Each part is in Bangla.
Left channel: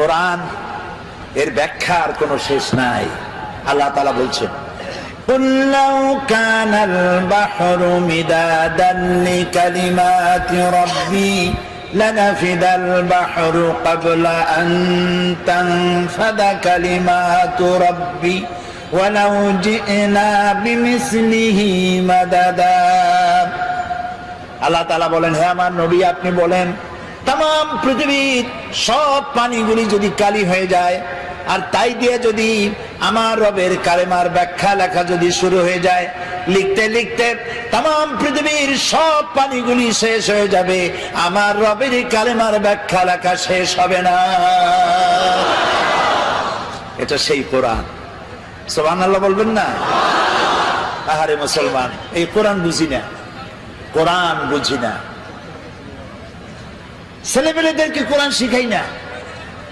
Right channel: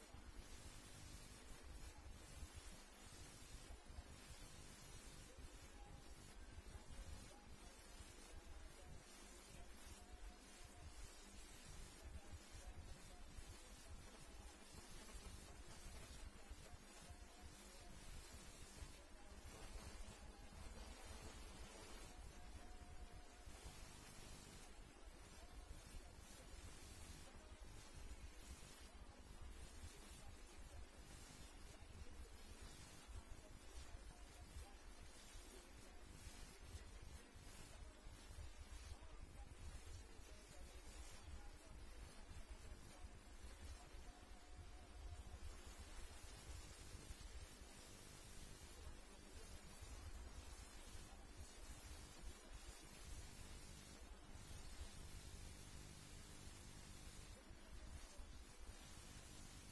কোরআন এর ব্যাখ্যার কোনো শেষ নাই। আল্লাহ তাআলা বলছেন, قُلْ لَوْ كَانَ الْبَحْرُ مِدَادًا لِكَلِمَاتِ رَبِّي لَنَفِدَ الْبَحْرُ قَبْلَ أَن تَنفَدَ كَلِمَاتُ رَبِّي وَلَوْ جِئْنَا بِمِثْلِهِ مَدَدًا। আল্লাহ তাআলা বলেন, হে আমার নবী, আপনি বলেন তাম পৃথিবীর সব পানিগুলি যদি কালি হয়ে যায়, আর তাই দিয়ে যদি আমার রবের কালেমার ব্যাখ্যা লেখা যদি শুরু হয়ে যায়, লিখতে লিখতে তাম পৃথিবীর সব পানিগুলি শেষ হয়ে যাবে, আমার রবের কালেমার ব্যাখ্যা লেখা শেষ হবে না। এটা সেই কোরআন। সুবহানাল্লাহ বলবেন না? আহারে মুসলমান, এই কোরআন বুঝি না, কোরআন বুঝি না। ছেলেমেয়েদেরকে কোরআন শিখাই না,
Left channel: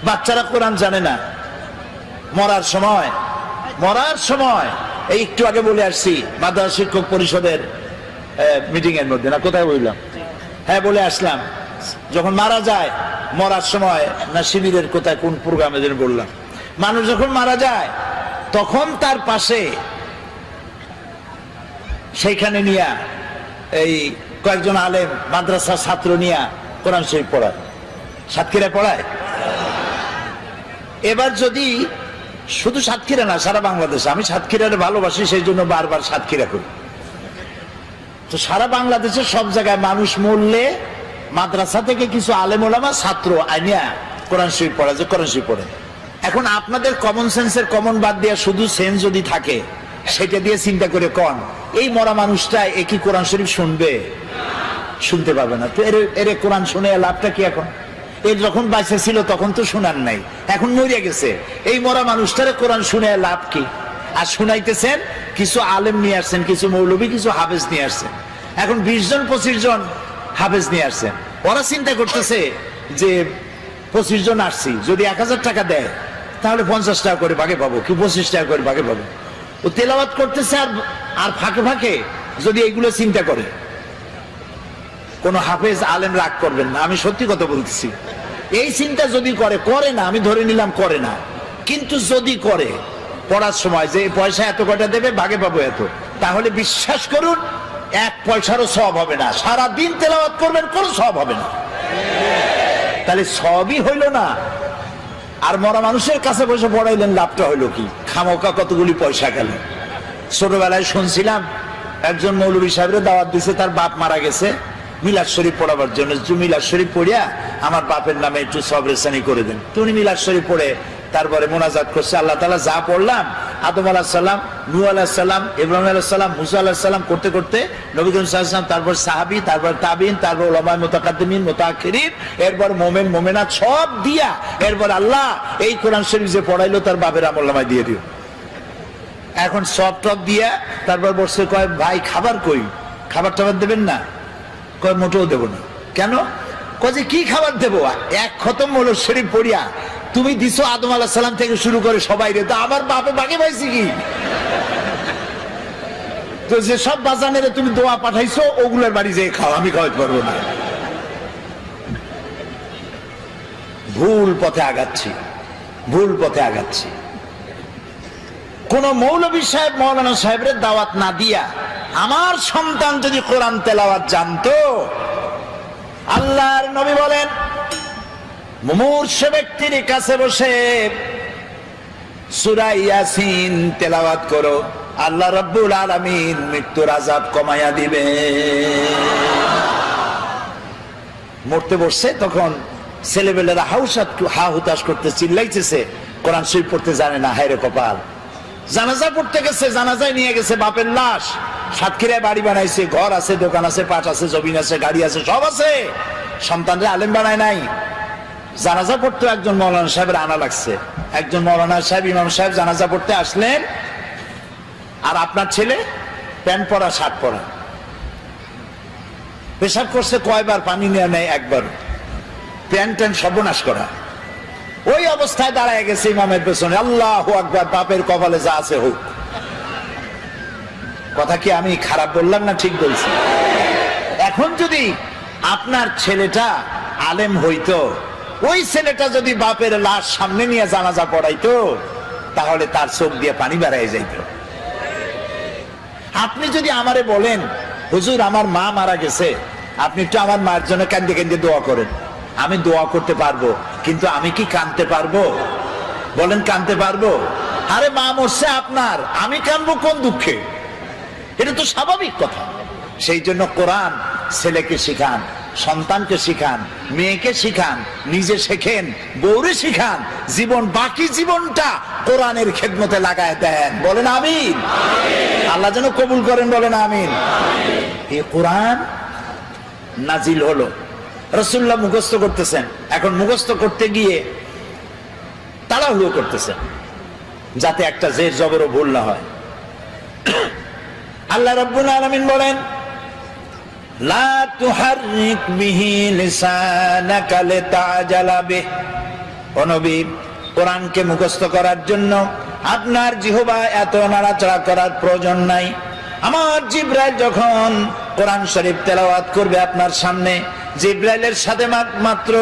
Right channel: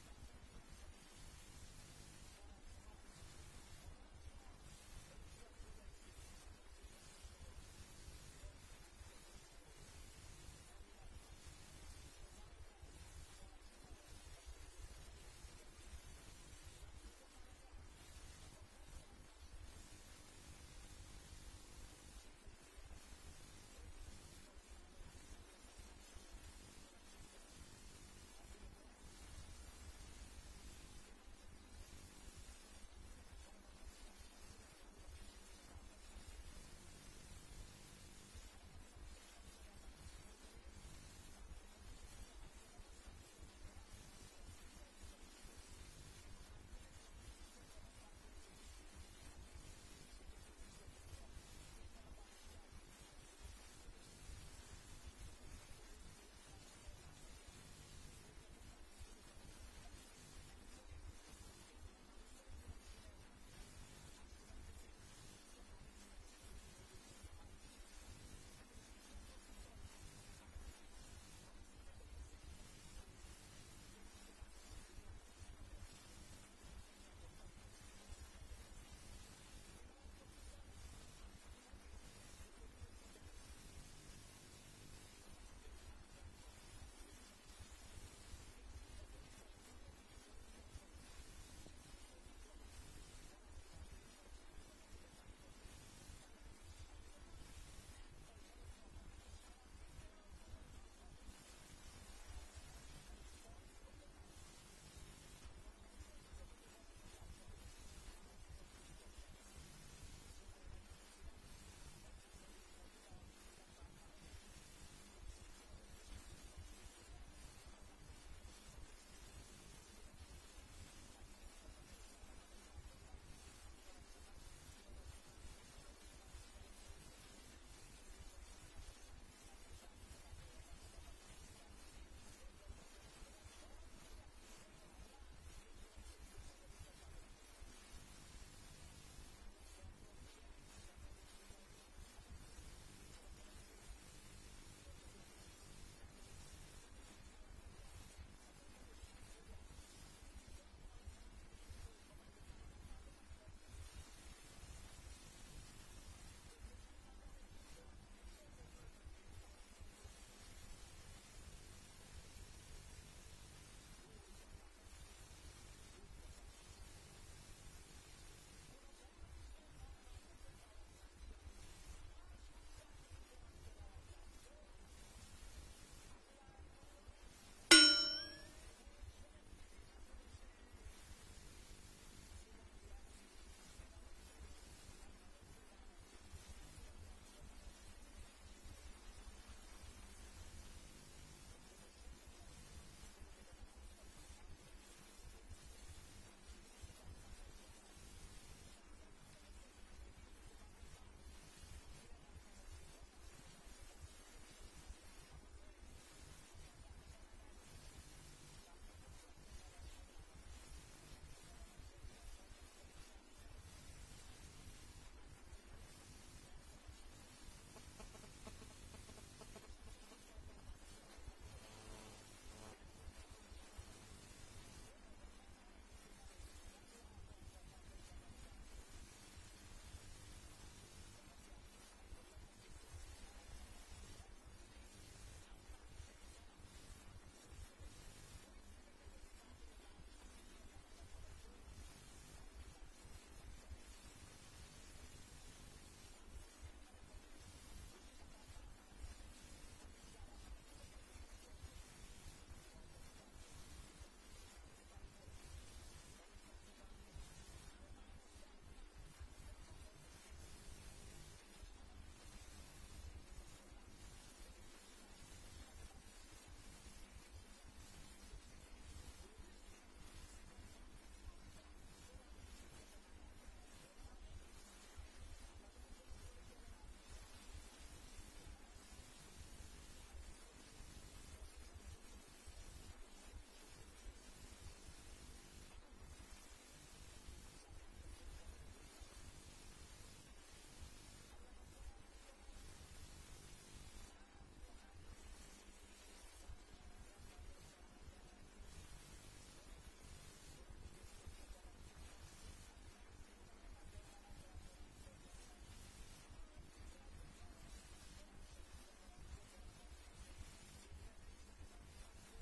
বাচ্চারা কোরআন জানে না। মরার সময় এই একটু আগে বলে আসছি মাদ্রাসা শিক্ষক পরিষদের মিটিং এর মধ্যে, না কোথায় বললাম, হ্যাঁ বলে আসলাম, যখন মারা যায়, মরার সময় না শিবিরের কোথায় কোন প্রোগ্রামে যেন বললাম, মানুষ যখন মারা যায় তখন তার পাশে সেইখানে নিয়া এই কয়েকজন আলেম মাদ্রাসার ছাত্র নিয়া কোরআন শরীফ পড়ায়, সাতক্ষীরা পড়ায়। এবার যদি শুধু সাতক্ষীরা না, সারা বাংলাদেশে, আমি সাতক্ষীরার ভালোবাসি সেই জন্য বারবার সাতক্ষীরা করি, তো সারা বাংলাদেশের সব জায়গায় মানুষ মরলে মাদ্রাসা থেকে কিছু আলেম ওলামা ছাত্র আইনিয়া কোরআন শরীফ পড়া, যে কোরআন শরীফ পড়ে। এখন আপনাদের কমন সেন্সের কমন বাদ দিয়ে শুধু সেন্স যদি থাকে, সেটা দিয়ে চিন্তা করে কন, এই মরা মানুষটা একই কোরআন শরীফ শুনবে? শুনতে পারবে না। তো এর কোরআন শুনে লাভটা কি? এখন এর যখন বাইসে ছিল তখন তো শোনার নাই, এখন মরিয়া গেছে, এই মরা মানুষটারে কোরআন শুনে লাভ কি? আর শুনাইতেছেন কিছু আলেম নিয়ে আসছেন, কিছু মৌলবী, কিছু হাফেজ নিয়ে আসছেন। এখন 20 জন 25 জন হাফেজ নিয়ে আসছেন। ওরা চিন্তা করতেছে যে 25 জন আসছি, যদি 1000 টাকা দেয় তাহলে 50 টাকা করে ভাগে পাবো, কি 25 টাকা করে ভাগে পাবো। ও তেলাওয়াত করতেছে আর ফাঁকে ফাঁকে যদি এগুলো চিন্তা করে, কোন হাফেজ আলেম রাগ করবেন না, আমি সত্যি কথা বলতেছি। এই চিন্তা যদি করে না, আমি ধরে নিলাম করে না, কিন্তু যদি করে পড়ার সময় যে পয়সা এত কয়টা দেবে, ভাগে পাবো এত, তাহলে বিশ্বাস করুন 1 পয়সারও সওয়াব হবে না। সারা দিন তেলাওয়াত করবেন, কোনো সওয়াব হবে না। তাহলে সবই হইল না, আর মরা মানুষের কাছে বসে পড়াইলেন, লাভটা হইলো কি? খামোকা কতগুলি পয়সা গেল। ছোটবেলায় শুনছিলাম একজন মৌলভী সাহেবের দাওয়াত দিছে, তার বাপ মারা গেছে, মিলাদ শরীফ পড়াবার জন্য, মিলাদ শরীফ পড়িয়া আমার বাপের নামে একটু সবরেসানি করে দেন। তো উনি মিলাদ শরীফ পড়ে তারপরে মোনাজাত করছে, আল্লাহ তাআলা যা পড়লাম, আদম আলাইহিস সালাম, নূহ আলাইহিস সালাম, ইব্রাহিম আলাইহিস সালাম, মুসা আলাইহিস সালাম করতে করতে নবী করিম সাল্লাল্লাহু আলাইহি ওয়াসাল্লাম, তারপর সাহাবী, তারপর তাবিঈন, তারপর উলামায়ে মুতাকাদ্দিমিন, মুতাআখিরিন, এরপর মুমিন মুমিনাত সব দিয়া এরপর আল্লাহ এই কোরআন শরীফ যে পড়াইলো তার বাপের আমলনামায় দিয়ে দিও। এখন সব টপ দিয়া তারপর বসে কয়, ভাই খাবার কই? খাবার টাবার দেবেন না? কয় মোটেও দেব না। কেন? কয় যে কি খাবার দেবো? 1 খতম মৌলুদ শরীফ পড়িয়া তুমি দিছো আদম আলাইহিস সালাম থেকে শুরু করে সবাই রে, তো আমার বাপে বাগে পাইছি কি? তো যে সব বাজানের তুমি দোয়া পাঠাইছো, ওগুলোর বাড়ি যেয়ে খাও, আমি খাওয়াতে পারবো না। ভুল পথে আগাচ্ছি। কোন মৌলভী সাহেব, মৌলানা সাহেবের দাওয়াত না দিয়া আমার সন্তান যদি কোরআন তেলাওয়াত জানতো, আল্লাহর নবী বলেন মুমূর্ষু ব্যক্তির কাছে বসে সূরা ইয়াসিন তেলাওয়াত করো, আল্লাহ রাব্বুল আলামিন মৃত্যুর আযাব কমায়া দিবে। মরতে বসছে, তখন ছেলেবেলেরা হা হুতাশ করতে চিল্লাইতেছে, কোরআন শরীফ পড়তে জানে না, হায়রে কপাল। জানাজা পড়তে গেছে, জানাজায় নিয়ে গেছে বাপের লাশ, সাতক্ষীরায় বাড়ি বানাইছে, ঘর আছে, দোকান আছে, পাট আছে, জমিন আছে, গাড়ি আছে, সব আছে, সন্তানরা আলেম বানায় নাই। জানাজা পড়তে একজন মৌলানা সাহেবের আনা লাগছে, একজন মৌলানা সাহেব, ইমাম সাহেব জানাজা পড়তে আসলেন, আর আপনার ছেলে প্যান্ট পরা, শার্ট পরা, পেশাব করছে কয়বার, পানি নেওয়া নেই একবার, প্যান্ট সর্বনাশ করা। ওই অবস্থায় দাঁড়ায় গেছে ইমামের পেছনে, আল্লাহু আকবার, বাপের কপালে যা আছে হোক। কথা কি আমি খারাপ বললাম না ঠিক বলছি? এখন যদি আপনার ছেলেটা আলেম হইতো, ওই ছেলেটা যদি বাপের লাশ সামনে নিয়ে জানাজা পড়াইতো তাহলে তার চোখ দিয়ে পানি বেরিয়ে যাইত। আপনি যদি আমারে বলেন হুজুর আমার মা মারা গেছে, আপনি একটু আমার মার জন্য কান্দে কান্দে দোয়া করেন, আমি দোয়া করতে পারবো, কিন্তু আমি কি কাঁদতে পারবো? বলেন কাঁদতে পারবো? আরে মা মরছে আপনার, আমি কাঁদবো কোন দুঃখে? এটা তো স্বাভাবিক কথা। সেই জন্য কোরআন ছেলেকে শিখান, সন্তানকে শিখান, মেয়েকে শিখান, নিজে শেখেন, বউরে শিখান, জীবন বাকি জীবনটা কোরআনের খেদমতে লাগায় দেন। বলেন আমিন। আল্লাহ যেন কবুল করেন, বলেন আমিন। এই কোরআন নাজিল হলো, রাসূলুল্লাহ মুখস্থ করতেছেন, এখন মুখস্থ করতে গিয়ে তাড়াহুড়ো করতেছেন যাতে একটা জের জবরও ভুল না হয়। আল্লাহ রাব্বুল আলামিন বলেন লা তুহাররিক বিহি লিসানাকা লিতাজালা বিহি। ও নবী, কোরআনকে মুখস্থ করার জন্য আপনার জিহ্বা এত নাড়াচাড়া করার প্রয়োজন নাই। আমার জিবরাইল যখন কোরআন শরীফ তেলাওয়াত করবে আপনার সামনে, জিবরাইলের সাথে মাত্র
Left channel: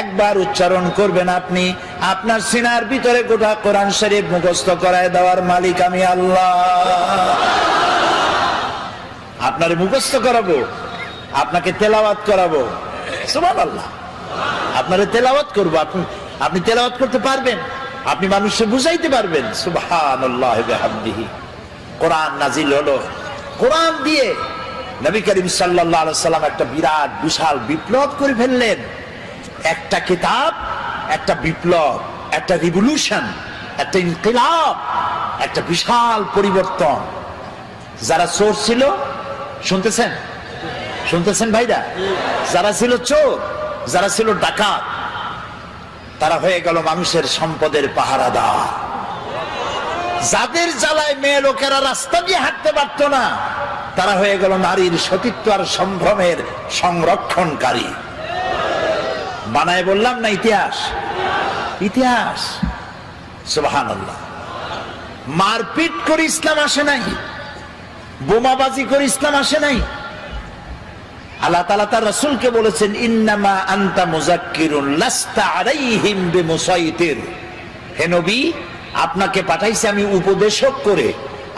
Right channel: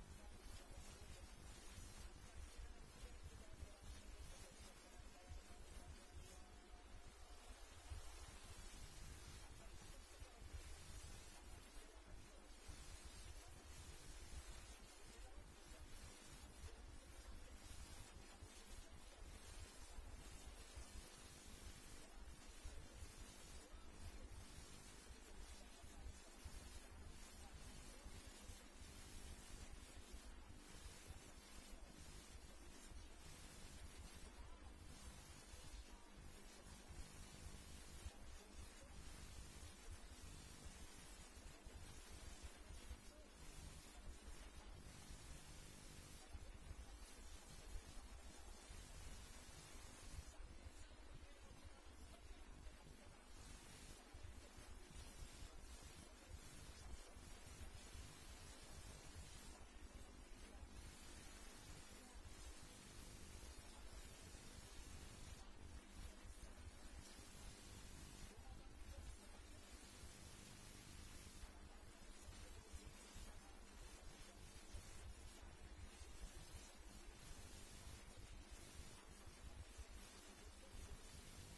একবার উচ্চারণ করবেন আপনি, আপনার সিনার ভিতরে গোটা কোরআন শরীফ মুখস্থ করায় দেওয়ার মালিক আমি আল্লাহ। আপনারে মুখস্থ করাবো, আপনাকে তেলাওয়াত করাবো, সুবহানাল্লাহ। আপনারে তেলাওয়াত করবো, আপনি তেলাওয়াত করতে পারবেন, আপনি মানুষকে বুঝাইতে পারবেন। সুবহানাল্লাহ বিহামদিহি। কোরআন নাজিল হলো, কোরআন দিয়ে নবী করিম সাল্লাল্লাহু আলাইহি সাল্লাম একটা বিরাট বিশাল বিপ্লব করে ফেললেন। একটা কিতাব, একটা বিপ্লব, একটা রিভলিউশন, একটা ইনকিলাব, একটা বিশাল পরিবর্তন। যারা চোর ছিল, শুনতেছেন শুনতেছেন ভাইরা, যারা ছিল চোর, যারা ছিল ডাকাত, তারা হয়ে গেল মানুষের সম্পদের পাহারাদার। যাদের জ্বালায় মেয়ে লোকেরা রাস্তা দিয়ে হাঁটতে পারত না, তারা হয়ে গেল নারীর সতীত্ব আর সম্ভ্রমের সংরক্ষণকারী। বানায় বললাম না ইতিহাস, ইতিহাস। সুবহানাল্লাহ। মারপিট করে ইসলাম আসে নাই, বোমাবাজি করে ইসলাম আসে নাই। আল্লাহ তাআলা তার রাসূলকে বলেছেন ইন্নামা আনতা মুযাক্কিরুন লাস্তা আলাইহিম বিমুসাইতির। হে নবী, আপনাকে পাঠাইছি আমি উপদেশক করে,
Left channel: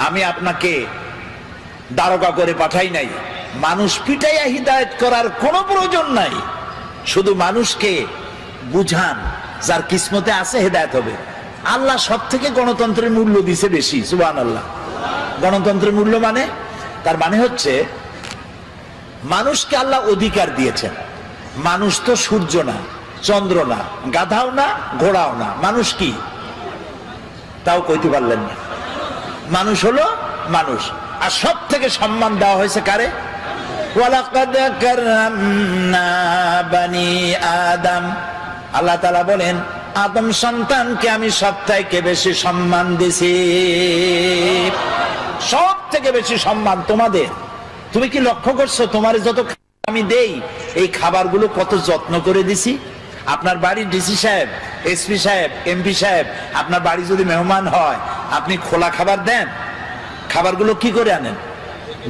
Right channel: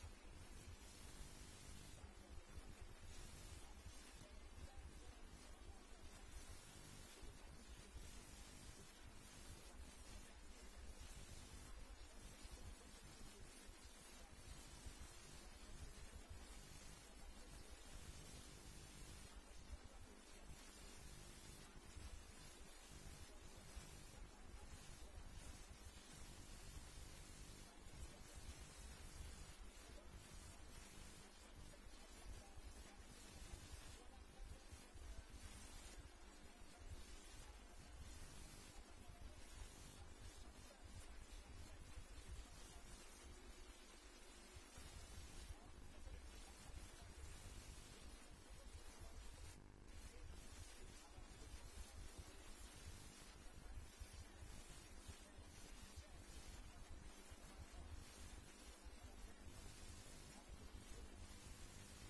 আমি আপনাকে দারোগা করে পাঠাই নাই। মানুষ পিটাইয়া হিদায়াত করার কোনো প্রয়োজন নাই, শুধু মানুষকে বুঝান, যার কিসমতে আছে হেদায়েত হবে। আল্লাহ সব থেকে গণতন্ত্রের মূল্য দিছে বেশি। সুবহানাল্লাহ। গণতন্ত্রের মূল্য মানে, তার মানে হচ্ছে মানুষকে আল্লাহ অধিকার দিয়েছেন। মানুষ তো সূর্য না, চন্দ্র না, গাধাও না, ঘোড়াও না। মানুষ কি? তাও কইতে পারলেন না। মানুষ হলো মানুষ। আর সব থেকে সম্মান দেওয়া হয়েছে কারে? ওয়ালাকাদ কাররামনা বানি আদম। আল্লাহ তাআলা বলেন আদম সন্তানকে আমি সব থেকে বেশি সম্মান দিছি। সব থেকে বেশি সম্মান তোমাদের। তুমি কি লক্ষ্য করছো তোমার যত আমি দেই, এই খাবারগুলো কত যত্ন করে দিছি? আপনার বাড়ির ডিসি সাহেব, এসপি সাহেব, এমপি সাহেব, আপনার বাড়ি যদি মেহমান হয়, আপনি খোলা খাবার দেন? খাবারগুলো কি করে আনেন?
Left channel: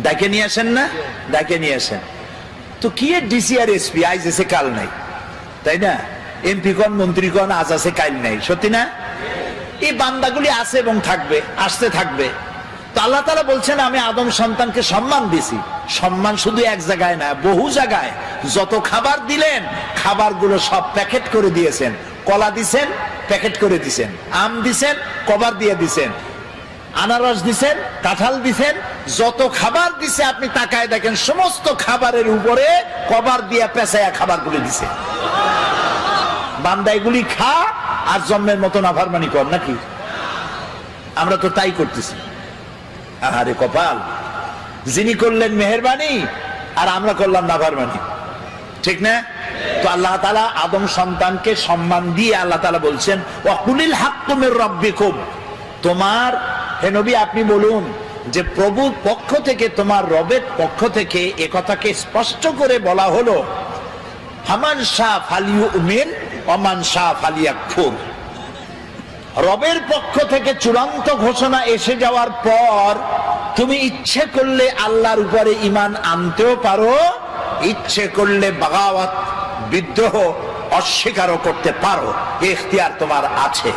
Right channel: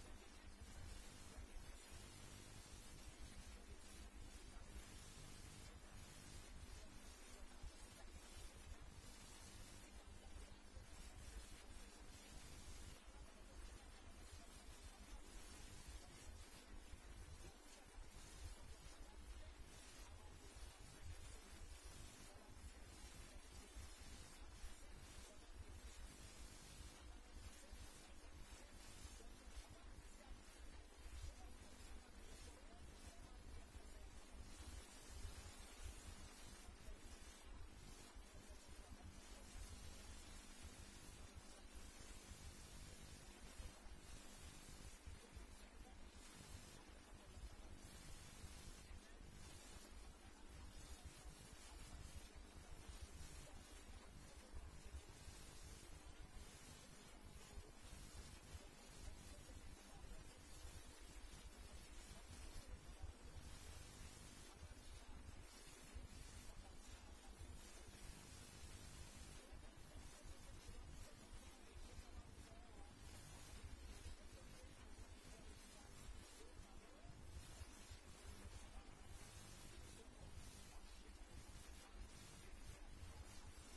ডাকে নিয়ে আসেন না? ডাকে নিয়ে আসেন। তো কি ডিসি আর এসপি আজ এসে কাল নাই, তাই না? এমপি কোন, মন্ত্রী কোন, আজ আছে কাল নাই, সত্যি না? এই বান্দাগুলি আছে এবং থাকবে, আসতে থাকবে। তো আল্লাহ তাআলা বলছেন আমি আদম সন্তানকে সম্মান দিছি। সম্মান শুধু এক জায়গায় না, বহু জায়গায়। যত খাবার দিলেন, খাবারগুলো সব প্যাকেট করে দিয়েছেন। কলা দিছেন, প্যাকেট করে দিছেন। আম দিছেন, কভার দিয়ে দিছেন। আনারস দিছেন, কাঁঠাল দিছেন। যত খাবার দিছে আপনি তাকায় দেখেন, সমস্ত খাবারের উপরে কভার দিয়ে পেঁচায়া খাবারগুলো দিছে। বান্দা এগুলি খা আর জন্মের মতো নাফরমানি কর নাকি? আমরা তো তাই করতেছি। আরে কপাল, যিনি করলেন মেহেরবানি আর আমরা করলাম নাফরমানি, ঠিক না? তো আল্লাহ তাআলা আদম সন্তানকে সম্মান দিয়ে আল্লাহ তাআলা বলছেন ওয়াকুলিল হাক্কু মির রাব্বিকুম। তোমার, হে নবী, আপনি বলুন যে প্রভুর পক্ষ থেকে, তোমার রবের পক্ষ থেকে এ কথাকে স্পষ্ট করে বলা হলো ফামান শাআ ফালিউমিন ওয়া মান শাআ ফালিয়াকফুর। রবের পক্ষ থেকে চূড়ান্ত ঘোষণা এসে যাওয়ার পর তুমি ইচ্ছে করলে আল্লাহর উপরে ঈমান আনতেও পারো, ইচ্ছে করলে বাগাওয়াত, বিদ্রোহ, অস্বীকারও করতে পারো, এই ইখতিয়ার তোমার আছে।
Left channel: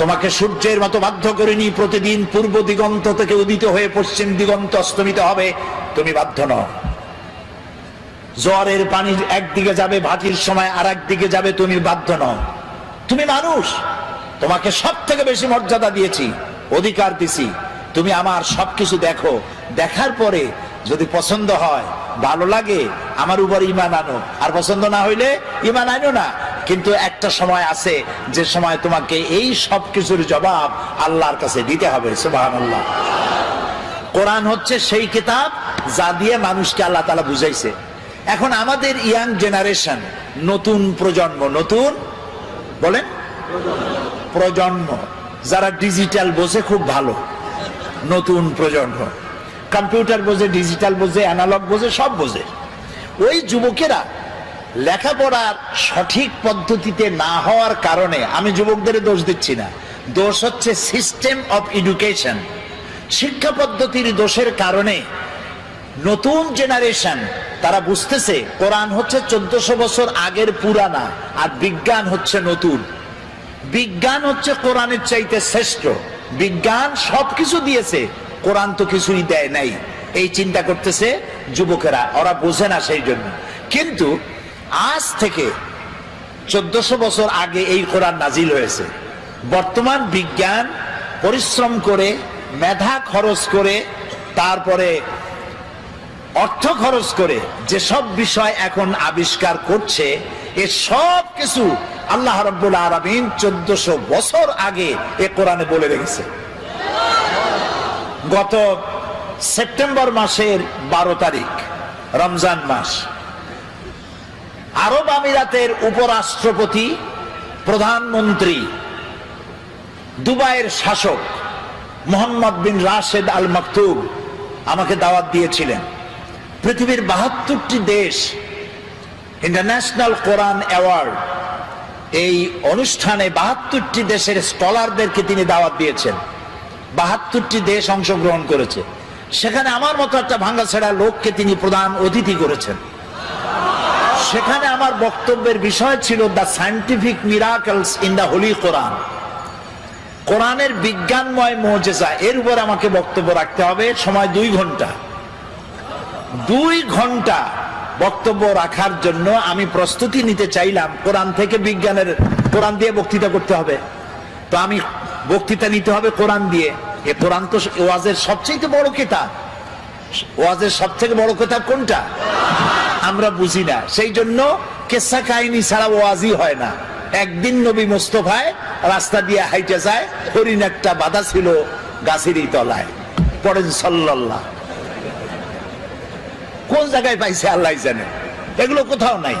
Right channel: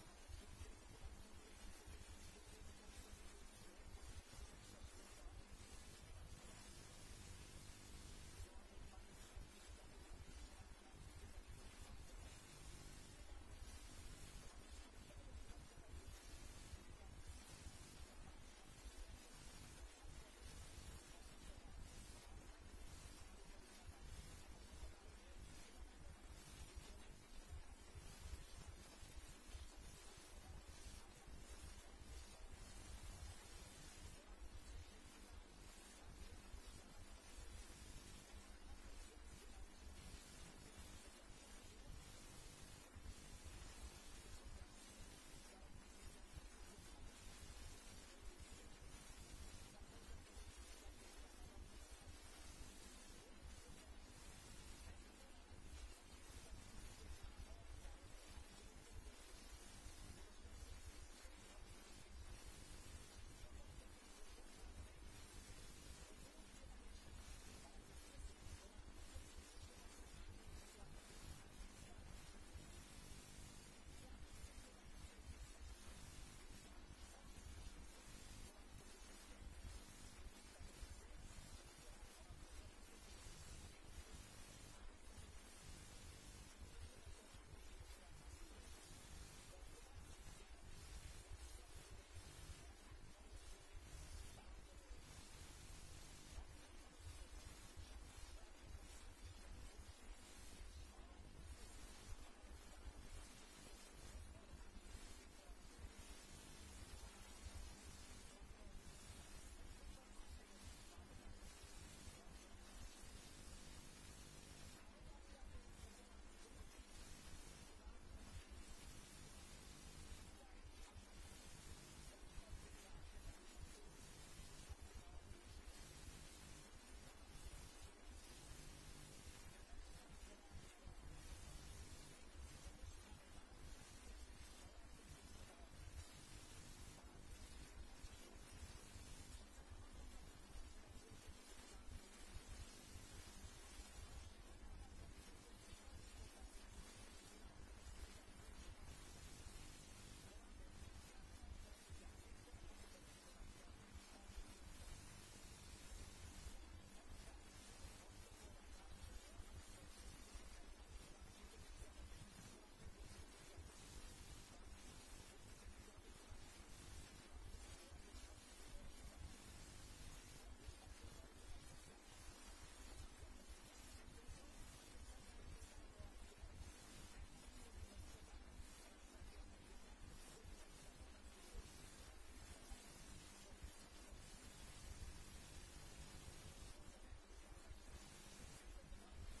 তোমাকে সূর্যের মতো বাধ্য করিনি প্রতিদিন পূর্ব দিগন্ত থেকে উদিত হয়ে পশ্চিম দিগন্ত অস্তমিত হবে, তুমি বাধ্য নও। জোয়ারের পানি একদিকে যাবে, ভাটির সময় আর একদিকে যাবে, তুমি বাধ্য নও। তুমি মানুষ, তোমাকে সব থেকে বেশি মর্যাদা দিয়েছি, অধিকার দিছি, তুমি আমার সবকিছু দেখো, দেখার পরে যদি পছন্দ হয়, ভালো লাগে, আমার উপর ঈমান আনো, আর পছন্দ না হইলে ঈমান আনো না। কিন্তু একটা সময় আছে যে সময় তোমাকে এই সব কিছুর জবাব আল্লাহর কাছে দিতে হবে। সুবহানাল্লাহ। কোরআন হচ্ছে সেই কিতাব যা দিয়ে মানুষকে আল্লাহ তাআলা বুঝাইছে। এখন আমাদের ইয়াং জেনারেশন, নতুন প্রজন্ম, নতুন বলেন প্রজন্ম, যারা ডিজিটাল বোঝে খুব ভালো, নতুন প্রজন্ম কম্পিউটার বোঝে, ডিজিটাল বোঝে, অ্যানালগ বোঝে, সব বোঝে। ওই যুবকেরা লেখাপড়ার সঠিক পদ্ধতিতে না হওয়ার কারণে, আমি যুবকদের দোষ দিচ্ছি না, দোষ হচ্ছে সিস্টেম অফ এডুকেশন, শিক্ষা পদ্ধতির দোষের কারণে নতুন জেনারেশন তারা বুঝতেছে কোরআন হচ্ছে 1400 বছর আগের পুরানা, আর বিজ্ঞান হচ্ছে নতুন। বিজ্ঞান হচ্ছে কোরআনের চাইতে শ্রেষ্ঠ, বিজ্ঞান সবকিছু দিয়েছে, কোরআন তো কিছুই দেয় নাই, এই চিন্তা করতেছে যুবকেরা, ওরা বোঝে না সেই জন্য। কিন্তু আজ থেকে 1400 বছর আগে এই কোরআন নাজিল হয়েছে। বর্তমান বিজ্ঞান পরিশ্রম করে, মেধা খরচ করে, তারপরে অর্থ খরচ করে যেসব বিষয় এখন আবিষ্কার করছে, এ সব কিছু আল্লাহ রাব্বুল আলামিন 1400 বছর আগে এ কোরআনে বলে রেখেছে। গত সেপ্টেম্বর মাসের 12 তারিখ, রমজান মাস, আরব আমিরাতের উপরাষ্ট্রপতি, প্রধানমন্ত্রী, দুবাইয়ের শাসক মোহাম্মদ বিন রাশেদ আল মাকতুম আমাকে দাওয়াত দিয়েছিলেন। পৃথিবীর 72টি দেশ ইন্টারন্যাশনাল কোরআন অ্যাওয়ার্ড, এই অনুষ্ঠানে 72টি দেশের স্কলারদেরকে তিনি দাওয়াত দিয়েছেন। 72টি দেশ অংশগ্রহণ করেছে। সেখানে আমার মতো একটা ভাঙ্গাছেড়া লোককে তিনি প্রধান অতিথি করেছেন। সেখানে আমার বক্তব্যের বিষয় ছিল the scientific miracles in the holy Quran, কোরআনের বিজ্ঞানময় মুজিজা। এর উপর আমাকে বক্তব্য রাখতে হবে, সময় 2 ঘন্টা। 2 ঘন্টা বক্তব্য রাখার জন্য আমি প্রস্তুতি নিতে চাইলাম কোরআন থেকে বিজ্ঞানের, কোরআন দিয়ে বক্তৃতা করতে হবে, তো আমি বক্তৃতা নিতে হবে কোরআন দিয়ে। এ কোরআন তো ওয়াজের সবচেয়ে বড় কিতাব। ওয়াজের সবথেকে বড় কিতাব কোনটা আমরা বুঝি না, সেই জন্য কিসসা কাহিনী ছাড়া ওয়াজই হয় না। একদিন নবী মুস্তাফায় রাস্তা দিয়ে হাইটে যায়, হরিণ একটা বাধা ছিল গাছেরই তলায়, পড়েন সাল্লাল্লাহ। কোন জায়গায় পাইছে আল্লাহ জানে, এগুলো কোথাও নাই,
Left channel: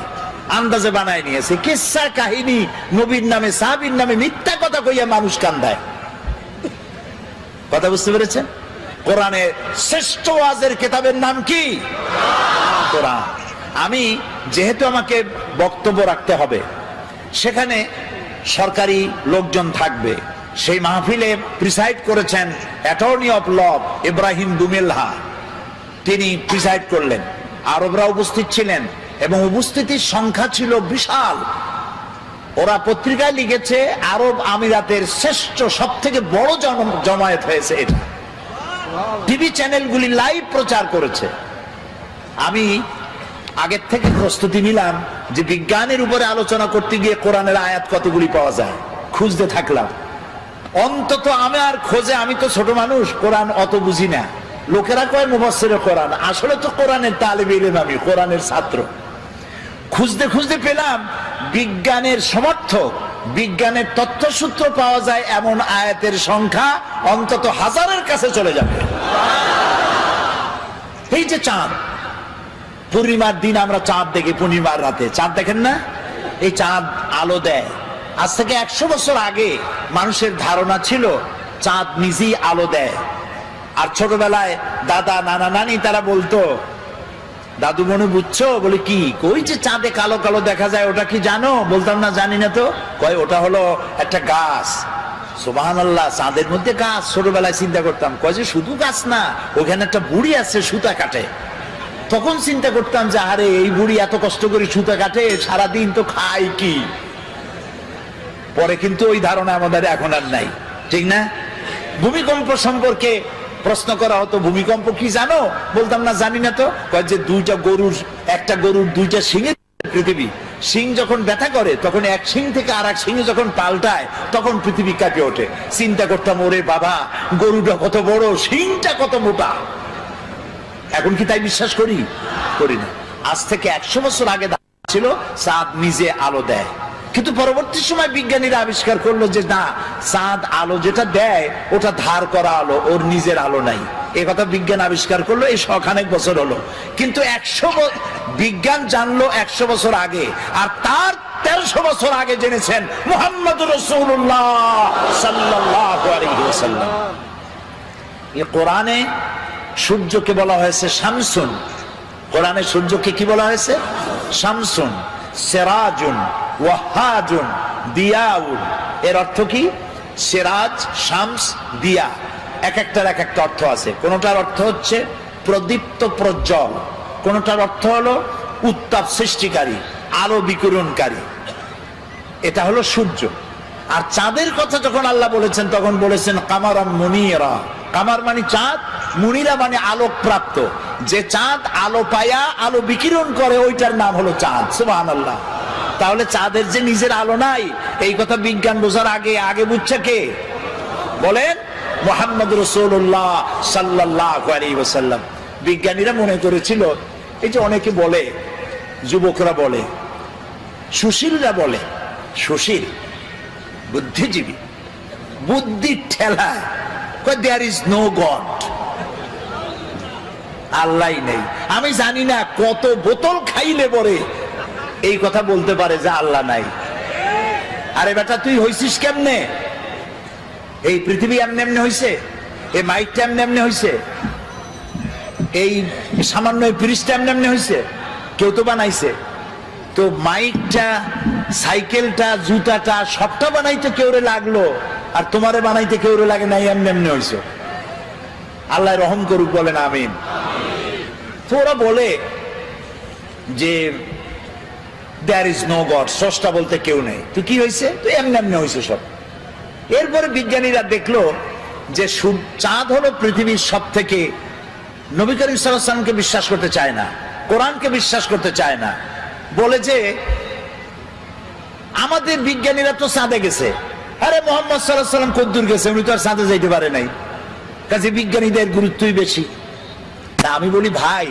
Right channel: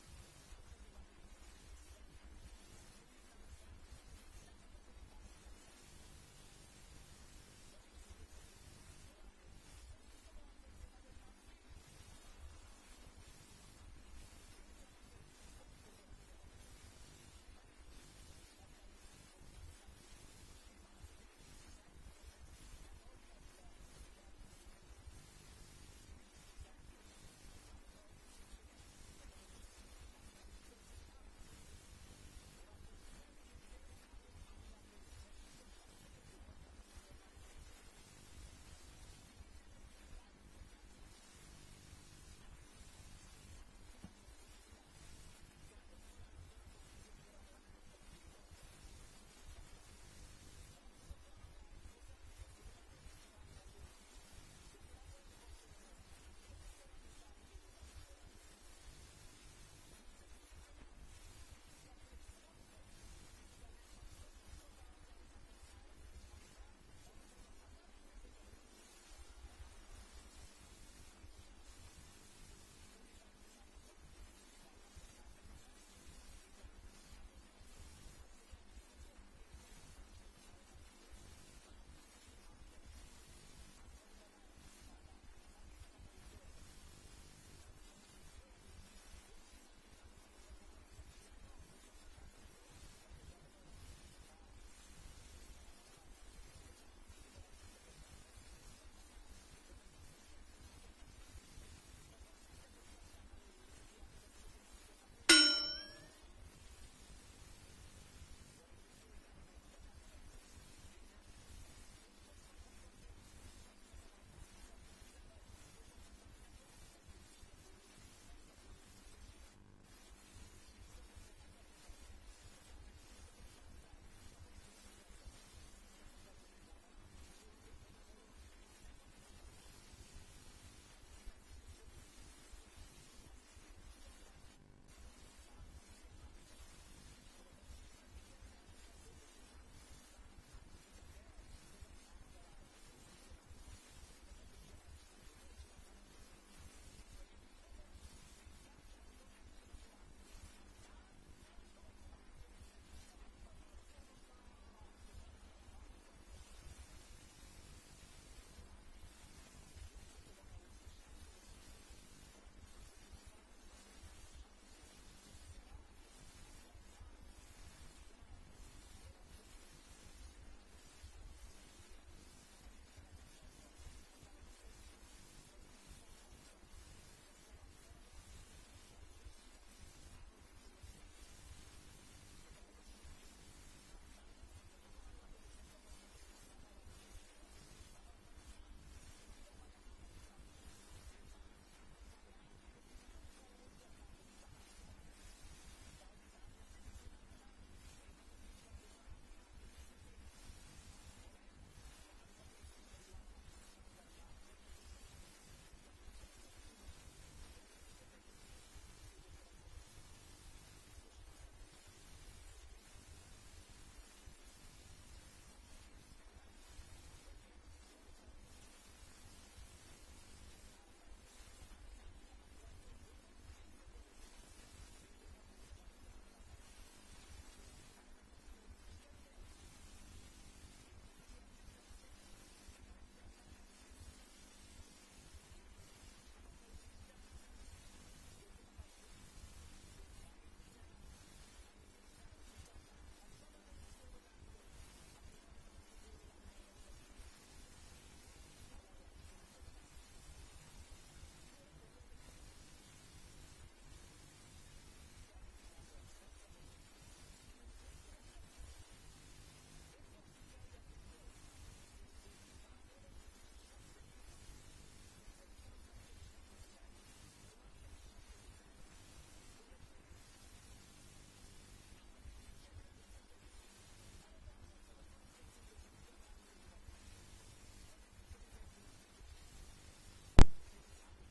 আন্দাজে বানায় নিয়েছে। কিসসা কাহিনী নবীর নামে, সাহাবীর নামে মিথ্যা কথা কইয়া মানুষ কান্দায়। কথা বুঝতে পেরেছেন? কোরআনের শ্রেষ্ঠ ওয়াজের কিতাবের নাম কি? কোরআন। আমি যেহেতু আমাকে বক্তব্য রাখতে হবে, সেখানে সরকারি লোকজন থাকবে। সেই মাহফিলে প্রিসাইড করেছেন অ্যাটর্নি অফ ল ইব্রাহিম দুমেলহা, তিনি প্রিসাইড করলেন। আরবরা উপস্থিত ছিলেন এবং উপস্থিতির সংখ্যা ছিল বিশাল। ওরা পত্রিকায় লিখেছে আরব আমিরাতের শ্রেষ্ঠ, সব থেকে বড় জমায়েত হয়েছে এটা। টিভি চ্যানেলগুলি লাইভ প্রচার করেছে। আমি আগের থেকে প্রস্তুতি নিলাম যে বিজ্ঞানের উপরে আলোচনা করতে গিয়ে কোরআনের আয়াত কতগুলি পাওয়া যায়, খুঁজতে থাকলাম। অন্তত আমার খোঁজে, আমি তো ছোট মানুষ, কোরআন অত বুঝি না। লোকেরা কয় মুফাসসিরে কোরআন, আসলে তো কোরআনের তালিবে ইলম, আমি কোরআনের ছাত্র। খুঁজতে খুঁজতে পেলাম বিজ্ঞানের সমর্থক, বিজ্ঞানের তথ্যসূত্র পাওয়া যায় এমন আয়াতের সংখ্যা অন্তত 1000-এর কাছে চলে যাবে। এই যে চাঁদ, পূর্ণিমার দিন আমরা চাঁদ দেখি, পূর্ণিমার রাতে চাঁদ দেখেন না? এই চাঁদ আলো দেয়। আজ থেকে 100 বছর আগে মানুষের ধারণা ছিল চাঁদ নিজেই আলো দেয়। আর ছোটবেলায় দাদা, নানা, নানি তারা বলতো, দাদু মনে বুঝছো? বলে কি? কই যে চাঁদে কালো কালো দেখা যায়, ওটা কি জানো? বলতাম না, জানি না তো। কয় ওটা হলো একটা গাছ। সুবহানাল্লাহ, চাঁদের মধ্যে গাছ। ছোটবেলায় চিন্তা করতাম, কয় যে শুধু গাছ না, ওখানে একটা বুড়ি আছে সুতা কাটে। তখন চিন্তা করতাম যে আরে এই বুড়ি এত কষ্ট করে সুতা কাটে, সারাদিন তো খায় কি। পরে কিন্তু ওই ধারণা আমাদের এখন আর নাই, ঠিক না? ভূমিকম্প সম্পর্কে প্রশ্ন করা হতো, ভূমিকম্প কি জানো? বলতাম না, জানি না। তো যে একটা গরুর দুইটা শিঙের পৃথিবী, শিং যখন ব্যথা করে তখন এক শিং থেকে আর এক শিং যখন পাল্টায় তখন পৃথিবী কাঁপে ওঠে। চিন্তা করতাম, ওরে বাবা, গরুটা কত বড়, শিংটা কত মোটা। এখন কি তাই বিশ্বাস করি? করি না। আজ থেকে 100 বছর আগে ছিল চাঁদ নিজে আলো দেয়, কিন্তু পরবর্তী সময় বিজ্ঞানীরা আবিষ্কার করলো যে না, চাঁদ আলো যেটা দেয় ওটা ধার করা আলো, ওর নিজের আলো নাই। এই কথা বিজ্ঞান আবিষ্কার করলো এই শখানেক বছর হলো। কিন্তু বিজ্ঞান জানলো 100 বছর আগে, আর তার 1300 বছর আগে জেনেছেন মুহাম্মদুর রাসূলুল্লাহ সাল্লাল্লাহু আলাইহি ওয়াসাল্লাম। এই কোরআনে সূর্যকে বলা হয়েছে শামসুন। কোরআনে সূর্যকে কি বলা হয়েছে? শামসুন, সিরাজুন, ওয়াহাজুন, দিয়াউন। এর অর্থ কি? সিরাজ, শামস, দিয়া, এক একটার এক একটা অর্থ আছে। কোনটার অর্থ হচ্ছে প্রদীপ্ত, প্রজ্জ্বল। কোনটার অর্থ হলো উত্তাপ সৃষ্টিকারী, আলো বিকিরণকারী। এটা হলো সূর্য। আর চাঁদের কথা যখন আল্লাহ বলেছেন তখন বলেছেন কামারান মুনিরা। কামার মানে চাঁদ, মুনিরা মানে আলোক প্রাপ্ত। যে চাঁদ আলো পায়া আলো বিকিরণ করে ওইটার নাম হলো চাঁদ। সুবহানাল্লাহ। তাহলে চাঁদের যে নিজের আলো নাই, এই কথা বিজ্ঞান বোঝার আগে বুঝছে কে? বলেন, মুহাম্মদ রাসূলুল্লাহ সাল্লাল্লাহু আলাইহি ওয়াসাল্লাম। বিজ্ঞানীরা মনে করেছিল, এই যে অনেকে বলে, যুবকরা বলে, সুশীলরা বলে, সুশীল বুদ্ধিজীবী, বুদ্ধির ঠেলায় দেয়ার ইজ নো গড, আল্লাহ নেই। আমি জানি না কত বোতল খাইলে পরে এই কথা বলতে পারে যে আল্লাহ নাই। আরে বেটা, তুই হইছিস কেমনে? এই পৃথিবী এমনি এমনি হইছে? এই মাইকটা এমনি এমনি হইছে? এই সামান্য ফ্রিজটা এমনি এমনি হইছে? কেউ তো বানাইছে। তো মাইকটা, সাইকেলটা, জুতাটা সবটা বানাইতে কেউরে লাগলো, আর তোমারে বানাইতে কেউরে লাগে নাই, এমনি এমনি হইছে। আল্লাহ রহম করুক, বলেন আমিন। তো ওরা বলে যে দেয়ার ইজ নো গড, স্রষ্টা বলতে কেউ নেই। তো কি হয়েছে? তো এমনি এমনি হয়েছে সব। এরপরে বিজ্ঞানীরা দেখলো যে চাঁদ হলো পৃথিবীর সব থেকে, নবী করিম সাল্লাল্লাহু আলাইহি ওয়াসাল্লামকে বিশ্বাস করতে চায় না, কোরআনকে বিশ্বাস করতে চায় না। বলে যে আমাদের বিজ্ঞানীরা তো চাঁদে গেছে। আরে মুহাম্মদ সাল্লাল্লাহু আলাইহি ওয়াসাল্লাম কদ্দুর গেছে? উনি তো আর চাঁদে যাইতে পারে নাই, কাজে বিজ্ঞানীদের গুরুত্বই বেশি। তা আমি বলি, ভাই,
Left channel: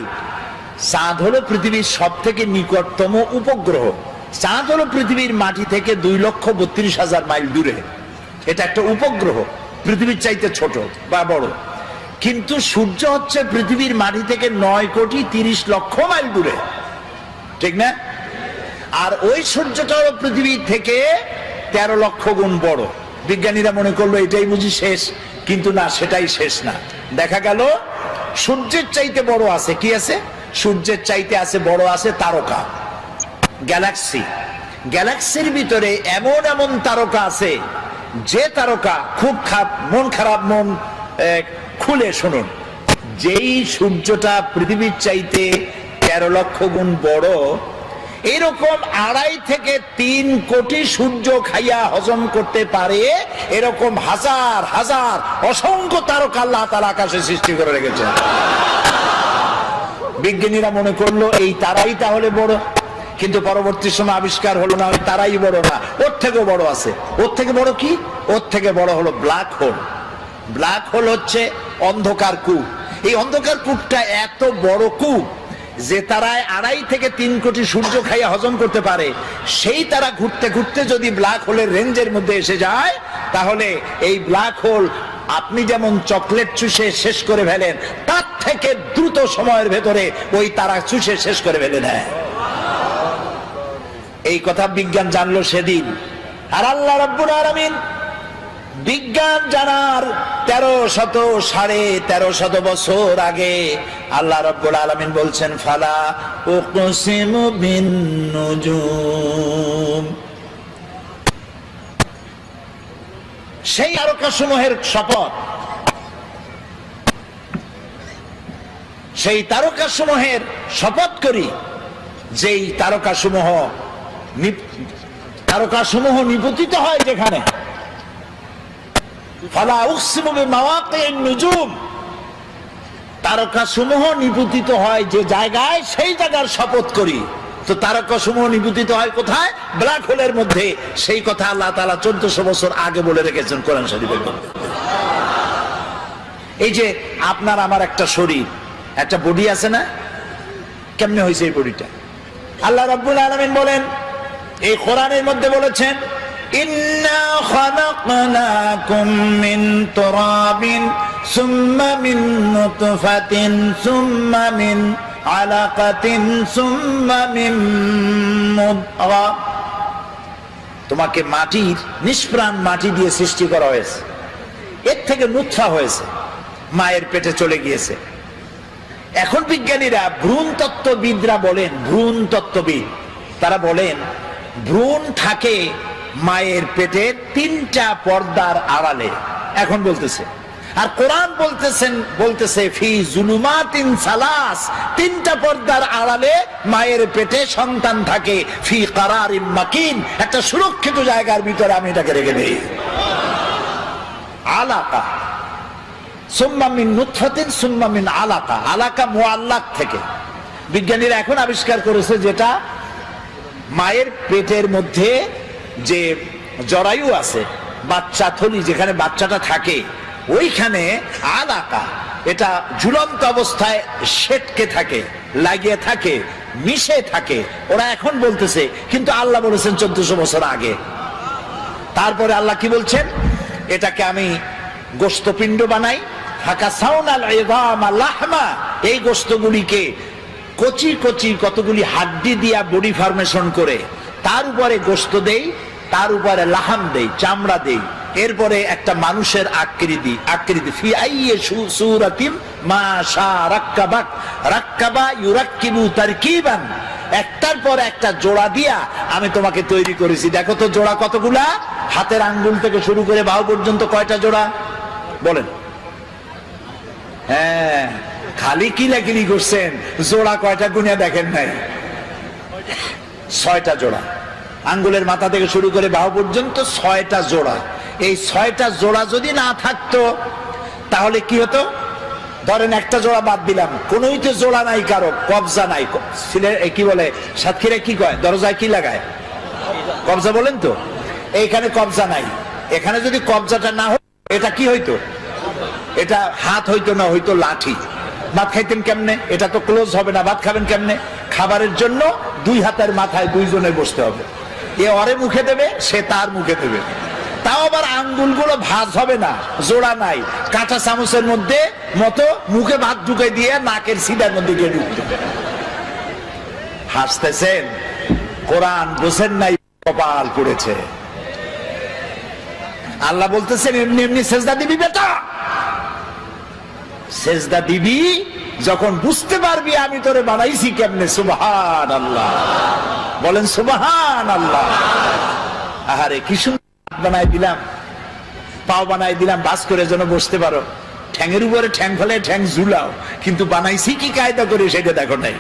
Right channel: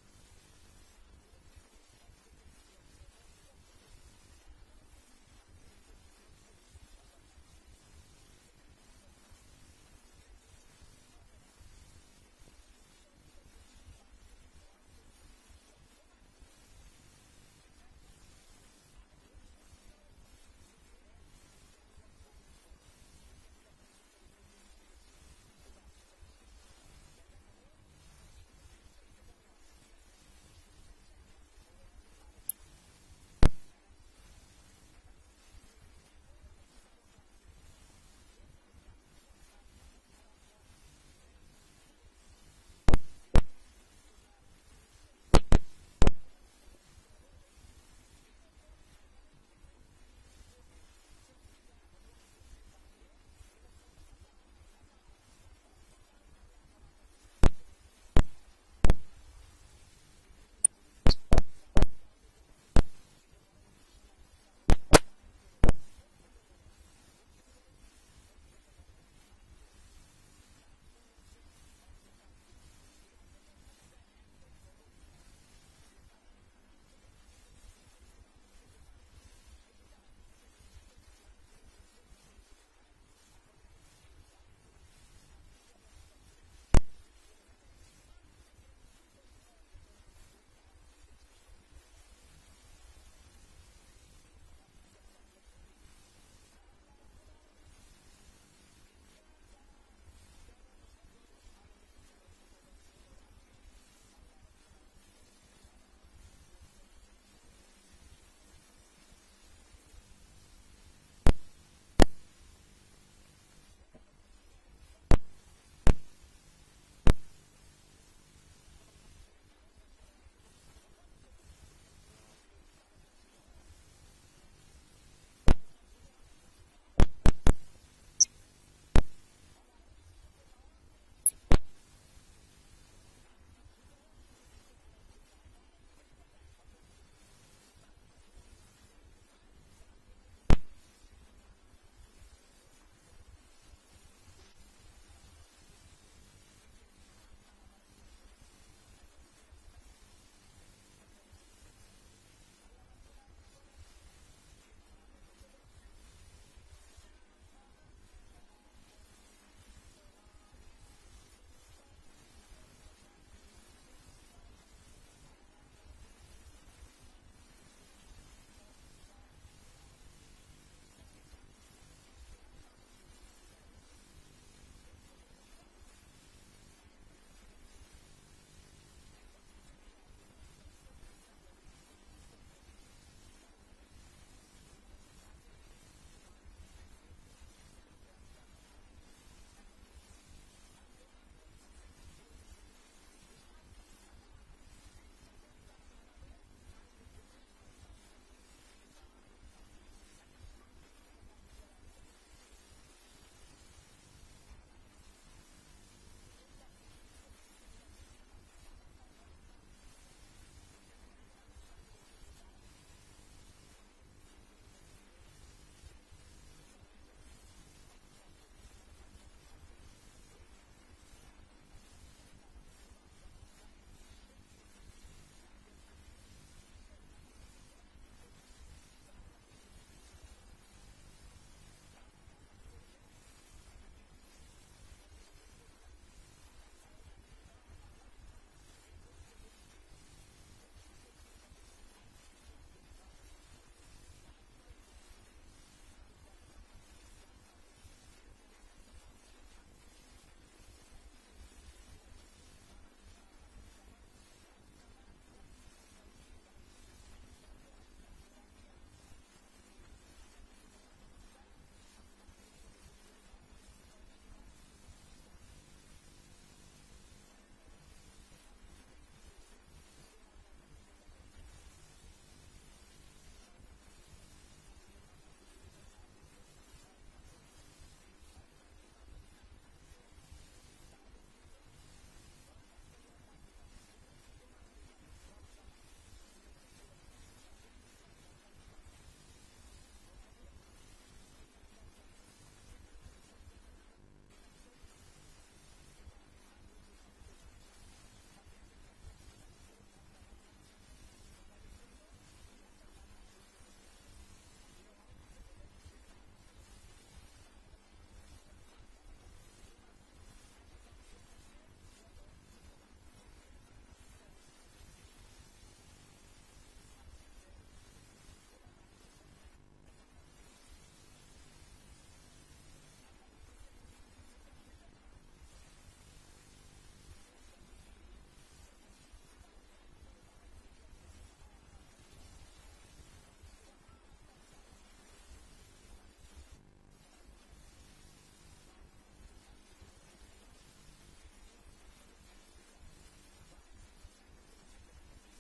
চাঁদ হলো পৃথিবীর সব থেকে নিকটতম উপগ্রহ। চাঁদ হলো পৃথিবীর মাটি থেকে 2,32,000 মাইল দূরে। এটা একটা উপগ্রহ, পৃথিবীর চাইতে ছোট বা বড়। কিন্তু সূর্য হচ্ছে পৃথিবীর মাটি থেকে 9,30,00,000 মাইল দূরে, ঠিক না? আর ওই সূর্যটা হলো পৃথিবী থেকে 13 লক্ষ গুণ বড়। বিজ্ঞানীরা মনে করলো এটাই বুঝি শেষ, কিন্তু না, সেটাই শেষ না। দেখা গেল সূর্যের চাইতে বড় আছে। কি আছে? সূর্যের চাইতে আছে বড় আছে তারকা, গ্যালাক্সি। গ্যালাক্সির ভিতরে এমন এমন তারকা আছে, যে তারকা খুব মন খারাপ, মন খুলে শুনুন, যেই সূর্যটা পৃথিবীর চাইতে 13 লক্ষ গুণ বড়, এরকম 2.5 থেকে 3 কোটি সূর্য খাইয়া হজম করতে পারে এরকম হাজার হাজার অসংখ্য তারকা আল্লাহ তাআলা আকাশে সৃষ্টি করে রেখেছেন। বিজ্ঞানীরা মনে করলো এই তারাই তাহলে বড়, কিন্তু পরবর্তী সময় আবিষ্কার হলো না, ওই তারাই বড় না, ওর থেকেও বড় আছে। ওর থেকে বড় কি? ওর থেকে বড় হলো ব্ল্যাক হোল। ব্ল্যাক হোল হচ্ছে অন্ধকার কূপ। এই অন্ধকার কূপটা এত বড় কূপ যে তারায় 2.5 থেকে 3 কোটি সূর্য খাইয়া হজম করতে পারে। সেই তারা ঘুরতে ঘুরতে যদি ব্ল্যাক হোলের রেঞ্জের মধ্যে এসে যায়, তাহলে এই ব্ল্যাক হোল আপনি যেমন চকলেট চুষে শেষ করে ফেলেন, তার থেকে দ্রুত সময়ের ভেতরে ওই তারা চুষে শেষ করে ফেলে নেয়। এই কথা বিজ্ঞান জানলো সেদিন। আর আল্লাহ রাব্বুল আলামিন বিজ্ঞান জানার 1300 বছর আগে আল্লাহ রাব্বুল আলামিন বলছেন, ফালা উকসিমু বিন নুজুম, সেই তারকাসমূহের শপথ, সেই তারকাসমূহের শপথ করি, যেই তারকাসমূহ নিপতিত হয় যেখানে, ফালা উকসিমু বিমাওয়াকিন নুজুম, তারকাসমূহ নিপতিত হয় যে জায়গায়, সেই জায়গার শপথ করি। তো তারকাসমূহ নিপতিত হয় কোথায়? ব্ল্যাক হোলের মধ্যে। সেই কথা আল্লাহ তাআলা 1400 বছর আগে বলে রেখেছেন কোরআন শরীফের মধ্যে। এই যে আপনার আমার একটা শরীর, একটা বডি আছে না, কেমনে হয়েছে এই বডিটা? আল্লাহ রাব্বুল আলামিন বলেন, এই কোরআনের মধ্যে বলেছেন, ইন্না খালাকনাকুম মিন তুরাবিন সুম্মা মিন নুতফাতিন সুম্মা মিন আলাকাতিন সুম্মা মিন মুদগা। তোমাকে মাটির, নিষ্প্রাণ মাটি দিয়ে সৃষ্টি করা হয়েছে, এর থেকে নুতফা হয়েছে, মায়ের পেটে চলে গিয়েছে। এখন বিজ্ঞানীরা, ভ্রূণ তত্ত্ববিদরা বলেন, ভ্রূণ তত্ত্ববিদ তারা বলেন, ভ্রূণ থাকে মায়ের পেটে 3টা পর্দার আড়ালে। এখন বলতেছে, আর কোরআন বলতেছে ফি জুলুমাতিন সালাস, 3টা পর্দার আড়ালে মায়ের পেটে সন্তান থাকে, ফি কারারিম মাকিন, একটা সুরক্ষিত জায়গার ভিতরে আমি এটাকে রেখে দেই। আলাকা সুম্মা মিন নুতফাতিন সুম্মা মিন আলাকা, আলাকা মুআল্লাক থেকে। বিজ্ঞানীরা এখন আবিষ্কার করেছে, যেটা মায়ের পেটের মধ্যে যে জরায়ু আছে, বাচ্চা থলি যেখানে বাচ্চাটা থাকে, ওইখানে আলাকা, এটা ঝুলন্ত অবস্থায় সেটকে থাকে, লাগিয়ে থাকে, মিশে থাকে। ওরা এখন বলতেছে, কিন্তু আল্লাহ বলেছেন 1400 বছর আগে। তারপরে আল্লাহ কি বলছেন? এটাকে আমি গোশতপিণ্ড বানাই, এই গোশতগুলিকে কচি কচি কতগুলি হাড্ডি দিয়া বডি ফরমেশন করে, তার উপরে গোশত দেই, তার উপরে লাহাম দেই, চামড়া দেই, এরপরে একটা মানুষের আকৃতি ফি আইয়ি সূরাতিম মা শা রাক্কাবাক, রাক্কাবা ইউরাক্কিবু তারকিবান, একটার পর একটা জোড়া দিয়া আমি তোমাকে তৈরি করেছি। দেখো তো জোড়া কতগুলা? হাতের আঙ্গুল থেকে শুরু করে বাহু পর্যন্ত কয়টা জোড়া বলেন? হ্যাঁ, খালি কিলাকিলি করছেন, জোড়া কয়টা গুনিয়া দেখেন নাই? 6টা জোড়া। আঙ্গুলের মাথা থেকে শুরু করে বাহু পর্যন্ত 6টা জোড়া। এই 6টা জোড়া যদি না থাকতো তাহলে কি হতো? ধরেন একটা জোড়া বাদ দিলাম, কোনোই তো জোড়া নাই, কারো কবজা নাই। কি বলে সাতক্ষীরা কি কয়? দরজায় কি লাগায়? কবজা বলেন তো। এইখানে কবজা নাই। এখানে যদি কবজাটা না হতো, এটা কি হইতো? এটা হাত হইতো না, হইতো লাঠি। ভাত খাইতেন কেমনে? এটা তো ক্লোজ হবে না, ভাত খাবেন কেমনে? খাবারের জন্য 2 হাতের মাথায় 2 জনে বসতে হবে। এ ওরে মুখে দেবে, সে তার মুখে দেবে। তাও আবার আঙ্গুলগুলো ভাঁজ হবে না, জোড়া নাই। কাঁচা চামচের মধ্যে মতো মুখে ভাত ঢুকে দিয়ে নাকের সিধার মধ্যে গিয়ে ঢুকতে। হাসতেছেন? কোরআন বোঝেন নাই, কপাল পড়েছে। আল্লাহ বলতেছেন, এমনি এমনি সেজদা দিবি বেটা, সেজদা দিবি যখন বুঝতে পারবি আমি তোরে বানাইছি কেমনে। সুবহানাল্লাহ বলেন, সুবহানাল্লাহ। আহারে কি সুন্দর বানাই দিলাম, পাও বানাই দিলাম বাস করে যেন বসতে পারো। ঠ্যাঙের উপরে ঠ্যাং ফেলে ঠ্যাং ঝুলাও, কিন্তু বানাইছি কি কায়দা করে সেটা দেখো নাই।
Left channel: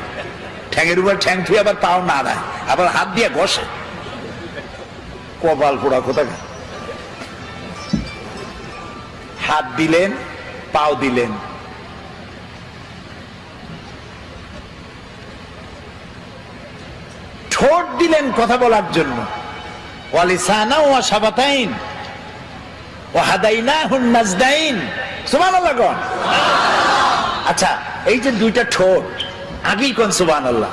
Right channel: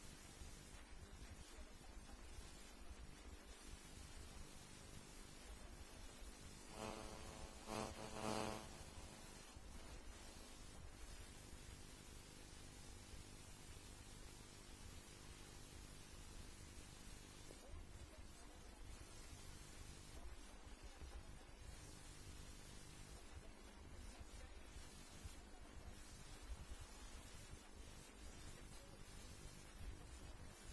ঠ্যাঙের উপরে ঠ্যাং থুয়ে আবার পাও না দেয়, আবার হাত দিয়ে ঘষে। কপাল পোড়া কোথাকার। হাত দিলেন, পাও দিলেন, ঠোঁট দিলেন কথা বলার জন্য, ওয়ালিসানা ওয়া শাফাতাইন ওয়া হাদাইনাহুন নাজদাইন। সুবহানাল্লাহ কোন? আচ্ছা, এই যে 2টা ঠোঁট, আগেই কোন সুবহানাল্লাহ।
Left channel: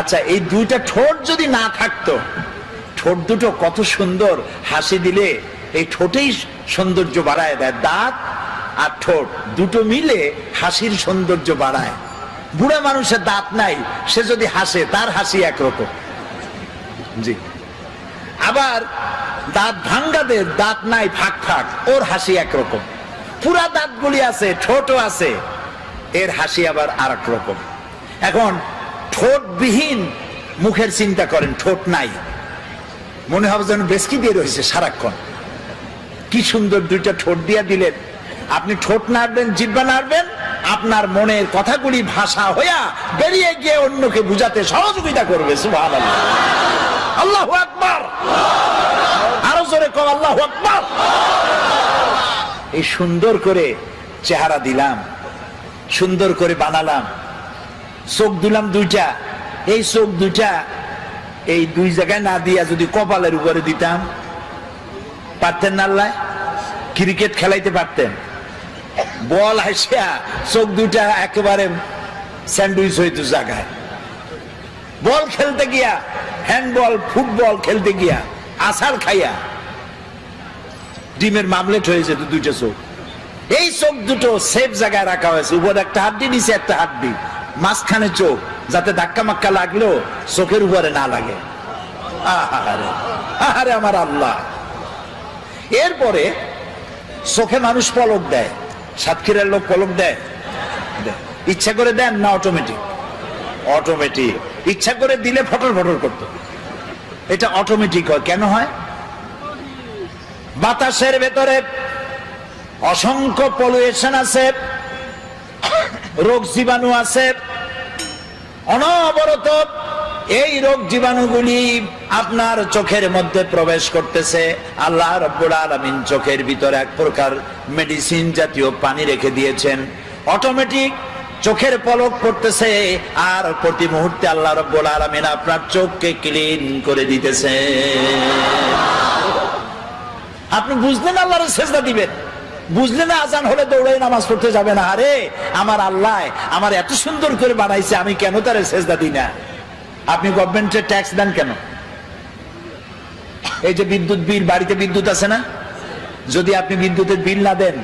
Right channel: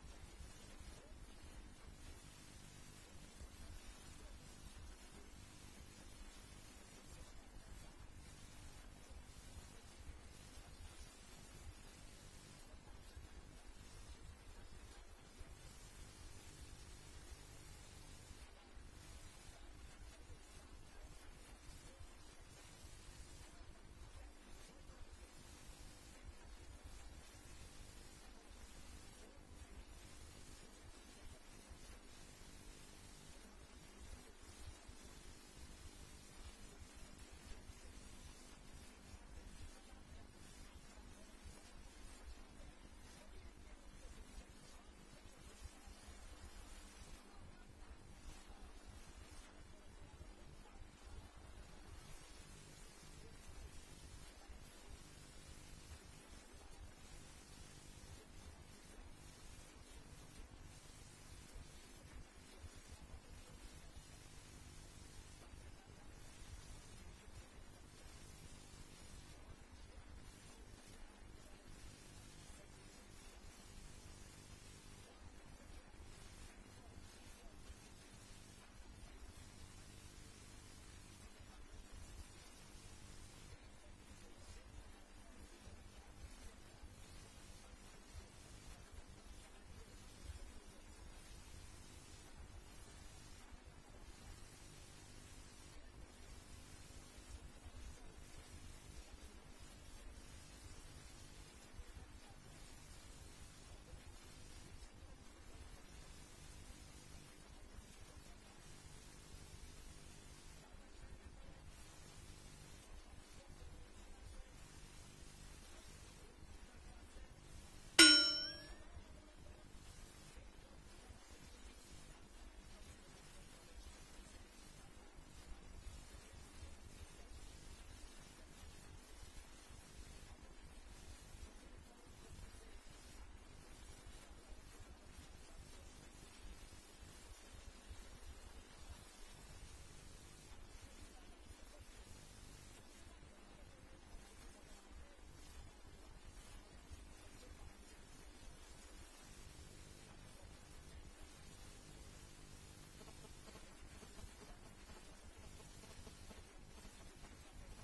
আচ্ছা, এই 2টা ঠোঁট যদি না থাকতো, ঠোঁট দুটো কত সুন্দর, হাসি দিলে এই ঠোঁটেই সৌন্দর্য বাড়ায় দেয়। দাঁত আর ঠোঁট দুটো মিলে হাসির সৌন্দর্য বাড়ায়। বুড়া মানুষের দাঁত নাই, সে যদি হাসে তার হাসি একরকম। জি, আবার দাঁত ভাঙ্গাদের দাঁত নাই, ফাঁক ফাঁক, ওর হাসি একরকম। পুরা দাঁতগুলি আছে, ঠোঁটও আছে, এর হাসি আবার আর এক রকম। এখন ঠোঁটবিহীন মুখের চিন্তা করেন, ঠোঁট নাই, মনে হবে যেন বেসকি দিয়ে রয়েছে সারাক্ষণ। কি সুন্দর 2টা ঠোঁট দিয়া দিলেন। আপনি ঠোঁট নাড়বেন, জিহ্বা নাড়বেন, আপনার মনের কথাগুলি ভাষা হইয়া বেরিয়ে গিয়ে অন্যকে বুঝাতে সহযোগিতা করবে। সুবহানাল্লাহ, আল্লাহু আকবার, আরো জোরে কও আল্লাহু আকবার। এই সুন্দর করে চেহারা দিলাম, সুন্দর করে বানালাম, চোখ দিলাম দুইটা, এই চোখ দুইটা এই দুই জায়গায় না দিয়া যদি কপালের উপরে দিতাম, পারতেন না? আল্লাহ ক্রিকেট খেলাইতে পারতেন, বল হাসিয়া চোখ দুইটা একেবারে স্যান্ডউইচ হইতো জায়গায়। বল খেলতে গিয়া, হ্যান্ডবল ফুটবল খেলতে গিয়া আছাড় খাইয়া ডিমের মামলেট হয়ে যেত দুইটা চোখ। এই চোখ দুটো সেফ জায়গায় রাখা হয়েছে, উপর একটা হাড্ডি, নিচে একটা হাড্ডি, মাঝখানে চোখ, যাতে ধাক্কা মাক্কা লাগলেও চোখের উপরে না লাগে। আহারে আহারে আমার আল্লাহ। এরপরে চোখে মানুষ পলক দেয়, সাতক্ষীরার লোক পলক দেয়, ইচ্ছা করে দেন না অটোমেটিক? অটোমেটিক। ইচ্ছা করে দিলে ফটর ফটর করতো, এটা অটোমেটিক হয়। কেন হয়? বাতাসের ভেতরে অসংখ্য পলিউশন আছে, রোগ জীবাণু আছে, অনবরত এই রোগ জীবাণুগুলি আপনার চোখের মধ্যে প্রবেশ করতেছে। আল্লাহ রাব্বুল আলামিন চোখের ভিতরে এক প্রকার মেডিসিন জাতীয় পানি রেখে দিয়েছেন, অটোমেটিক চোখের পলক পড়তেছে, আর প্রতি মুহূর্তে আল্লাহ রাব্বুল আলামিন আপনার চোখকে ক্লিন করে দিতেছে। আপনি বুঝলেন আল্লাহর সেজদা দিবেন, বুঝলে না আজান হলে দৌড়ে নামাজ পড়তে যাবে না। আরে আমার আল্লাহ আমার এত সুন্দর করে বানাইছে, আমি কেন তারে সেজদা দিই না? আপনি গভর্নমেন্টের ট্যাক্স দেন কেন? এই যে বিদ্যুৎ বিল, বাড়িতে বিদ্যুৎ আছে না, যদি আপনি বিদ্যুতের বিল না দেন,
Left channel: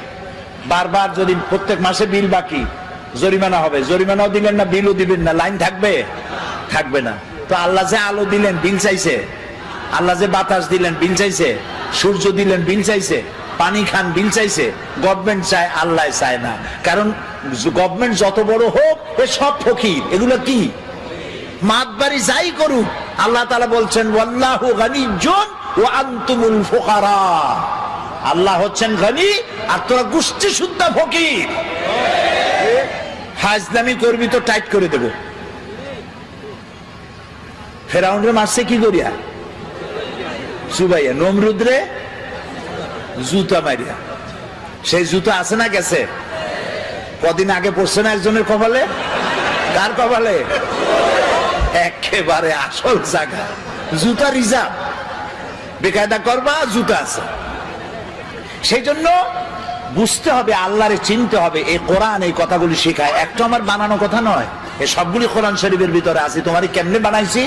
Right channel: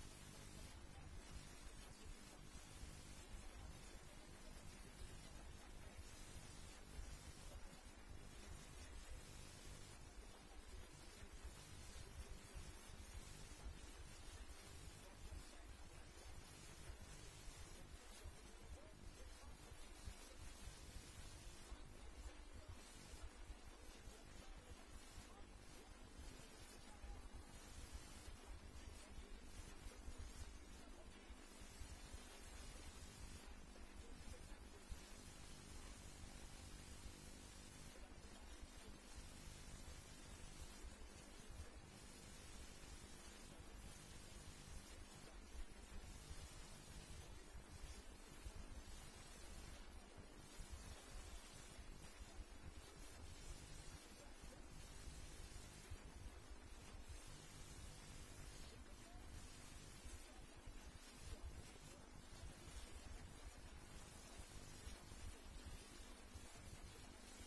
বারবার যদি প্রত্যেক মাসে বিল বাকি, জরিমানা হবে। জরিমানাও দিলেন না, বিলও দিবেন না, লাইন থাকবে? থাকবে না। তো আল্লাহ যে আলো দিলেন বিল চাইছে, আল্লাহ যে বাতাস দিলেন বিল চাইছে, সূর্য দিলেন বিল চাইছে, পানি খান বিল চাইছে। গভর্নমেন্ট চায়, আল্লাহ চায় না। কারণ গভর্নমেন্ট যত বড় হোক, এ সব ফকির, এগুলো কি মাতবাড়ি যাই করুক, আল্লাহ তাআলা বলছেন ওয়াল্লাহু গানিয়্যুন ওয়া আনতুমুল ফুকারা। আল্লাহ হচ্ছেন গনি আর তোরা গোষ্ঠী শুদ্ধ ফকির। হাজলামি করবি তো টাইট করে দেব। ফেরাউনরে মারছে কি করিয়া? চুবাইয়া। নমরুদরে জুতা মারিয়া। সেই জুতা আছে না গেছে? কদিন আগে পড়ছে না একজনের কপালে? কার কপালে? একেবারে আসল জায়গা, জুতা রিজার্ভ, বেকায়দা করবা, জুতা আছে। সেই জন্য বুঝতে হবে, আল্লাহরে চিনতে হবে। এই কোরআন এই কথাগুলি শেখায়, একটা আমার বানানো কথা নয়, এই সবগুলি কোরআন শরীফের ভিতরে আছে। তোমারই কেমনে বানাইছি?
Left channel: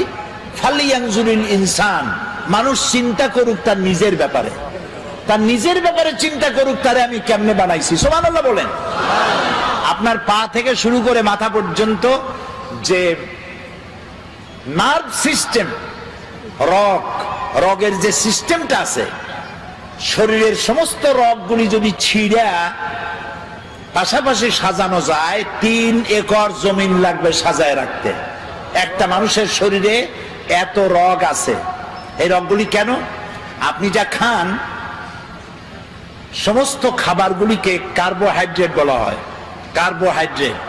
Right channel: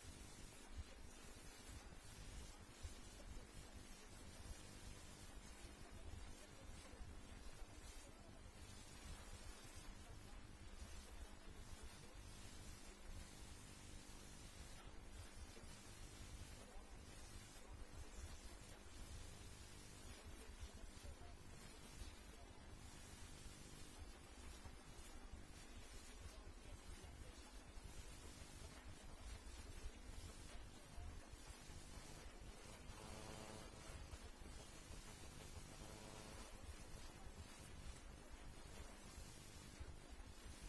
ফালিয়ানজুরিল ইনসান, মানুষ চিন্তা করুক তার নিজের ব্যাপারে, তার নিজের ব্যাপারে চিন্তা করুক, তারে আমি কেমনে বানাইছি। সুবহানাল্লাহ বলেন। আপনার পা থেকে শুরু করে মাথা পর্যন্ত যে নার্ভ সিস্টেম, রগের যে সিস্টেমটা আছে, শরীরের সমস্ত রগগুলি যদি ছিঁড়া পাশাপাশি সাজানো যায়, 3 একর জমিন লাগবে সাজায় রাখতে। একটা মানুষের শরীরে এত রগ আছে। এই রগগুলি কেন? আপনি যা খান, সমস্ত খাবারগুলিকে কার্বোহাইড্রেট বলা হয়। কার্বোহাইড্রেট,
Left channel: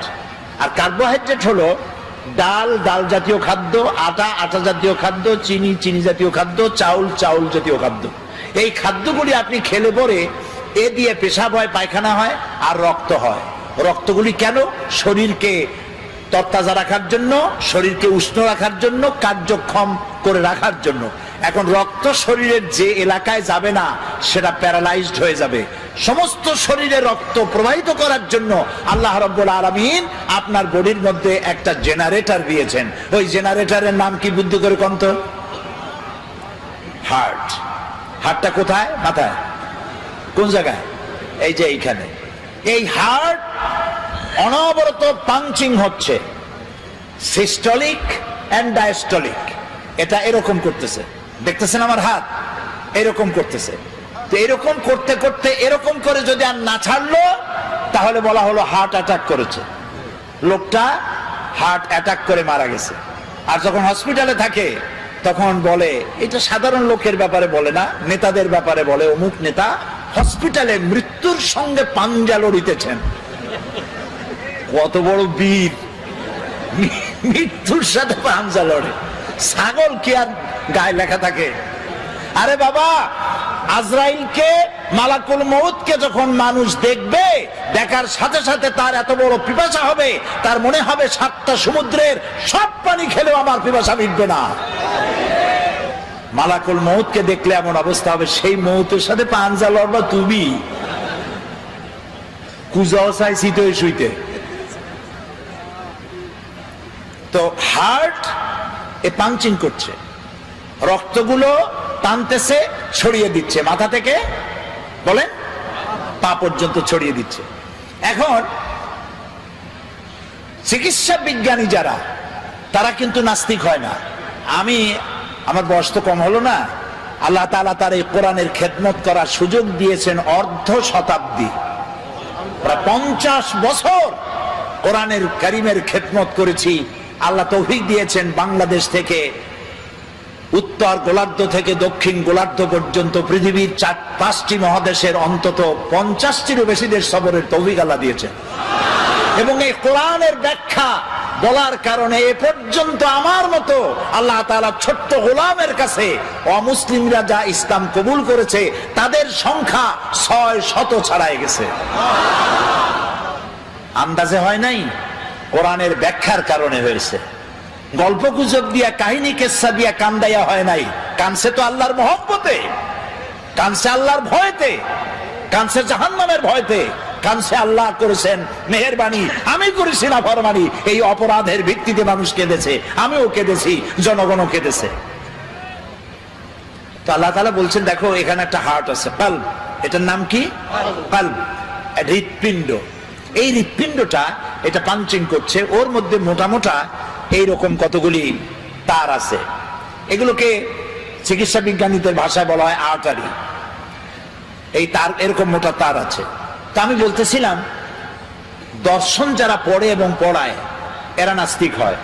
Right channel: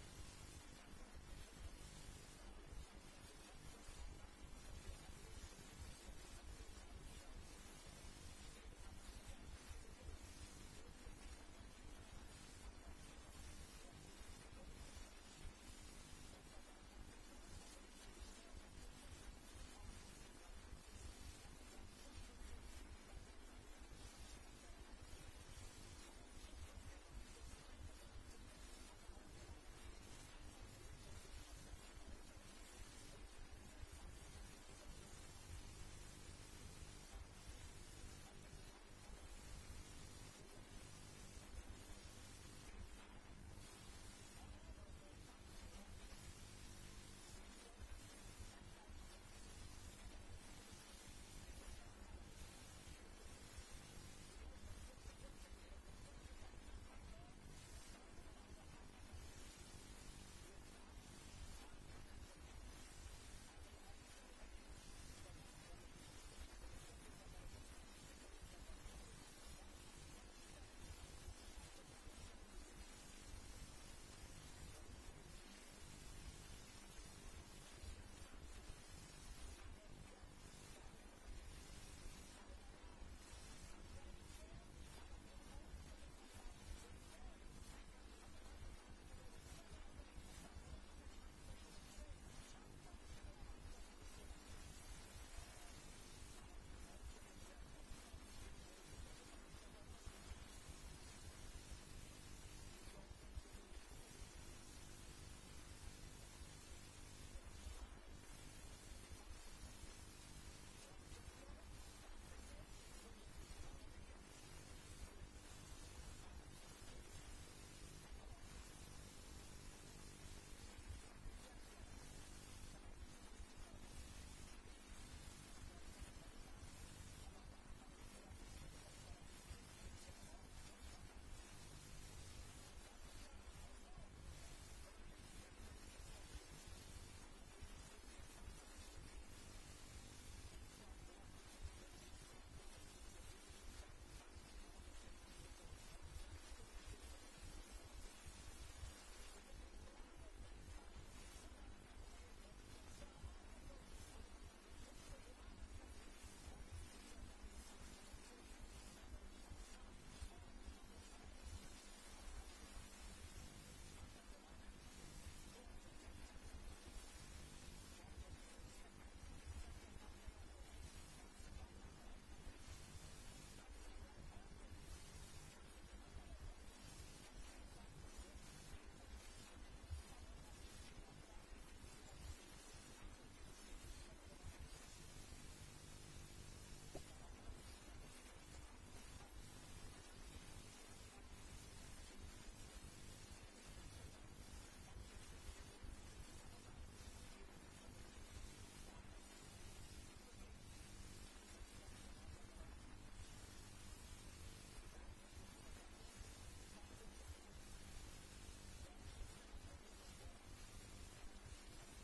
আর কার্বোহাইড্রেট হলো ডাল, ডাল জাতীয় খাদ্য, আটা, আটা জাতীয় খাদ্য, চিনি, চিনি জাতীয় খাদ্য, চাউল, চাউল জাতীয় খাদ্য। এই খাদ্যগুলি আপনি খেলে পরে এ দিয়ে পেশাব হয়, পায়খানা হয়, আর রক্ত হয়। রক্তগুলি কেন? শরীরকে তরতাজা রাখার জন্য, শরীরকে উষ্ণ রাখার জন্য, কার্যক্ষম করে রাখার জন্য। এখন রক্ত শরীরের যে এলাকায় যাবে না, সেটা প্যারালাইজড হয়ে যাবে। সমস্ত শরীরে রক্ত প্রবাহিত করার জন্য আল্লাহ রাব্বুল আলামিন আপনার বডির মধ্যে একটা জেনারেটর দিয়েছেন। ওই জেনারেটরের নাম কি বুদ্ধি করে কোন তো? হার্ট। হার্টটা কোথায়? মাথায়। কোন জায়গায়? এই যে এইখানে। এই হার্ট অনবরত পাঞ্চিং হচ্ছে, সিস্টোলিক এন্ড ডায়াস্টোলিক। এটা এরকম করতেছে, দেখতেছেন আমার হাত এরকম করতেছে। তো এরকম করতে করতে এরকম করে যদি আর না ছাড়লো, তাহলে বলা হলো হার্ট অ্যাটাক করেছে, লোকটা হার্ট অ্যাটাক করে মারা গেছে। আর যখন হসপিটালে থাকে তখন বলে, এটা সাধারণ লোকের ব্যাপারে বলে না, নেতাদের ব্যাপারে বলে, অমুক নেতা হসপিটালে মৃত্যুর সঙ্গে পাঞ্জা লড়িতেছেন। কত বড় বীর, মৃত্যুর সাথে পাঞ্জা লড়ে। ছাগল কি আর গায়ে লেখা থাকে? আরে বাবা, আজরাইলকে, মালাকুল মউতকে যখন মানুষ দেখবে, দেখার সাথে সাথে তার এত বড় পিপাসা হবে, তার মনে হবে 7টা সমুদ্রের সব পানি খেলেও আমার পিপাসা মিটবে না। মালাকুল মউতকে দেখলে এমন অবস্থা হবে, সেই মউতের সাথে পাঞ্জা লড়বা তুমি। কুজাও চাই শীতে শুইতে। তো হার্ট এ পাঞ্চিং করছে, রক্তগুলো টানতেছে, ছড়িয়ে দিচ্ছে, মাথা থেকে বলেন পা পর্যন্ত ছড়িয়ে দিচ্ছে। এখন চিকিৎসা বিজ্ঞানী যারা, তারা কিন্তু নাস্তিক হয় না। আমার বয়স তো কম হলো না, আল্লাহ তাআলা তার এই কোরআনের খেদমত করার সুযোগ দিয়েছেন অর্ধ শতাব্দী, প্রায় 50 বছর কোরআনের কারিমের খেদমত করেছি। আল্লাহ তৌফিক দিয়েছেন বাংলাদেশ থেকে উত্তর গোলার্ধ থেকে দক্ষিণ গোলার্ধ পর্যন্ত পৃথিবীর 4-5টি মহাদেশের অন্তত 50টিরও বেশি দেশ সফরের তৌফিক আল্লাহ দিয়েছেন। এবং এই কোরআনের ব্যাখ্যা বলার কারণে এ পর্যন্ত আমার মতো আল্লাহ তাআলা ছোট্ট গোলামের কাছে অমুসলিমরা যা ইসলাম কবুল করেছে, তাদের সংখ্যা 600 ছাড়াই গেছে। আন্দাজে হয় নাই, কোরআনের ব্যাখ্যার কারণে হয়েছে। গল্প গুজব দিয়া, কাহিনী কেচ্ছা দিয়া কান্দাইয়া হয় নাই। কানছে তো আল্লাহর মহব্বতে, কানছে আল্লাহর ভয়তে, কানছে জাহান্নামের ভয়তে, কানছে আল্লাহ করেছেন মেহেরবানি, আমি করেছি না ফরমানি। এই অপরাধের ভিত্তিতে মানুষ কেঁদেছে, আমিও কেঁদেছি, জনগণও কেঁদেছে। তো আল্লাহ তাআলা বলছেন, দেখো এখানে একটা হার্ট আছে, কাল্ব। এটার নাম কি? কাল্ব, হৃৎপিণ্ড। এই হৃৎপিণ্ডটা এটা পাঞ্চিং করছে, ওর মধ্যে মোটা মোটা এইরকম কতগুলি তার আছে। এগুলোকে চিকিৎসা বিজ্ঞানীদের ভাষায় বলা হয় আর্টারি। এই তার, এরকম মোটা তার আছে। তা আমি বলতেছিলাম, দর্শন যারা পড়ে এবং পড়ায় এরা নাস্তিক হয়,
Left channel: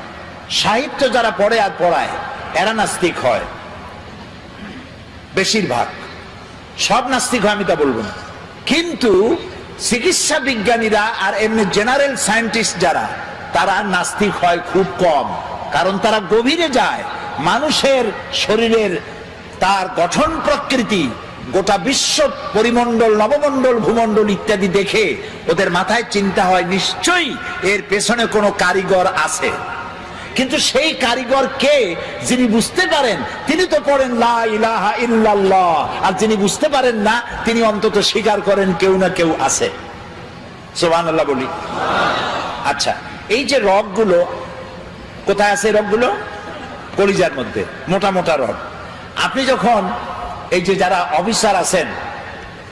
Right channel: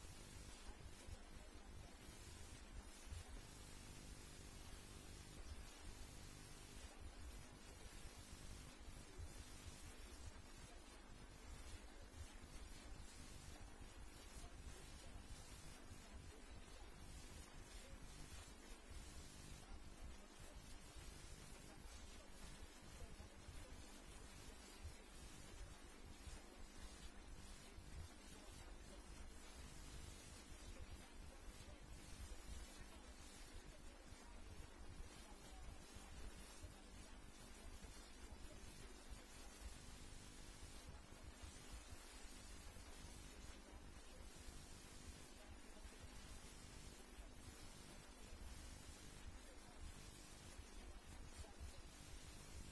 সাহিত্য যারা পড়ে আর পড়ায় এরা নাস্তিক হয়। বেশিরভাগ, সব নাস্তিক হয় আমি তা বলবো না, কিন্তু চিকিৎসা বিজ্ঞানীরা আর এমনি জেনারেল সায়েন্টিস্ট যারা, তারা নাস্তিক হয় খুব কম। কারণ তারা গভীরে যায়, মানুষের শরীরের তার গঠন প্রকৃতি, গোটা বিশ্ব পরিমণ্ডল, নবমণ্ডল, ভূমণ্ডল ইত্যাদি দেখে ওদের মাথায় চিন্তা হয় নিশ্চয়ই এর পেছনে কোনো কারিগর আছে। কিন্তু সেই কারিগর কে? যিনি বুঝতে পারেন তিনি তো পড়েন লা ইলাহা ইল্লাল্লাহ, আর যিনি বুঝতে পারেন না তিনি অন্তত স্বীকার করেন কেউ না কেউ আছে। সুবহানাল্লাহ বলি। আচ্ছা, এই যে রগগুলো কোথায় আছে? রগগুলো কলিজার মধ্যে, মোটা মোটা রগ। আপনি যখন এই যে যারা অফিসার আছেন,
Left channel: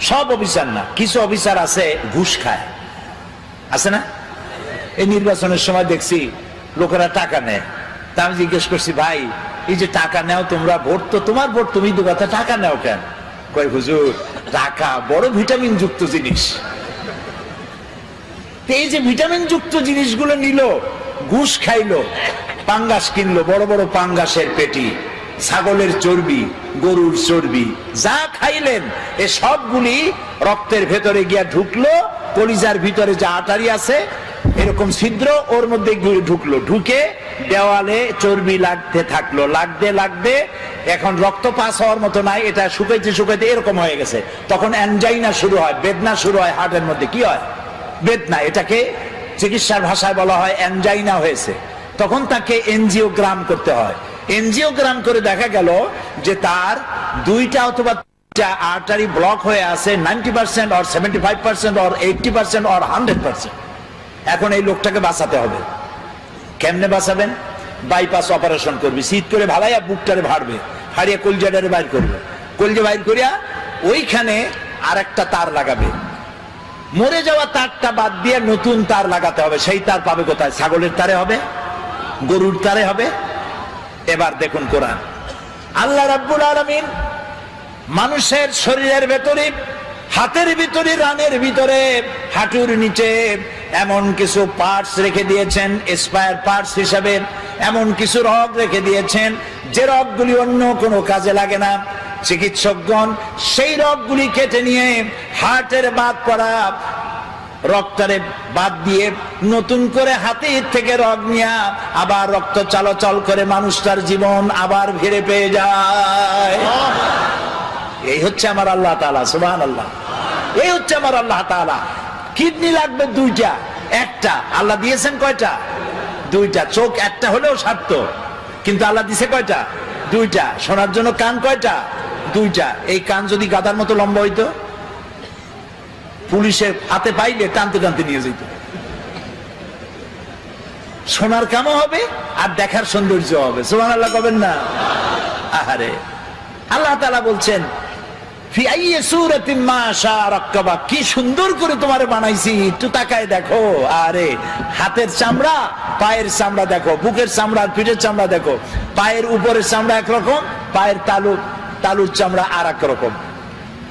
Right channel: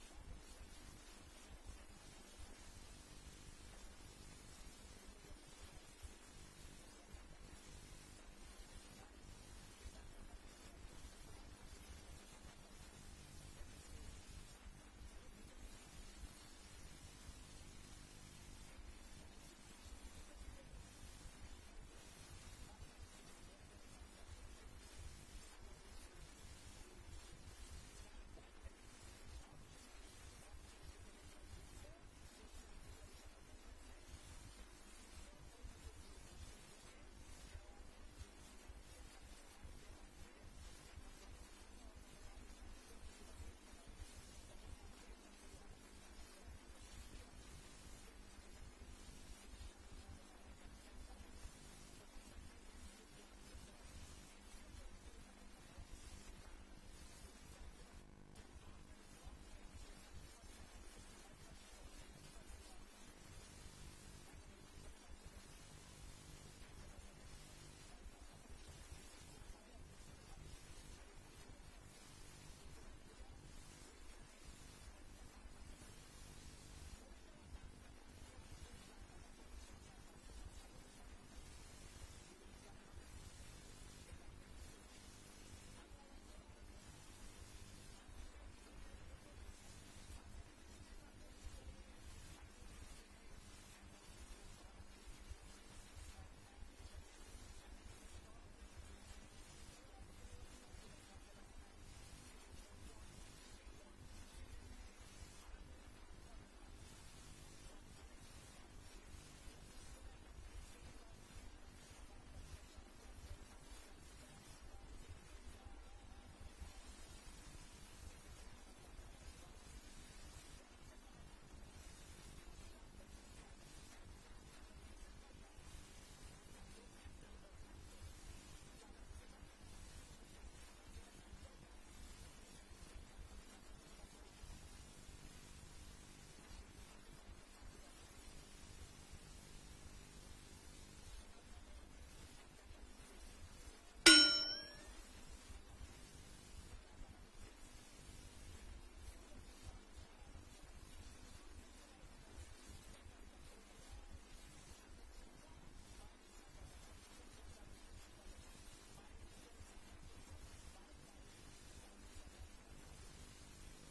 সব অফিসার না, কিছু অফিসার আছে ঘুষ খায়, আছে না? এই নির্বাচনের সময় দেখছি লোকেরা টাকা নেয়। তা আমি জিজ্ঞেস করছি, ভাই এই যে টাকা নেও তোমরা, ভোট তো তোমার ভোট, তুমি দেবা, টাকা নেও কেন? কয় হুজুর টাকা বড় ভিটামিন যুক্ত জিনিস। এই যে ভিটামিন যুক্ত জিনিসগুলো নিল, ঘুষ খাইলো, পাঙ্গাস কিনলো, বড় বড় পাঙ্গাসের পেটি, ছাগলের চর্বি, গরুর চর্বি, যা খাইলেন এ সবগুলি রক্তের ভেতরে গিয়া ঢুকলো। কলিজার ভিতরে যে আটারি আছে এরকম ছিদ্র, ওর মধ্যে ঢুকলো, ঢুকে দেওয়ালে চর্বি লাগতে থাকলো, লাগতে লাগতে এখন রক্ত পাস হওয়ার মতো নাই, এটা শুকাইতে শুকাইতে এরকম হয়ে গেছে। তখন অ্যানজাইনা শুরু হয়, বেদনা শুরু হয় হার্টের মধ্যে। কি হয়? বেদনা। এটাকে চিকিৎসার ভাষায় বলা হয় অ্যানজাইনা হয়েছে। তখন তাকে এনজিওগ্রাম করতে হয়। এনজিওগ্রাম করে দেখা গেল যে তার 2টা অথবা 3টা আর্টারি ব্লক হয়ে আছে, 90% or 75% or 80% or 100%। এখন এই লোকটাকে বাঁচাতে হবে। কেমনে বাঁচাবেন? বাইপাস অপারেশন করবে, শীত করে ভালাইয়া বুকটারে ভাড়বে, হারিয়ে কলজাটারে বাইর করবে, কলজা বাইর করিয়া ওইখানে আর একটা তার লাগাবে। মরে যাওয়া তারটা বাদ দিয়ে নতুন তার লাগাতে হবে। সেই তার পাবে কোথায়? ছাগলের তারে হবে, গরুর তারে হবে। এবার দেখুন কোরআন, আল্লাহ রাব্বুল আলামিন মানুষের শরীরের ভেতরে, হাতের ভিতরে, রানের ভিতরে, হাঁটুর নিচে এমন কিছু পার্টস রেখে দিয়েছেন স্পায়ার পার্টস হিসাবে, এমন কিছু রগ রেখে দিয়েছেন যে রগগুলি অন্য কোনো কাজে লাগে না। চিকিৎসকগণ সেই রগগুলি কেটে নিয়ে হার্টের বাদ পড়া রক্তরে বাদ দিয়ে নতুন করে হাতের থেকে রগ নিয়ে আবার রক্ত চলাচল করে মানুষটার জীবন আবার ফিরে পেয়ে যায়। এই হচ্ছে আমার আল্লাহ তাআলা, সুবহানাল্লাহ। এই হচ্ছে আমার আল্লাহ তাআলা। কিডনি লাগবে দুইটা, একটা আল্লাহ দিয়েছেন কয়টা? দুইটা। চোখ একটা হলেও সারত, কিন্তু আল্লাহ দিছে কয়টা? দুইটা। শোনার জন্য কান কয়টা? দুইটা। এই কান যদি গাদার মতো লম্বা হইতো, পুলিশের হাতে পাইলে টানতে টানতে নিয়ে যেত। শোনার কামও হবে আর দেখার সৌন্দর্য হবে। সুবহানাল্লাহ বলেন না? আহারে, আল্লাহ তাআলা বলছেন ফি আইয়ি সূরাতিন মা শাআ রাক্কাবা, কি সুন্দর করে তোমারে বানাইছি, একটু তাকায় দেখো। আরে হাতের চামড়া, পায়ের চামড়া দেখো, বুকের চামড়া, পিঠের চামড়া দেখো। পায়ের উপরের চামড়া একরকম, পায়ের তালুর চামড়া আর এক রকম।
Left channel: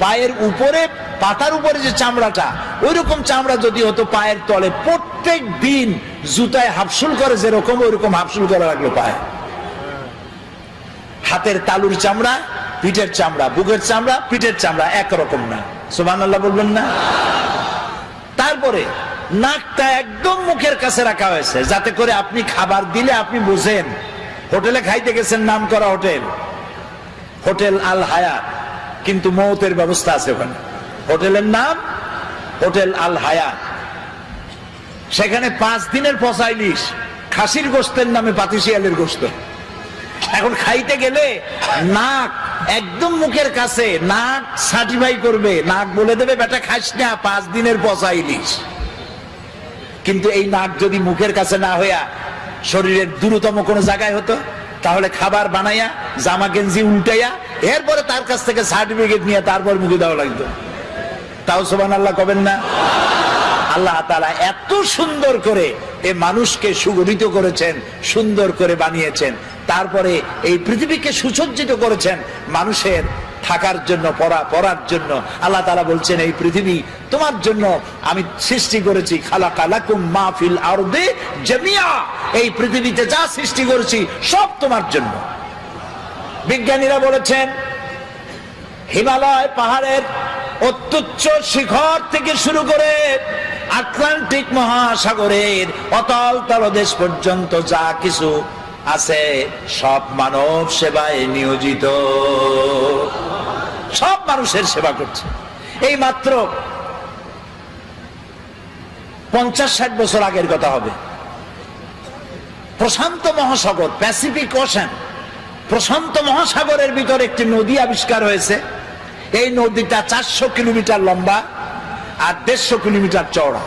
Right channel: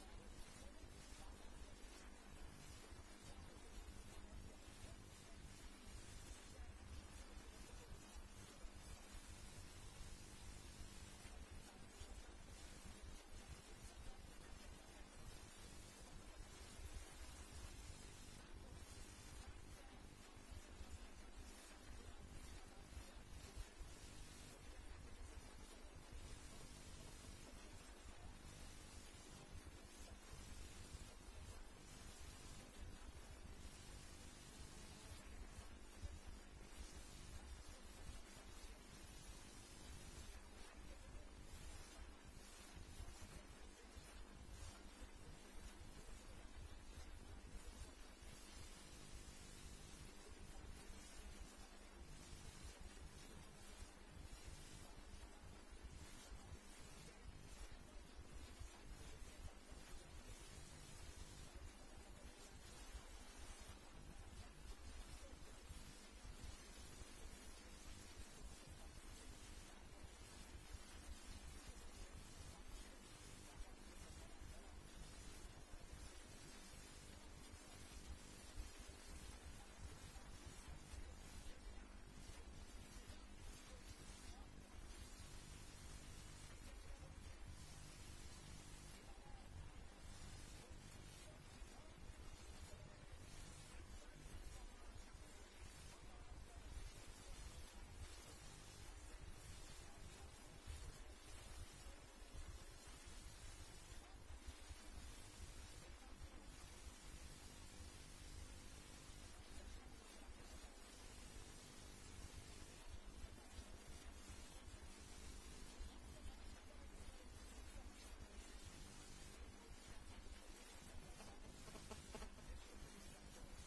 পায়ের উপরে, পাতার উপরে যে চামড়াটা, ওই রকম চামড়া যদি হতো পায়ের তলে, প্রত্যেক দিন জুতায় হাফসুল করে যেরকম, ওইরকম হাফসুল করা লাগলো পায়ে। হাতের তালুর চামড়া, পিঠের চামড়া, বুকের চামড়া, পিঠের চামড়া একরকম না। সুবহানাল্লাহ বলবেন না? তারপরে নাকটা একদম মুখের কাছে রাখা হয়েছে, যাতে করে আপনি খাবার দিলে আপনি বুঝেন। হোটেলে খাইতে গেছেন, নাম করা হোটেল, হোটেল আল হায়াত, কিন্তু মৌতের ব্যবস্থা আছে ওখানে। হোটেলের নাম হোটেল আল হায়াত। সেখানে 5 দিনের পচা ইলিশ, খাসির গোশতের নামে পাতিশিয়ালের গোশত। এখন খাইতে গেলে নাক একদম মুখের কাছে, নাক সার্টিফাই করবে, নাক বলে দেবে বেটা খাস না, 5 দিনের পচা ইলিশ। কিন্তু এই নাক যদি মুখের কাছে না হইয়া শরীরের দূরতম কোন জায়গায় হতো, তাহলে খাবার বানাইয়া জামা গেঞ্জি উল্টাইয়া এরপরে তার কাছ থেকে সার্টিফিকেট নিয়ে তারপর মুখে দেওয়া লাগতো। তাও সুবহানাল্লাহ কবেন না? আল্লাহ তাআলা এত সুন্দর করে এ মানুষকে সুগঠিত করেছেন, সুন্দর করে বানিয়েছেন, তারপরে এই পৃথিবীকে সুসজ্জিত করেছেন মানুষের থাকার জন্য, পড়ার জন্য। আল্লাহ তাআলা বলছেন এই পৃথিবী তোমার জন্য আমি সৃষ্টি করেছি, খালাকা লাকুম মা ফিল আরদি জামিয়া, এই পৃথিবীতে যা সৃষ্টি করেছি সব তোমার জন্য। বিজ্ঞানীরা বলেছেন হিমালয় পাহাড়ের অত্যুচ্চ শিখর থেকে শুরু করে আটলান্টিক মহাসাগরের অতল তলদেশ পর্যন্ত যা কিছু আছে সব মানব সেবায় নিয়োজিত, সব মানুষের সেবা করছে। এই মাত্র 50-60 বছর আগের কথা হবে। প্রশান্ত মহাসাগর, প্যাসিফিক ওশান, প্রশান্ত মহাসাগরের ভিতর একটি নদী আবিষ্কার হয়েছে। এই নদীটা 400 কিলোমিটার লম্বা আর 150 কিলোমিটার চওড়া।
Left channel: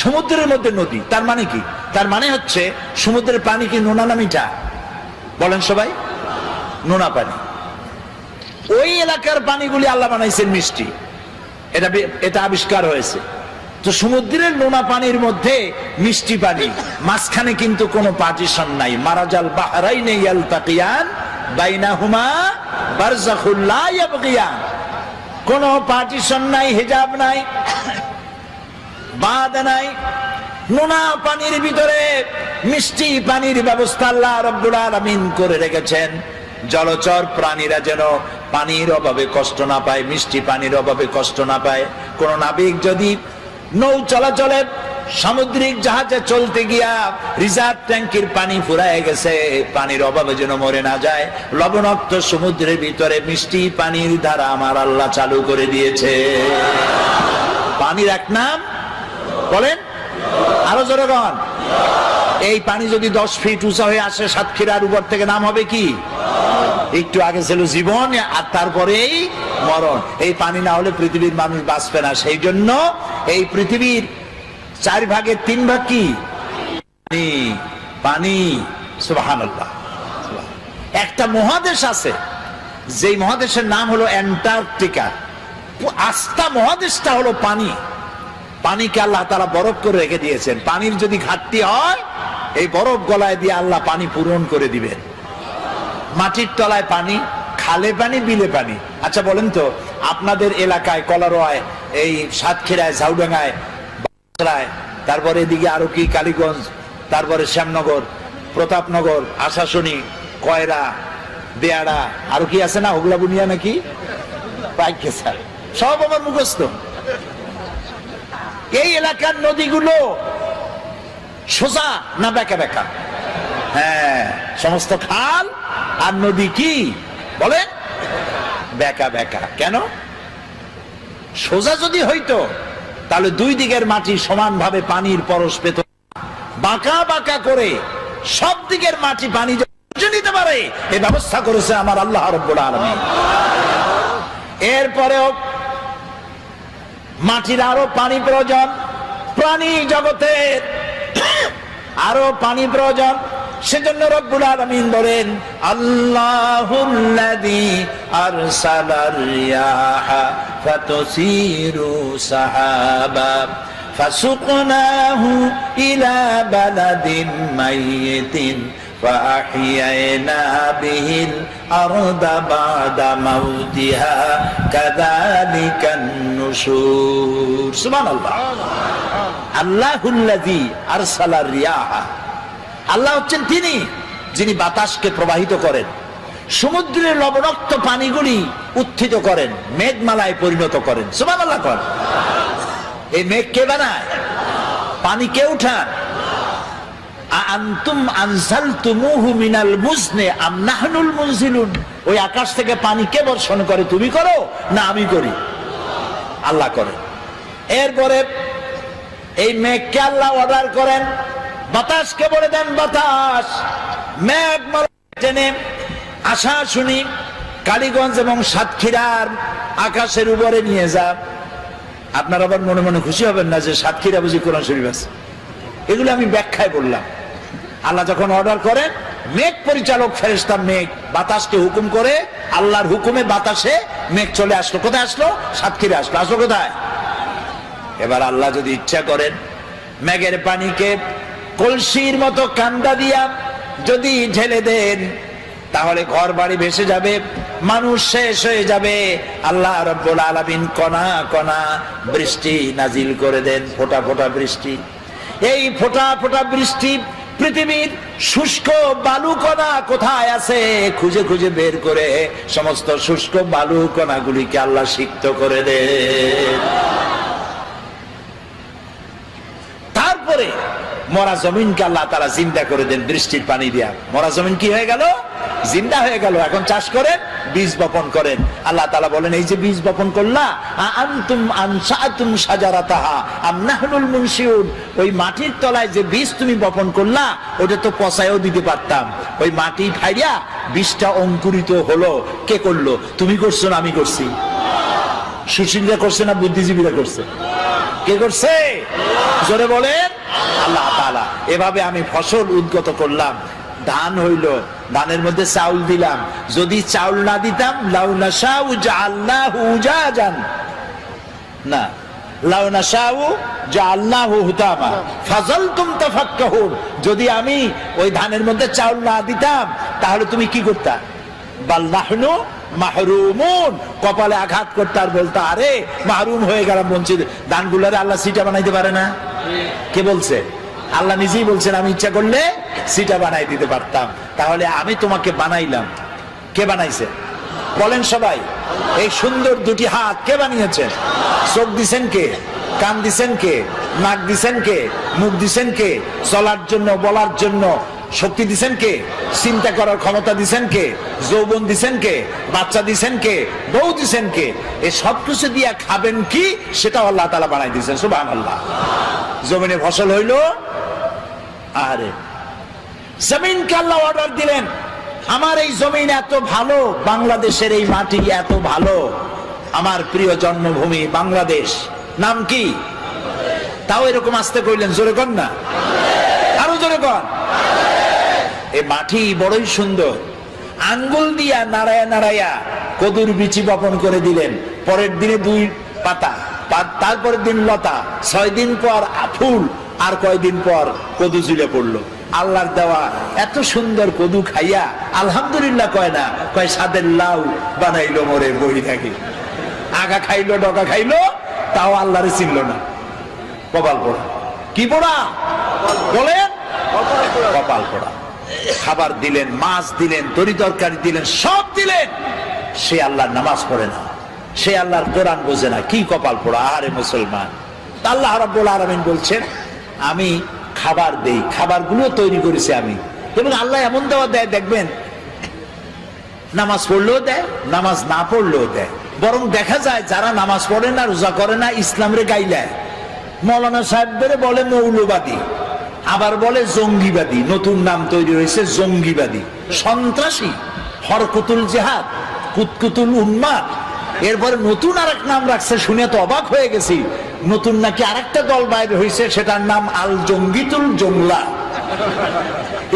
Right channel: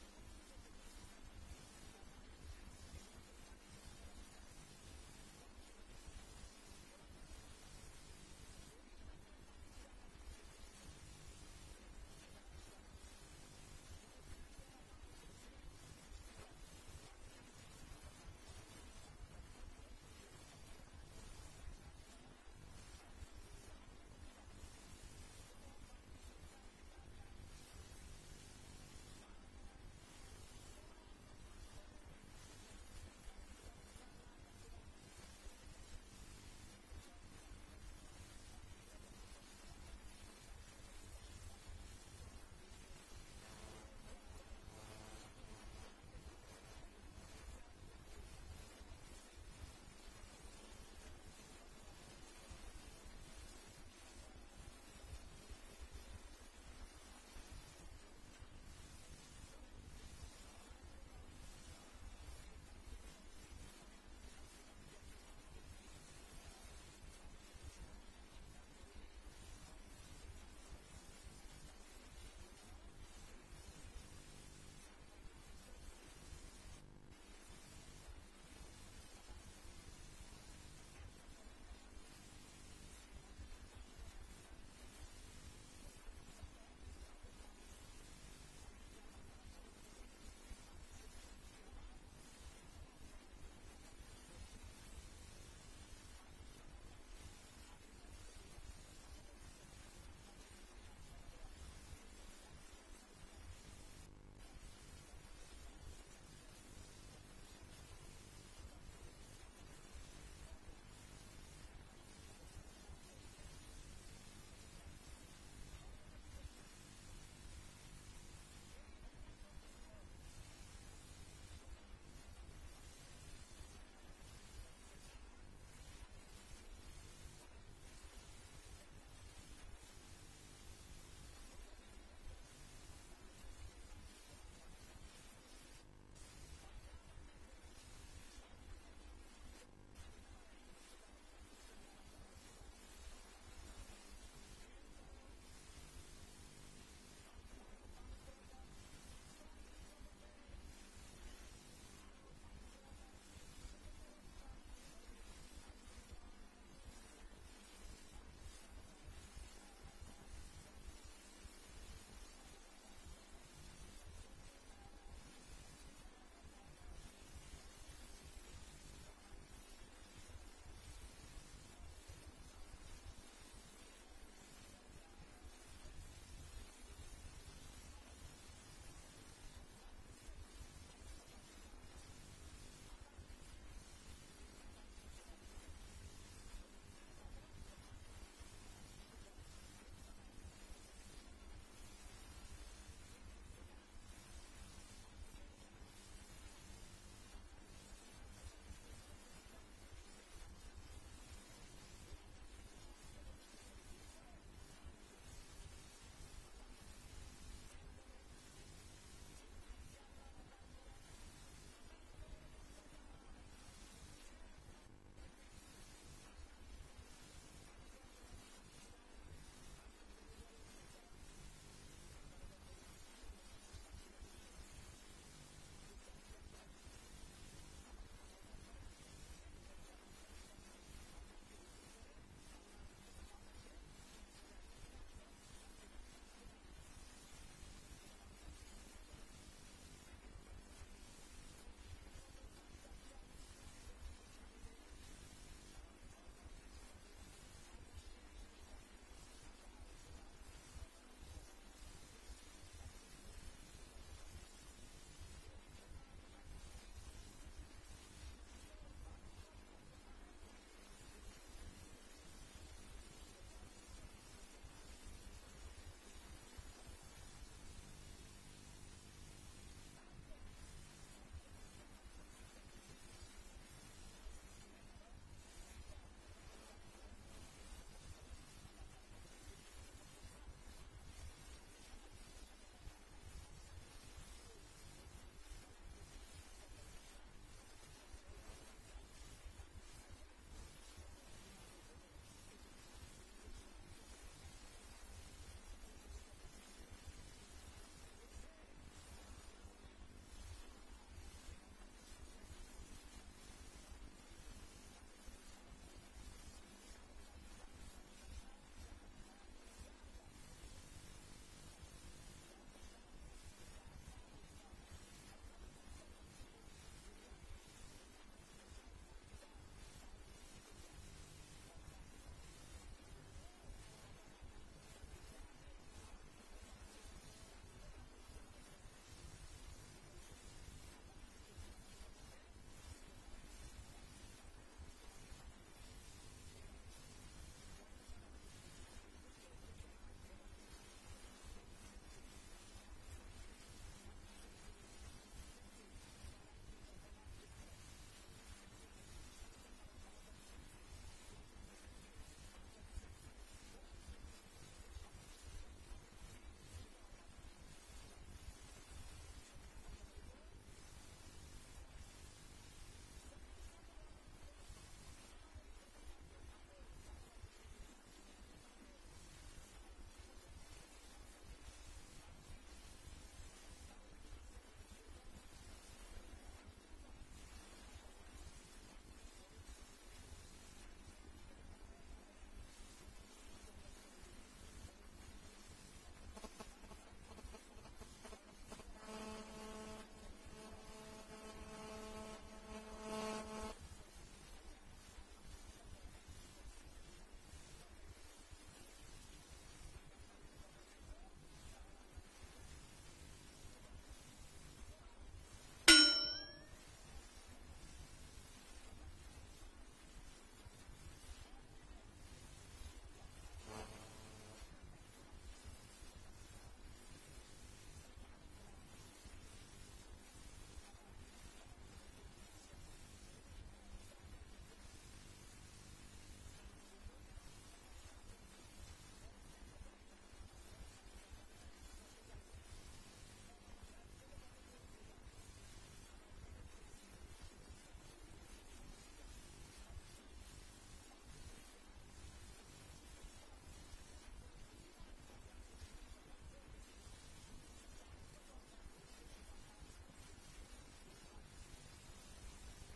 সমুদ্রের মধ্যে নদী, তার মানে কি? তার মানে হচ্ছে সমুদ্রের পানি কি নোনা না মিঠা? বলেন সবাই, নোনা পানি। ওই এলাকার পানিগুলি আল্লাহ বানাইছেন মিষ্টি, এটা আবিষ্কার হয়েছে। তো সমুদ্রের নোনা পানির মধ্যে মিষ্টি পানি, মাঝখানে কিন্তু কোনো পার্টিশন নাই। মারাজাল বাহরাইনে ইয়ালতাকিয়ান বাইনাহুমা বারযাখুল লা ইয়াবগিয়ান, কোনো পার্টিশন নাই, হিজাব নাই, বাঁধ নাই। নোনা পানির ভিতরে মিষ্টি পানির ব্যবস্থা আল্লাহ রাব্বুল আলামিন করে রেখেছেন। জলচর প্রাণীরা যেন পানির অভাবে কষ্ট না পায়, মিষ্টি পানির অভাবে কষ্ট না পায়। কোন নাবিক যদি নৌ চলাচলে সামুদ্রিক জাহাজে চলতে গিয়া রিজার্ভ ট্যাঙ্কির পানি ফুরায় গেছে, পানির অভাবে যেন মরে না যায়। লবণাক্ত সমুদ্রের ভিতরে মিষ্টি পানির ধারা আমার আল্লাহ চালু করে দিয়েছে। পানির এক নাম বলেন, আরো জোরে বলেন। এই পানি যদি 10 ফিট উঁচা হয়ে আসে সাতক্ষীরার উপর থেকে, নাম হবে কি? একটু আগে ছিল জীবন আর তারপরেই মরণ। এই পানি না হলে পৃথিবীর মানুষ বাঁচবে না। সেই জন্য এই পৃথিবীর 4 ভাগের 3 ভাগ কি? পানি। সুবহানাল্লাহ। একটা মহাদেশ আছে, যেই মহাদেশের নাম হলো অ্যান্টার্কটিকা। আস্থা মহাদেশটা হলো পানি। পানিকে আল্লাহ তাআলা বরফ করে রেখে দিয়েছেন। পানির যদি ঘাটতি হয়, এই বরফ গলায় দিয়ে আল্লাহ পানি পূরণ করে দিবেন। মাটির তলায় পানি, খালে পানি, বিলে পানি। আচ্ছা বলেন তো, আপনাদের এলাকায় কলারোয়ায়, এই সাতক্ষীরায়, ঝাউডাঙ্গায়, তারপরে এদিকে আরো কি কালীগঞ্জ, তারপরে শ্যামনগর, প্রতাপনগর, আশাশুনি, কয়রা, বেয়াড়া, আরো কি আছে না, ওগুলা বুনিয়া নাকি, সব আমার মুখস্থ। এই এলাকার নদীগুলো সোজা না বেঁকা বেঁকা? হ্যাঁ, সমস্ত খাল আর নদী কি বলেন? বেঁকা বেঁকা। কেন? সোজা যদি হইতো তাহলে দুই দিকের মাটি সমানভাবে পানির পরশ পেত। বাঁকা বাঁকা করে সব দিকের মাটি পানি নিতে পারে এই ব্যবস্থা করেছে আমার আল্লাহ রাব্বুল আলামিন। এরপরেও মাটির আরো পানি প্রয়োজন, প্রাণী জগতের আরো পানি প্রয়োজন। সেজন্য রব্বুল আলামিন বলেন, আল্লাহুল্লাযী আরসালার রিয়াহা ফাতুসিরু সাহাবা ফাসুকনাহু ইলা বালাদিন মাইয়িতিন فأحيينا به الأرض بعد موتها كذلك النشور سبحان الله الله الذي أرسل الرياح আল্লাহ হচ্ছেন তিনি যিনি বাতাসকে প্রবাহিত করেন, সমুদ্রের লবণাক্ত পানিগুলি উত্থিত করেন, মেঘমালায় পরিণত করেন। সুবহানাল্লাহ। এই মেঘ কে বানায়? পানি কে উঠান? আনতুম আনজালতুমুহু মিনাল মুজনি আম নাহনুল মুনজিলুন। ওই আকাশ থেকে পানি কে বর্ষণ করে? তুমি করো না আমি করি? আল্লাহ করে। এরপরে এই মেঘকে আল্লাহ অর্ডার করেন, বাতাসকে বলে দেন বাতাস মেঘ টেনে আশা শুনি কালীগঞ্জ এবং সাতক্ষীরার আকাশের উপরে নিয়ে যা। আপনারা আবার মনে মনে খুশি হবেন না যে সাতক্ষীরা বুঝি কোরআন শরীফ আছে। এগুলো আমি ব্যাখ্যায় বললাম। আল্লাহ যখন অর্ডার করেন, মেঘ পরিচালক ফেরেশতা মেঘ বাতাসকে হুকুম করে, আল্লাহর হুকুমে বাতাসে মেঘ চলে আসলো। কোথায় আসলো? সাতক্ষীরা আসলো। আসলো কোথায়? এবার আল্লাহ যদি ইচ্ছা করেন, মেঘের পানিকে কলসির মতো কান্দা দিয়া যদি ঢেলে দেন, তাহলে ঘর বাড়ি ভেসে যাবে, মানুষ শেষ হয়ে যাবে। আল্লাহ রাব্বুল আলামিন কণা কণা বৃষ্টি নাজিল করে দেন, ফোঁটা ফোঁটা বৃষ্টি। এই ফোঁটা ফোঁটা বৃষ্টি পৃথিবীর শুষ্ক বালু কণা কোথায় আছে খুঁজে খুঁজে বের করে সমস্ত শুষ্ক বালু কণাগুলিকে আল্লাহ সিক্ত করে দেন। তারপরে মরা জমিনকে আল্লাহ তাআলা জিন্দা করে দেন বৃষ্টির পানি দিয়া। মরা জমিন কি হয়ে গেল? জিন্দা হয়ে গেল। এখন চাষ করেন, বীজ বপন করেন। আল্লাহ তাআলা বলেন, এই যে বীজ বপন করলা, আনতুম আনশাতুম শাজারাতাহা আম নাহনুল মুনশিউন। ওই মাটির তলায় যে বীজ তুমি বপন করলা, ওটা তো পচায়ও দিতে পারতাম। ওই মাটি ফাইড়া বীজটা অঙ্কুরিত হলো। কে করলো? তুমি করছো না আমি করছি? সুশীলরা করছে না বুদ্ধিজীবীরা করছে? কে করছে? জোরে বলেন, আল্লাহ তাআলা। এভাবে আমি ফসল উদ্গত করলাম, ধান হইল, ধানের মধ্যে চাউল দিলাম। যদি চাউল না দিতাম, লাউ নাশাউ জাআলনাহু উজাজান, না লাউ নাশাউ জাআলনাহু হুতামা ফাযালতুম তাফাক্কাহুন। যদি আমি ওই ধানের মধ্যে চাউল না দিতাম, তাহলে তুমি কি করতা? বাল নাহনু মাহরুমুন, কপালে আঘাত করতে আর বলতো, আরে মাহরুম হয়ে গেলাম, বঞ্চিত। ধানগুলোরে আল্লাহ সিটা বানাইতে পারে না? কে বলছে? আল্লাহ নিজেই বলছেন, আমি ইচ্ছা করলে সিটা বানাই দিতে পারতাম। তাহলে আমি তোমাকে বানাইলাম, কে বানাইছে? বলেন সবাই। এই সুন্দর দুটি হাত কে বানিয়েছেন? চোখ দিছেন কে? কান দিছেন কে? নাক দিছেন কে? মুখ দিছেন কে? চলার জন্য, বলার জন্য শক্তি দিছেন কে? চিন্তা করার ক্ষমতা দিছেন কে? যৌবন দিছেন কে? বাচ্চা দিছেন কে? বউ দিছেন কে? এই সব কিছু দিয়া খাবেন কি, সেটাও আল্লাহ তাআলা বানাই দিয়েছেন। সুবহানাল্লাহ। জমিনে ফসল হইল, আরে জমিনকে আল্লাহ অর্ডার দিলেন, আমার এই জমিন এত ভালো, বাংলাদেশের এই মাটি এত ভালো, আমার প্রিয় জন্মভূমি বাংলাদেশ, নাম কি? তাও এরকম আসতে কইলেন, জোরে কর না, আরো জোরে কর। এই মাটি বড়ই সুন্দর। আঙ্গুল দিয়া নাড়ায়া নাড়ায়া কদুর বিচি বপন করে দিলেন। পরের দিনে 2 পাতা, তারপরের দিন লতা, 6 দিন পর ফুল, আর কয়দিন পর কদু ঝুলে পড়লো। আল্লাহর দেওয়া এত সুন্দর কদু খাইয়া আলহামদুলিল্লাহ কয় না, কয় সাদের লাউ বানাইলো মোরে বই থাকি। আগা খাইলো, ডগা খাইলো, তাও আল্লাহরে চিনল না। কপাল পোড়া। কি পোড়া বলেন? কপাল পোড়া। খাবার দিলেন, মাছ দিলেন, তরি তরকারি দিলেন, সব দিলেন, সে আল্লাহর নামাজ পড়ে না, সে আল্লাহর কোরআন বোঝে না। কি কপাল পোড়া! আরে মুসলমান, আল্লাহ রাব্বুল আলামিন বলছেন আমি খাবার দেই, খাবারগুলো তৈরি করেছি আমি। এবং আল্লাহ এমন দেওয়া দেয়, দেখবেন নামাজ পড়লেও দেয়, নামাজ না পড়লেও দেয়। বরং দেখা যায় যারা নামাজ পড়ে না, রোজা করে না, ইসলামরে গাইলায়। মৌলানা সাহেবদের বলে মৌলবাদী, আবার বলে জঙ্গিবাদী। নতুন নাম তৈরি হয়েছে জঙ্গিবাদী, সন্ত্রাসী, হরকুতুল জিহাদ, কুতকুতুল উন্মাদ। এরপরে নতুন আরেক নাম রাখছে, শুনে তো অবাক হয়ে গেছি। নতুন নাকি আরেকটা দল বাইরে হয়েছে, সেটার নাম আল জঙ্গিতুল জংলা।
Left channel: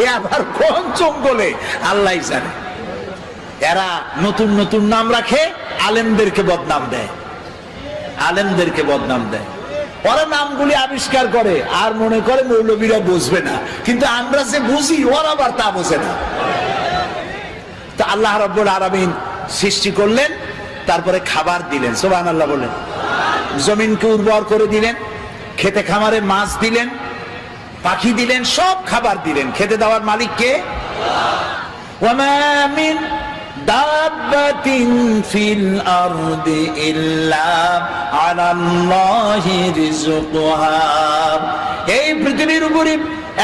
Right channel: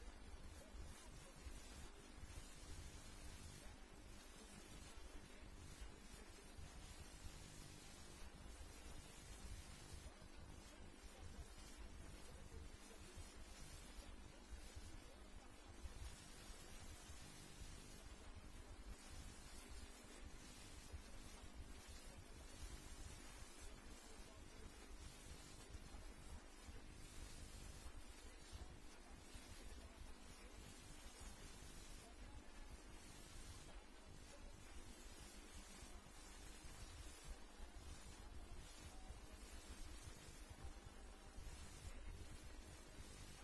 এ আবার কোন জঙ্গলে আল্লাহ জানে। এরা নতুন নতুন নাম রাখে, আলেমদেরকে বদনাম দেয়, আলেমদেরকে বদনাম দেয়। ওরা নামগুলি আবিষ্কার করে আর মনে করে মৌলবীরা বুঝবে না, কিন্তু আমরা যে বুঝি ওরা আবার তা বোঝে না। তো আল্লাহ রাব্বুল আলামিন সৃষ্টি করলেন, তারপরে খাবার দিলেন, সুবহানাল্লাহ বলেন। জমিনকে উর্বর করে দিলেন, খেতে খামারে মাছ দিলেন, পাখি দিলেন, সব খাবার দিলেন। খেতে দেওয়ার মালিক কে? ওয়ামা মিন দাব্বাতিন ফিল আরদি ইল্লা আলাল্লাহি রিজকুহা। এই পৃথিবীর উপরে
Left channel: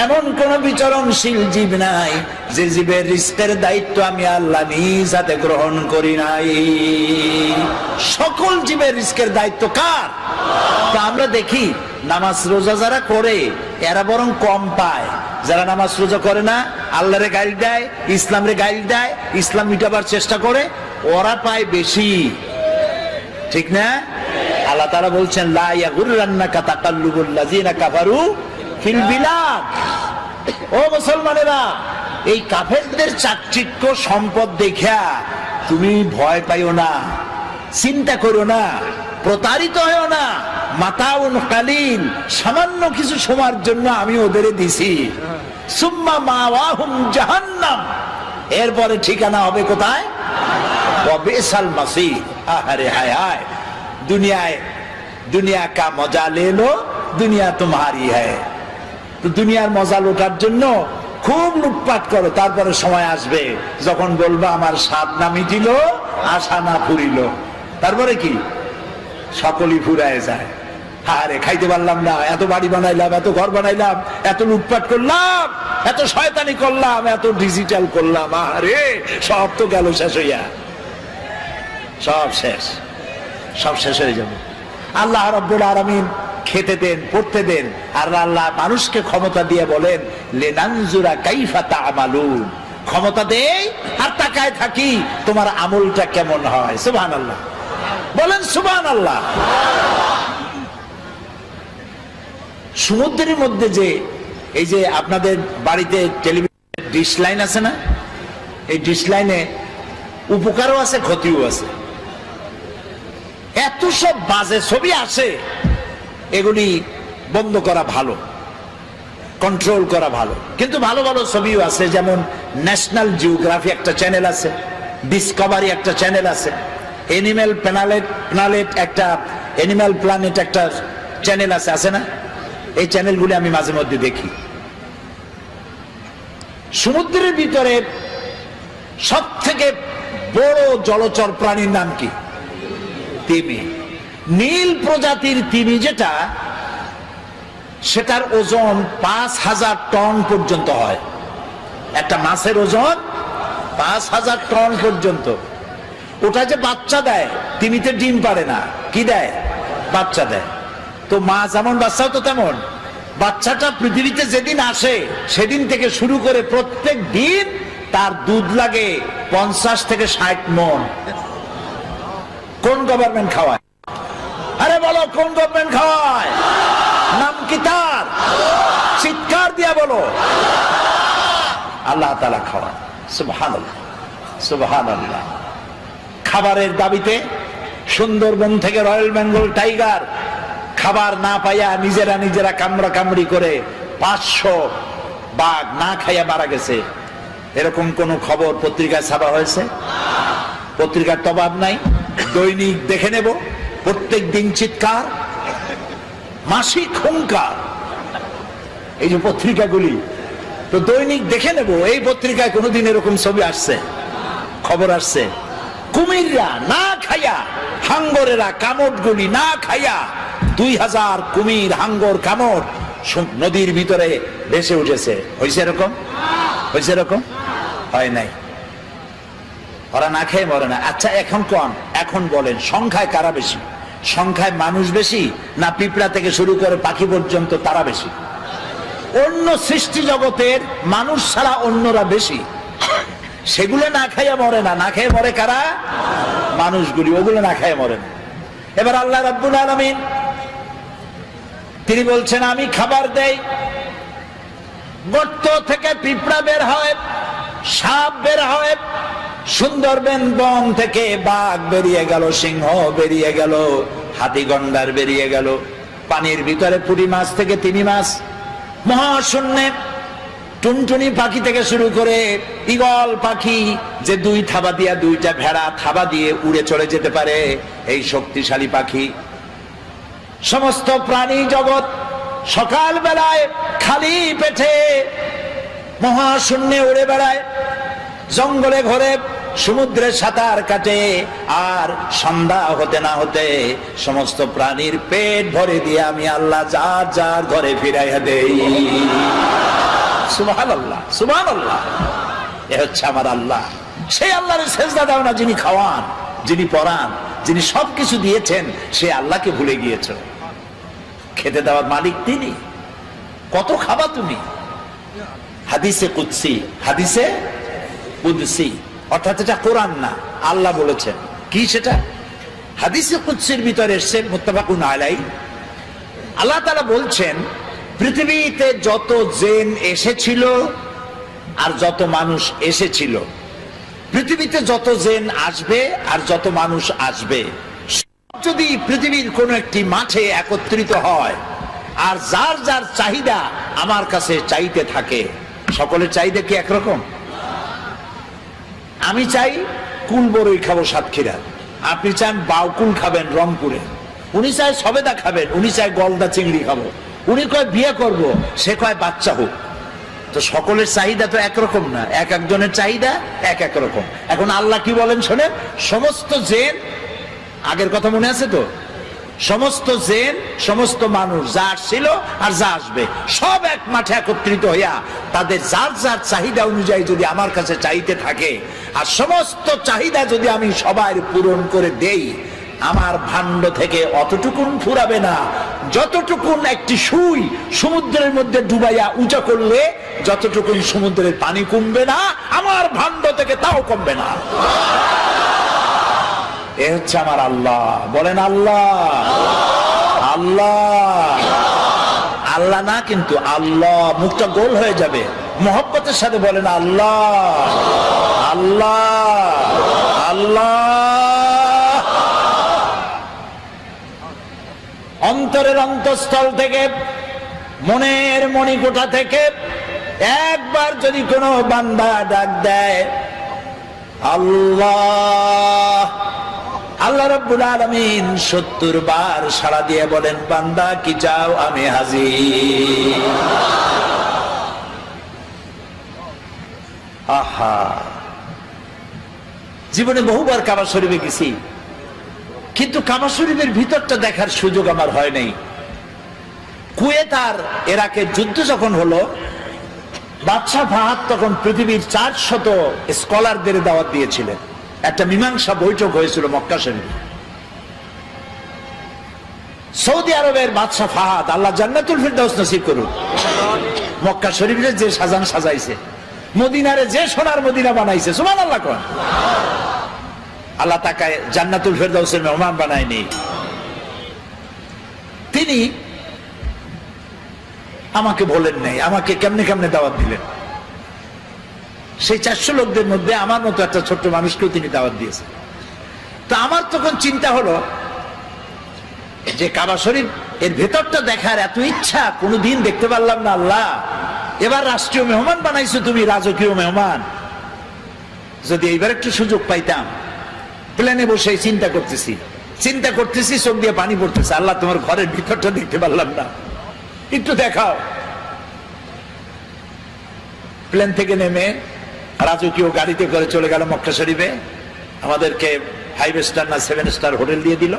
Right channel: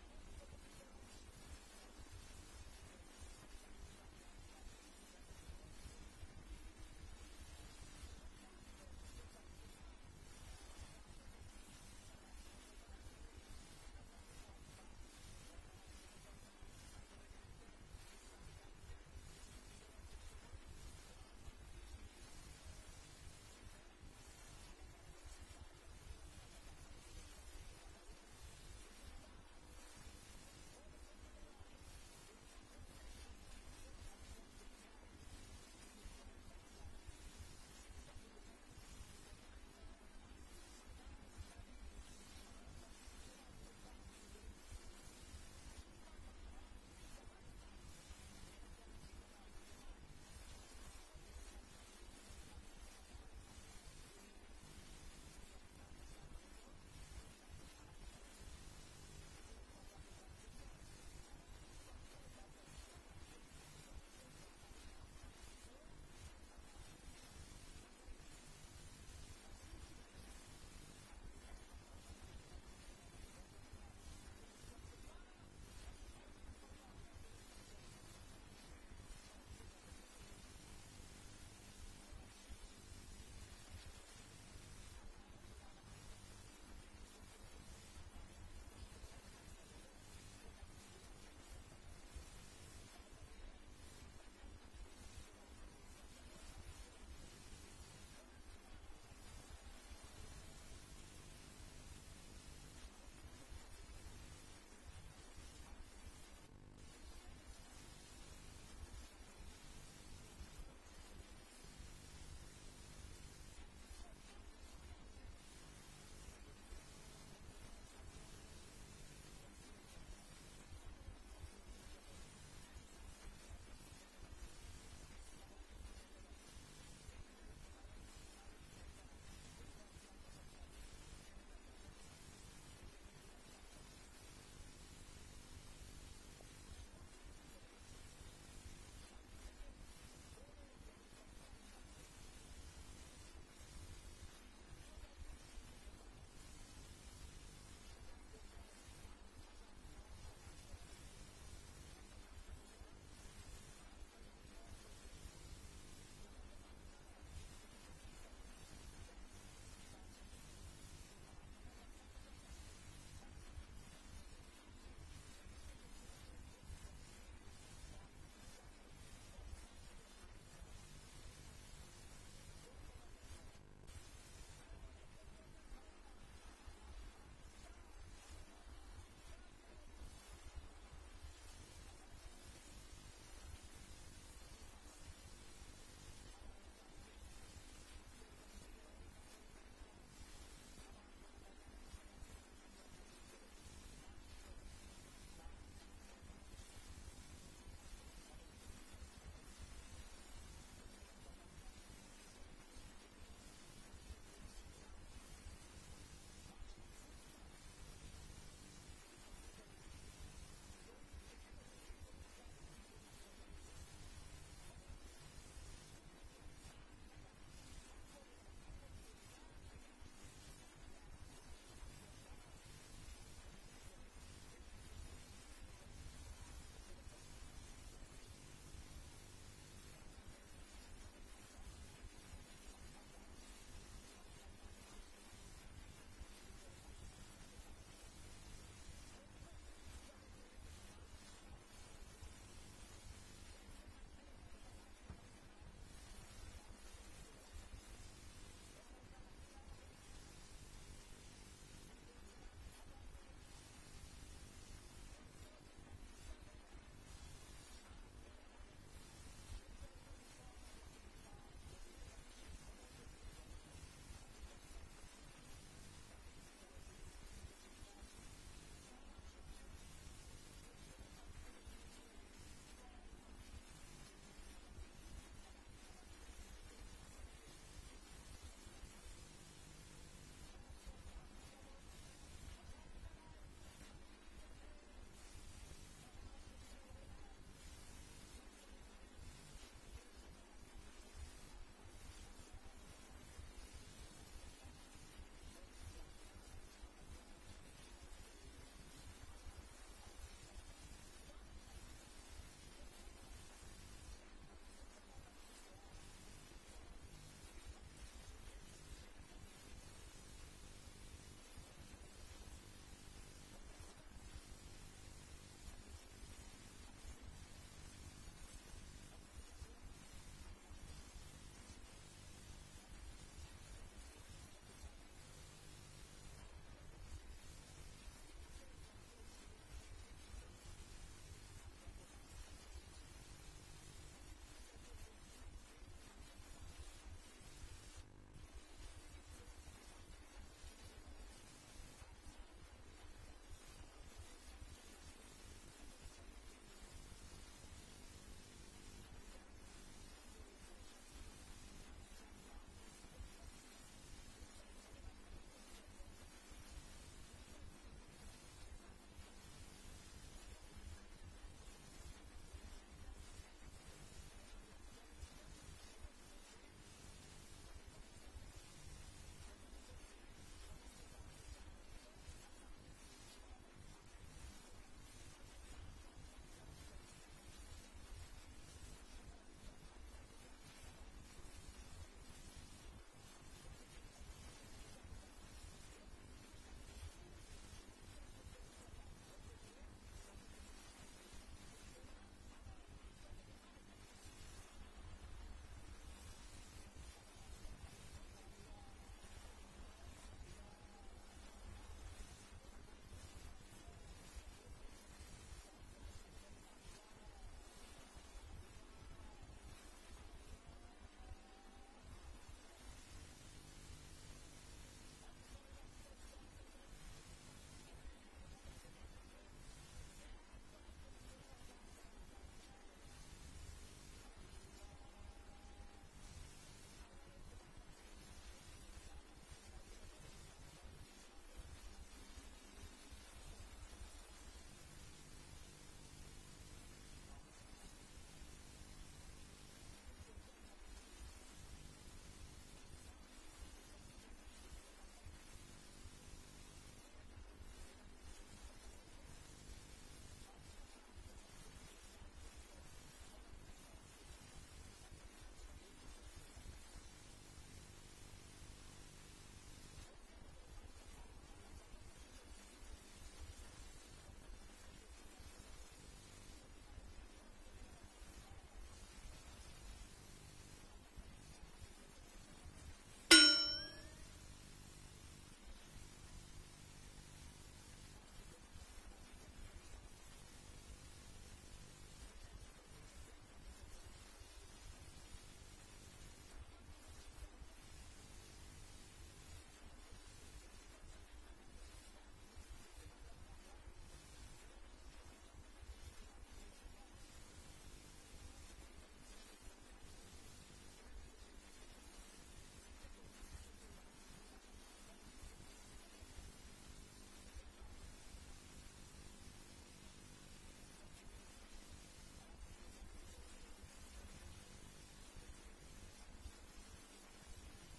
এমন কোন বিচরণশীল জীব নাই যে জীবের রিজকের দায়িত্ব আমি আল্লাহ নিজ হাতে গ্রহণ করি নাই। সকল জীবের রিজকের দায়িত্ব কার? তা আমরা দেখি নামাজ রোজা যারা করে এরা বরং কম পায়। যারা নামাজ রোজা করে না, আল্লাহরে গাইল দেয়, ইসলামরে গাইল দেয়, ইসলাম মিটাবার চেষ্টা করে, ওরা পায় বেশি। ঠিক না? আল্লাহ তাআলা বলছেন লা ইয়াগুররান্নাকা তাকাল্লুবুল লাযিনা কাফারু ফিল বিলাদ। ও মুসলমানেরা, এই কাফেরদের চাকচিক্য সম্পদ দেখা তুমি ভয় পাইও না, চিন্তা করো না, প্রতারিত হও না। মাতাউন কালিল, সামান্য কিছু সময়ের জন্য আমি ওদের দিছি। সুম্মা মাওয়াহুম জাহান্নাম, এরপরে ঠিকানা হবে কোথায়? ওয়া বিসাল মাসির। আহারে হায় হায়, দুনিয়া কা মজা লে লো, দুনিয়া তোমারি হ্যায়। তো দুনিয়ার মজা লোটার জন্য খুব লুটপাট করো, তারপরে সময় আসবে যখন বলবা আমার স্বাদ না মিটিল, আশা না ফুরিল। তারপরে কি? সকলই ফুরায় যায়। আরে খাইতে পারলাম না, এত বাড়ি বানাইলাম, এত ঘর বানাইলাম, এত লুটপাট করলাম, এত শয়তানি করলাম, এত ডিজিটাল করলাম, আরে সব তো গেল শেষ হইয়া। সব শেষ, সব শেষ হয়ে যাবে। আল্লাহ রাব্বুল আলামিন খেতে দেন, পড়তে দেন, আর আল্লাহ মানুষকে ক্ষমতা দিয়ে বলেন লিনানজুরা কাইফা তা'মালুন। ক্ষমতা দেই আর তাকায় থাকি তোমার আমলটা কেমন হয়। সুবহানাল্লাহ বলেন, সুবহানাল্লাহ। সমুদ্রের মধ্যে যে এই যে আপনাদের বাড়িতে টেলিভিশন ডিশ লাইন আছে না, এই ডিশ লাইনে উপকারও আছে, ক্ষতিও আছে। এত সব বাজে ছবি আসে, এগুলি বন্ধ করা ভালো, কন্ট্রোল করা ভালো। কিন্তু ভালো ভালো ছবিও আছে, যেমন ন্যাশনাল জিওগ্রাফি একটা চ্যানেল আছে, ডিসকভারি একটা চ্যানেল আছে, এনিম্যাল প্ল্যানেট একটা, এনিম্যাল প্ল্যানেট একটা চ্যানেল আছে, আছে না? এই চ্যানেলগুলি আমি মাঝে মধ্যে দেখি। সমুদ্রের ভিতরে সব থেকে বড় জলচর প্রাণীর নাম কি? তিমি। নীল প্রজাতির তিমি যেটা, সেটার ওজন ৫,০০০ টন পর্যন্ত হয়। একটা মাছের ওজন ৫,০০০ টন পর্যন্ত। ওটা যে বাচ্চা দেয়, তিমিতে ডিম পারে না, কি দেয়? বাচ্চা দেয়। তো মা যেমন বাচ্চাও তো তেমন। বাচ্চাটা পৃথিবীতে যেদিন আসে সেদিন থেকে শুরু করে প্রত্যেক দিন তার দুধ লাগে ৫০ থেকে ৬০ মণ। কোন গভর্নমেন্ট খাওয়ায়? আরে বলো, কোন গভর্নমেন্ট খাওয়ায়? নাম কি তার? চিৎকার দিয়া বলো। আল্লাহ তাআলা খাওয়ায়। সুবহানাল্লাহ, সুবহানাল্লাহ। খাবারের দাবিতে সুন্দরবন থেকে রয়্যাল বেঙ্গল টাইগার খাবার না পাইয়া নিজেরা কামড়া কামড়ি করে ৫০০ বাঘ না খাইয়া মারা গেছে। এরকম কোন খবর পত্রিকায় ছাপা হয়েছে? পত্রিকার তো অভাব নাই। দৈনিক দেখে নেব, প্রত্যেক দিন চিৎকার, মাসিক হুঙ্কার। এই যে পত্রিকাগুলি, তো দৈনিক দেখে নেব এই পত্রিকায় কোনোদিন এরকম ছবি আসছে, খবর আসছে? কুমিররা না খাইয়া, হাঙ্গরেরা, কামড়গুলি না খাইয়া 2000 কুমির, হাঙ্গর, কামড় নদীর ভিতরে ভেসে উঠেছে। হয়েছে এরকম? হয়েছে এরকম? হয় নাই। ওরা না খেয়ে মরে না। আচ্ছা এখন বলেন, সংখ্যায় কারা বেশি? সংখ্যায় মানুষ বেশি না পিঁপড়া থেকে শুরু করে পাখি পর্যন্ত তারা বেশি? অন্য সৃষ্টি জগতের মানুষ ছাড়া অন্যরা বেশি। সেগুলো না খাইয়া মরে না। না খেয়ে মরে কারা? মানুষগুলি। ওগুলো না খাইয়া মরে না। এবার আল্লাহ রাব্বুল আলামিন তিনি বলছেন, আমি খাবার দেই, গর্ত থেকে পিঁপড়া বের হয়, সাপ বের হয়, সুন্দরবন বন থেকে বাঘ বেরিয়ে গেল, সিংহ বেরিয়ে গেল, হাতি গন্ডার বেরিয়ে গেল, পানির ভিতরে পুঁটি মাছ থেকে তিমি মাছ, মহাশূন্যে টুনটুনি পাখি থেকে শুরু করে ঈগল পাখি যে 2 থাবা দিয়া 2টা ভেড়া থাবা দিয়ে উড়ে চলে যেতে পারে, এই শক্তিশালী পাখি। সমস্ত প্রাণী জগৎ সকাল বেলায় খালি পেটে মহাশূন্যে উড়ে বেড়ায়, জঙ্গলে ঘরে সমুদ্রে সাঁতার কাটে, আর সন্ধ্যা হতে না হতে সমস্ত প্রাণীর পেট ভরে দিয়ে আমি আল্লাহ যার যার ঘরে ফিরাইয়া দেই। সুবহানাল্লাহ, সুবহানাল্লাহ। এ হচ্ছে আমার আল্লাহ। সেই আল্লাহর সেজদা দাও না যিনি খাওয়ান, যিনি পরান, যিনি সবকিছু দিয়েছেন, সে আল্লাহকে ভুলে গিয়েছ। খেতে দেওয়ার মালিক তিনি। কত খাবা তুমি? হাদিসে কুদসি, হাদিসে কুদসি, অর্থাৎ এটা কোরআন না, আল্লাহ বলেছেন। কি সেটা? হাদিসে কুদসির ভিতরে এসেছে, মুত্তাফাকুন আলাইহি। আল্লাহ তাআলা বলছেন, পৃথিবীতে যত জিন এসেছিল আর যত মানুষ এসেছিল, পৃথিবীতে যত জিন আসবে আর যত মানুষ আসবে, যদি পৃথিবীর কোন একটি মাঠে একত্রিত হয় আর যার যার চাহিদা আমার কাছে চাইতে থাকে, সকলের চাহিদা কি একরকম? আমি চাই কুল বড়ই খাবো সাতক্ষীরা, আপনি চান বাউকুল খাবেন রংপুরে, উনি চায় সবেদা খাবেন, উনি চায় গলদা চিংড়ি খাবো, উনি কয় বিয়ে করব, সে কয় বাচ্চা হোক। তো সকলের চাহিদা তো একরকম না, এক একজনের চাহিদা এক এক রকম। এখন আল্লাহ কি বলেন শোনেন, সমস্ত জিন, আগের কথা মনে আছে তো, সমস্ত জিন সমস্ত মানুষ যা আসছিল আর যা আসবে সব এক মাঠে একত্রিত হইয়া তাদের যার যার চাহিদা অনুযায়ী যদি আমার কাছে চাইতে থাকে, আর সমস্ত চাহিদা যদি আমি সবাই পূরণ করে দেই, আমার ভাণ্ড থেকে অতটুকুন ফুরাবে না যতটুকুন একটি সুই সমুদ্রের মধ্যে ডুবাইয়া উঁচা করলে যতটুকুন সমুদ্রের পানি কমবে না, আমার ভাণ্ড থেকে তাও কমবে না। এ হচ্ছে আমার আল্লাহ। বলেন আল্লাহ, আল্লাহ, আল্লাহ না কিন্তু আল্লাহ। মুখটা গোল হয়ে যাবে, মহব্বতের সাথে বলেন আল্লাহ, আল্লাহ, আল্লাহ। অন্তরের অন্তঃস্থল থেকে, মনের মণিকোঠা থেকে একবার যদি কোনো বান্দা ডাক দেয় আল্লাহ, আল্লাহ রাব্বুল আলামিন 70 বার সাড়া দিয়ে বলেন, বান্দা কি চাও, আমি হাজির। আহা, জীবনে বহুবার কাবা শরীফে গেছি, কিন্তু কাবা শরীফের ভিতরটা দেখার সুযোগ আমার হয় নাই। কুয়েত আর ইরাকের যুদ্ধ যখন হলো, বাদশাহ ফাহাদ তখন পৃথিবীর 400 স্কলারদের দাওয়াত দিয়েছিলেন। একটা মীমাংসা বৈঠক হয়েছিল মক্কা শরীফে। সৌদি আরবের বাদশাহ ফাহাদ, আল্লাহ জান্নাতুল ফিরদাউস নসিব করুন, মক্কা শরীফের যে সাজান সাজাইছে, মদিনারে যে সোনার মদিনা বানাইছে, সুবহানাল্লাহ কোন, আল্লাহ তাকে জান্নাতুল ফিরদাউসের মেহমান বানায়নি। তিনি আমাকে বলেন নাই, আমাকে কেমনে কেমনে দাওয়াত দিলেন। সেই 400 লোকদের মধ্যে আমার মতো একটা ছোট্ট মানুষকেও তিনি দাওয়াত দিয়েছেন। তো আমার তখন চিন্তা হলো যে কাবা শরীফ এর ভেতরটা দেখার এত ইচ্ছা, কোনোদিন দেখতে পারলাম না। আল্লাহ, এবার রাষ্ট্রীয় মেহমান বানাইছো তুমি, রাজকীয় মেহমান, যদি এইবার একটু সুযোগ পাইতাম। প্লেনে বসে চিন্তা করতেছি, চোখ দিয়ে পানি পড়তেছে, আল্লাহ তোমার ঘরের ভিতরটা দেখতে পারলাম না, একটু দেখাও। প্লেন থেকে নেমে রাজকীয় গাড়িতে করে চলে গেল মক্কা শরীফে। আমাদেরকে 5 স্টার না 7 স্টার হোটেল দিয়ে দিল।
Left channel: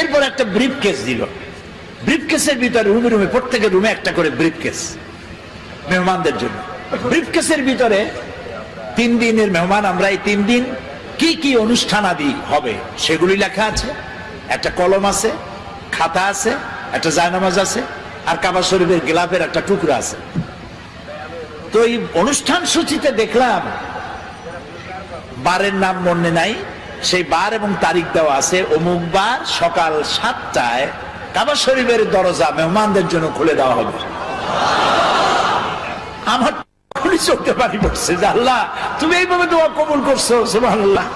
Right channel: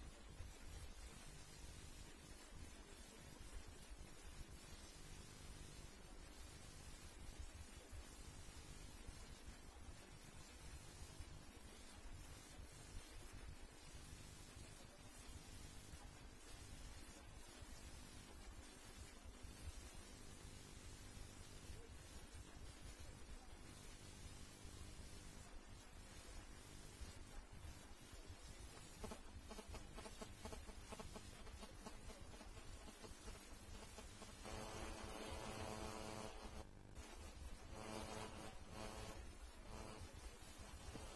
এরপর একটা ব্রিফ কেস দিল। ব্রিফ কেসের ভিতরে রুমে রুমে প্রত্যেকের রুমে একটা করে ব্রিফ কেস মেহমানদের জন্য। ব্রিফ কেসের ভিতরে 3 দিনের মেহমান আমরা, এই 3 দিন কি কি অনুষ্ঠান আদি হবে সেগুলি লেখা আছে। একটা কলম আছে, খাতা আছে, একটা জায়নামাজ আছে, আর কাবা শরীফের গিলাফের একটা টুকরা আছে। তো এই অনুষ্ঠান সূচিতে দেখলাম বারের নাম মনে নাই, সেই বার এবং তারিখ দেওয়া আছে, অমুক বার সকাল 7টায় কাবা শরীফের দরজা মেহমানদের জন্য খুলে দেওয়া হবে। আমার চলতে পারি পড়ছে যে আল্লাহ তুমি এইভাবে দোয়া কবুল করছো, সুবহানাল্লাহ।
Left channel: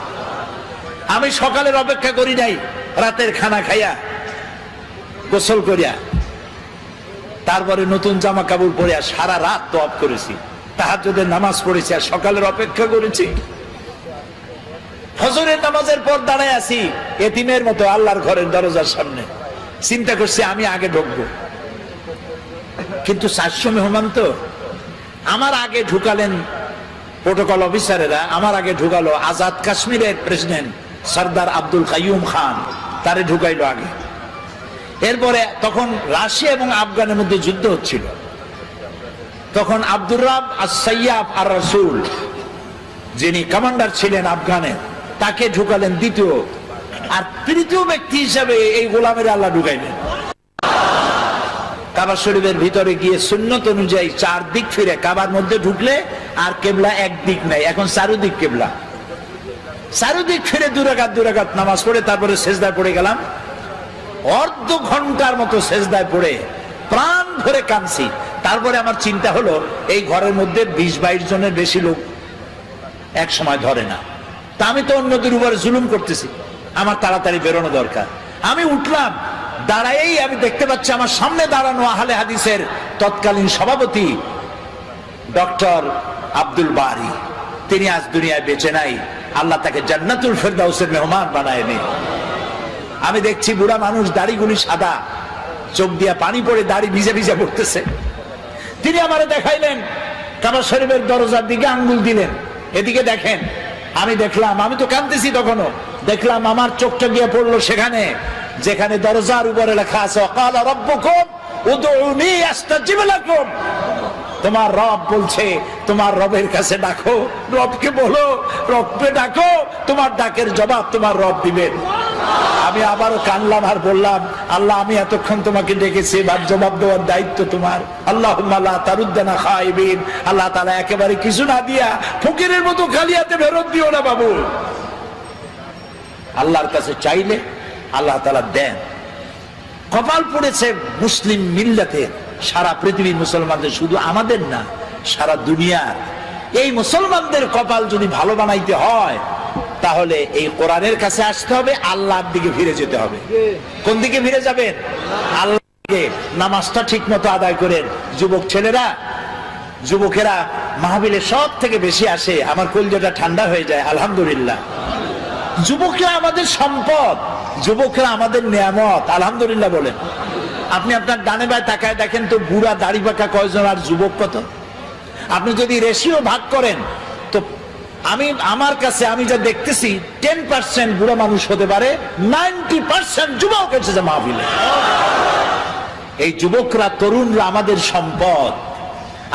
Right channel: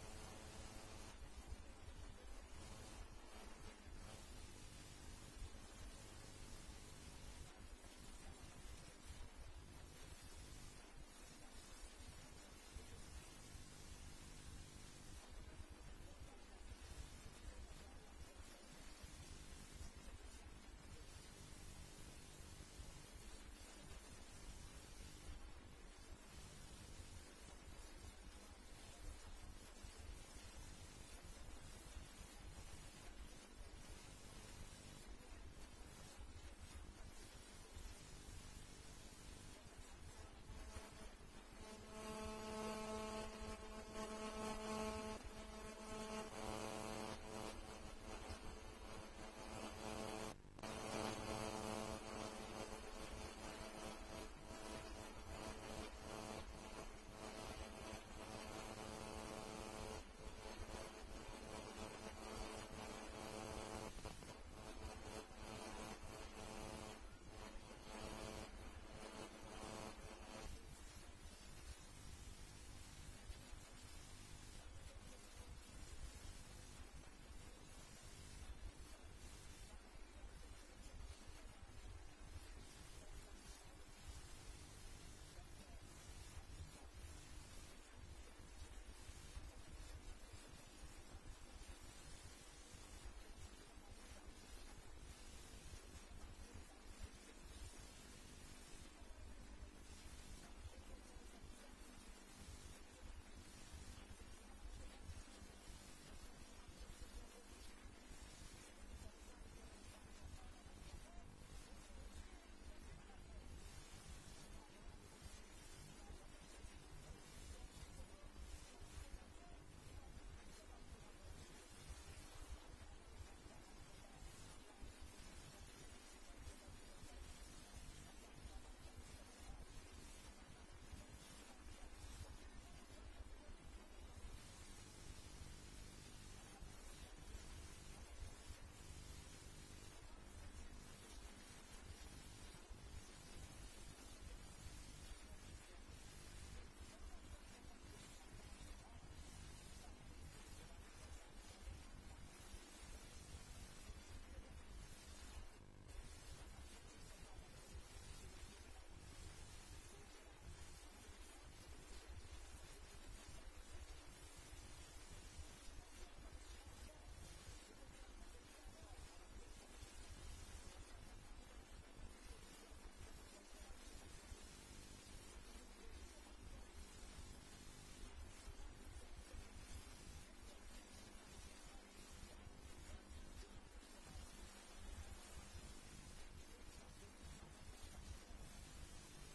আমি সকালের অপেক্ষা করি নাই, রাতের খানা খাইয়া গোসল করিয়া তারপরে নতুন জামা কাপড় পরিয়া সারা রাত তওয়াফ করেছি, তাহাজ্জুদের নামাজ পড়েছি, আর সকালের অপেক্ষা করেছি। ফজরের নামাজের পর দাঁড়ায় আছি এতিমের মতো আল্লাহর ঘরের দরজার সামনে, চিন্তা করছি আমি আগে ঢুকবো। কিন্তু 400 মেহমান তো, আমার আগে ঢুকালেন প্রোটোকল অফিসারেরা, আমার আগে ঢুকালো আজাদ কাশ্মীরের প্রেসিডেন্ট সরদার আব্দুল কাইয়ুম খান, তারে ঢুকাইলো আগে। এরপরে তখন রাশিয়া এবং আফগানের মধ্যে যুদ্ধ হচ্ছিল, তখন আব্দুর রাব আস-সাইয়াফ আর রাসূল যিনি কমান্ডার ছিলেন আফগানের, তাকে ঢুকালেন দ্বিতীয়, আর তৃতীয় ব্যক্তি হিসাবে এই গোলামের আল্লাহ ঢুকাইলেন। কাবা শরীফের ভিতরে গিয়ে সুন্নত অনুযায়ী 4 দিক ফিরে, কাবার মধ্যে ঢুকলে আর কেবলা এক দিক নাই, এখন চারুদিক কেবলা। চারুদিক ফিরে 2 রাকাত নামাজ পড়ে তারপরে সেজদায় পড়ে গেলাম। অর্ধ ঘন্টার মতো সেজদায় পড়ে প্রাণ ভরে কাঁদছি। তারপরে আমার চিন্তা হলো এই ঘরের মধ্যে 20-22 জনের বেশি লোক এক সময় ধরে না, তা আমি তো অন্যদের উপরে জুলুম করতেছি, আমার তাড়াতাড়ি বেরোনো দরকার। আমি উঠলাম, দাঁড়াই আমি দেখতে পাচ্ছি আমার সামনে দাঁড়ানো আহলে হাদিসের তৎকালীন সভাপতি ডক্টর আব্দুল বারী, তিনি আজ দুনিয়ায় বেঁচে নাই, আল্লাহ তাকে জান্নাতুল ফেরদাউসের মেহমান বানায়নি। আমি দেখছি বুড়া মানুষ, দাড়িগুলি সাদা, চোখ দিয়া পানি পড়ে দাড়ি ভিজে ভিজে পড়তেছে। তিনি আমারে দেখাইলেন, কাবা শরীফের দরজার দিকে আঙ্গুল দিলেন, এদিকে দেখেন। আমি দেখলাম, আমি তো কাঁদতেছি তখনও, দেখলাম আমার চোখটা গিয়ে পড়লো সেখানে যেখানে দরজার উপরে লেখা আছে ওয়াকালা রাব্বুকুম উদউনি আস্তাজিব লাকুম। তোমার রব বলছে তোমার রবের কাছে ডাকো, রবকে বলো, রবকে ডাকো, তোমার ডাকের জবাব তোমার রব দিবেন। আমি আবারও কানলাম আর বললাম, আল্লাহ আমি এতক্ষণ তোমাকে ডেকেছি, এবার জবাব দেওয়ার দায়িত্ব তোমার। আল্লাহুম্মা লা তারুদ্দানা খাইবিন, আল্লাহ তাআলা একেবারে কিছু না দিয়া ফকিরের মতো খালি হাতে ফেরত দিও না বাবু। আল্লাহর কাছে চাইলে আল্লাহ তাআলা দেন। কপাল পড়েছে মুসলিম মিল্লাতে, সারা পৃথিবীর মুসলমানদের, শুধু আমাদের না সারা দুনিয়ার। এই মুসলমানদের কপাল যদি ভালো বানাইতে হয় তাহলে এই কোরআনের কাছে আসতে হবে, আল্লাহর দিকে ফিরে যেতে হবে। কোন দিকে ফিরে যাবেন? আল্লাহর দিকে। নামাজটা ঠিক মতো আদায় করেন। যুবক ছেলেরা, যুবকেরা মাহফিলে সব থেকে বেশি আসে, আমার কলিজাটা ঠান্ডা হয়ে যায়। আলহামদুলিল্লাহ, যুবকরা আমাদের সম্পদ, যুবকরা আমাদের নিয়ামত। আলহামদুলিল্লাহ বলেন। আপনি আপনার ডানে বাঁয়ে তাকায় দেখেন তো বুড়া দাড়ি পাকা কয়জন আর যুবক কত। আপনি যদি রেশিও ভাগ করেন তো আমার কাছে আমি যা দেখতেছি 10% বুড়া মানুষ হতে পারে, 90% যুবক এসেছে মাহফিলে। এই যুবকরা, তরুণরা আমাদের সম্পদ।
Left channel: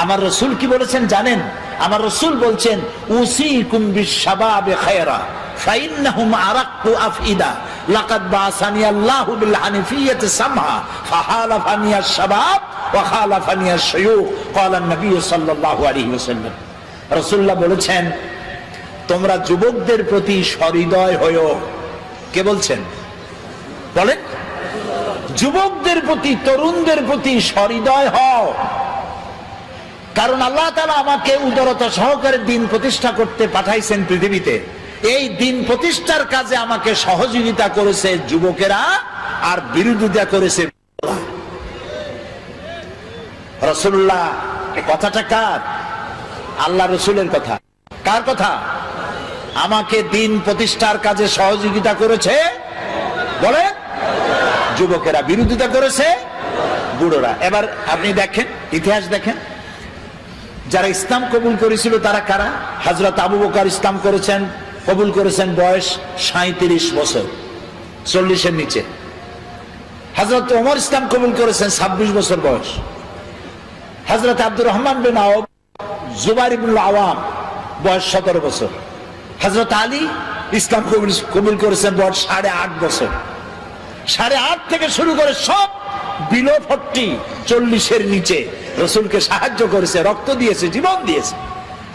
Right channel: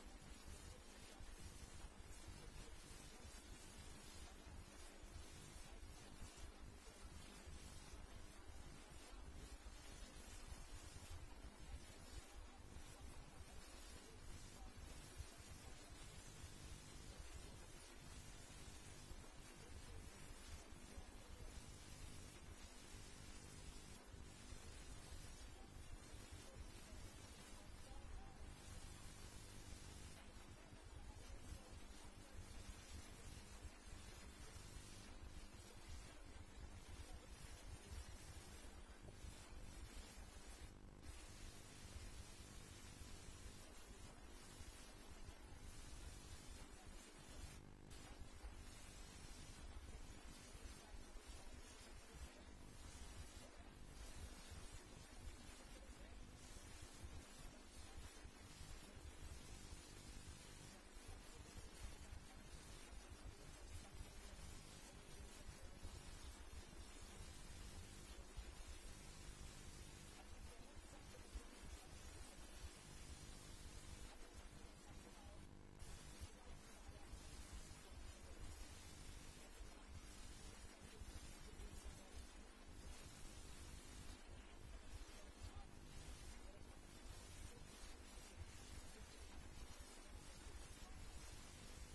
আমার রাসূল কি বলেছেন জানেন? আমার রাসূল বলছেন উসিকুম বিশ-শাবাবে খায়রা ফাইন্নাহুম আরাক্কু আফইদা লাকাদ বাসানি আল্লাহু বিল হানিফিয়্যাতি সামহা ফাহালাফানি আশ-শাবাব ওয়া খালাফানি আশ-শায়ুখ ক্বালা নবী সাল্লাল্লাহু আলাইহি ওয়াসাল্লাম। রাসূলুল্লাহ বলেছেন তোমরা যুবকদের প্রতি সহৃদয় হয়ো। কে বলছেন? বলেন। যুবকদের প্রতি, তরুণদের প্রতি সহৃদয় হও, কারণ আল্লাহ তাআলা আমাকে উদারতা সহকারে দিন প্রতিষ্ঠা করতে পাঠাইছেন পৃথিবীতে। এই দিন প্রতিষ্ঠার কাজে আমাকে সহযোগিতা করেছে যুবকেরা, আর বিরোধিতা করেছে। রাসূলুল্লাহ কথাটা কার? আল্লাহ রাসূলের কথা। কার কথা? আমাকে দিন প্রতিষ্ঠার কাজে সহযোগিতা করেছে বলে যুবকেরা, বিরোধিতা করেছে বুড়োরা। এবার আপনি দেখেন, ইতিহাস দেখেন, যারা ইসলাম কবুল করেছিল তারা কারা? হযরত আবু বকর ইসলাম করেছেন, কবুল করেছেন বয়স 37 বছর, 40-এর নিচে। হযরত ওমর ইসলাম কবুল করেছেন 26 বছর বয়স। হযরত আব্দুর রহমান বিন আওফ, জুবাইর ইবনে আওয়াম বয়স 17 বছর। হযরত আলী ইসলাম কবুল করেছেন বয়স 8.5 বছর। 8.5 থেকে শুরু করে সব বিলো 40-এর নিচে রাসূলকে সাহায্য করেছে, রক্ত দিয়েছে, জীবন দিয়েছে।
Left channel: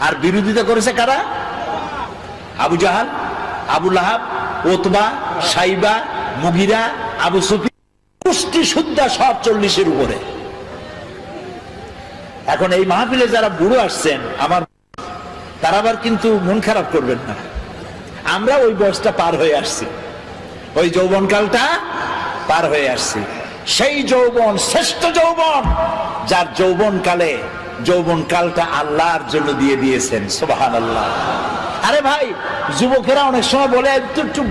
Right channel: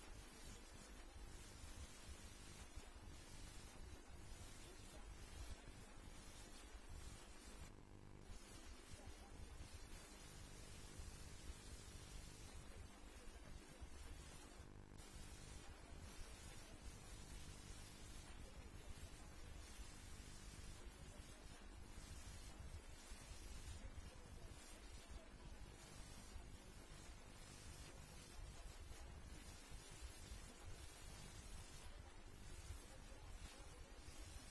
আর বিরোধিতা করেছে কারা? আবু জাহাল, আবু লাহাব, উতবা, সাইবা, মুগিরা, আবু সুফিয়ান, পুষ্টি শুদ্ধা সব 40-এর উপরে। এখন এই মাহফিলে যারা বুড়ো আসছেন আমার, তারা আবার কিন্তু মন খারাপ করবেন না। আমরা ওই বয়সটা পার হয়ে আসছি, ওই যৌবনকালটা পার হয়ে আসছি। সেই যৌবন শ্রেষ্ঠ যৌবন, যার যৌবনকালটা আল্লাহর জন্য দিয়ে দিয়েছেন। সুবহানাল্লাহ। আরে ভাই, যুবকেরা অনেক সময় বলে একটু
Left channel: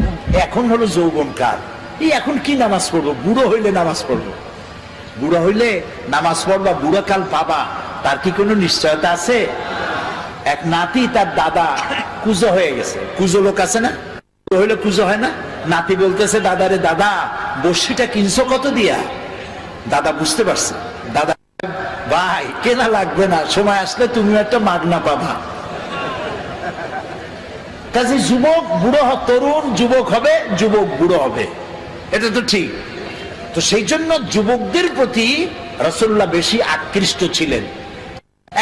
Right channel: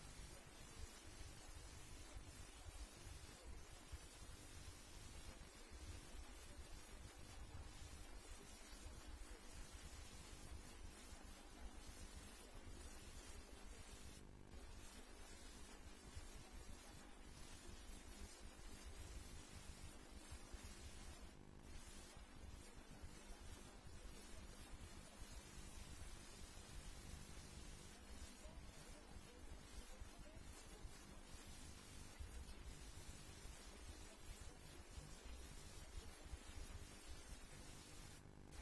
এখন হলো যৌবনকাল, এই এখন কি নামাজ পড়বো? বুড়ো হইলে নামাজ পড়বো। বুড়ো হইলে নামাজ পড়বা, বুড়ো কাল পাবা, তার কি কোনো নিশ্চয়তা আছে? এক নাতি, তার দাদা কুজো হয়ে গেছে। কুজো লোক আছে না, হইলে কুজো হয় না? নাতি বলতেছে দাদারে, দাদা বর্ষিটা কিনছো কত দিয়া? দাদা বুঝতে পারছে, দাদা ভাই কেনা লাগবে না, সময় আসলে তুমি একটা মাগনা পাবা। কাজে যুবক বুড়ো, তরুণ যুবক হবে, যুবক বুড়ো হবে, এটা তো ঠিক। তো সেই জন্য যুবকদের প্রতি রাসূলুল্লাহ বেশি আকৃষ্ট ছিলেন।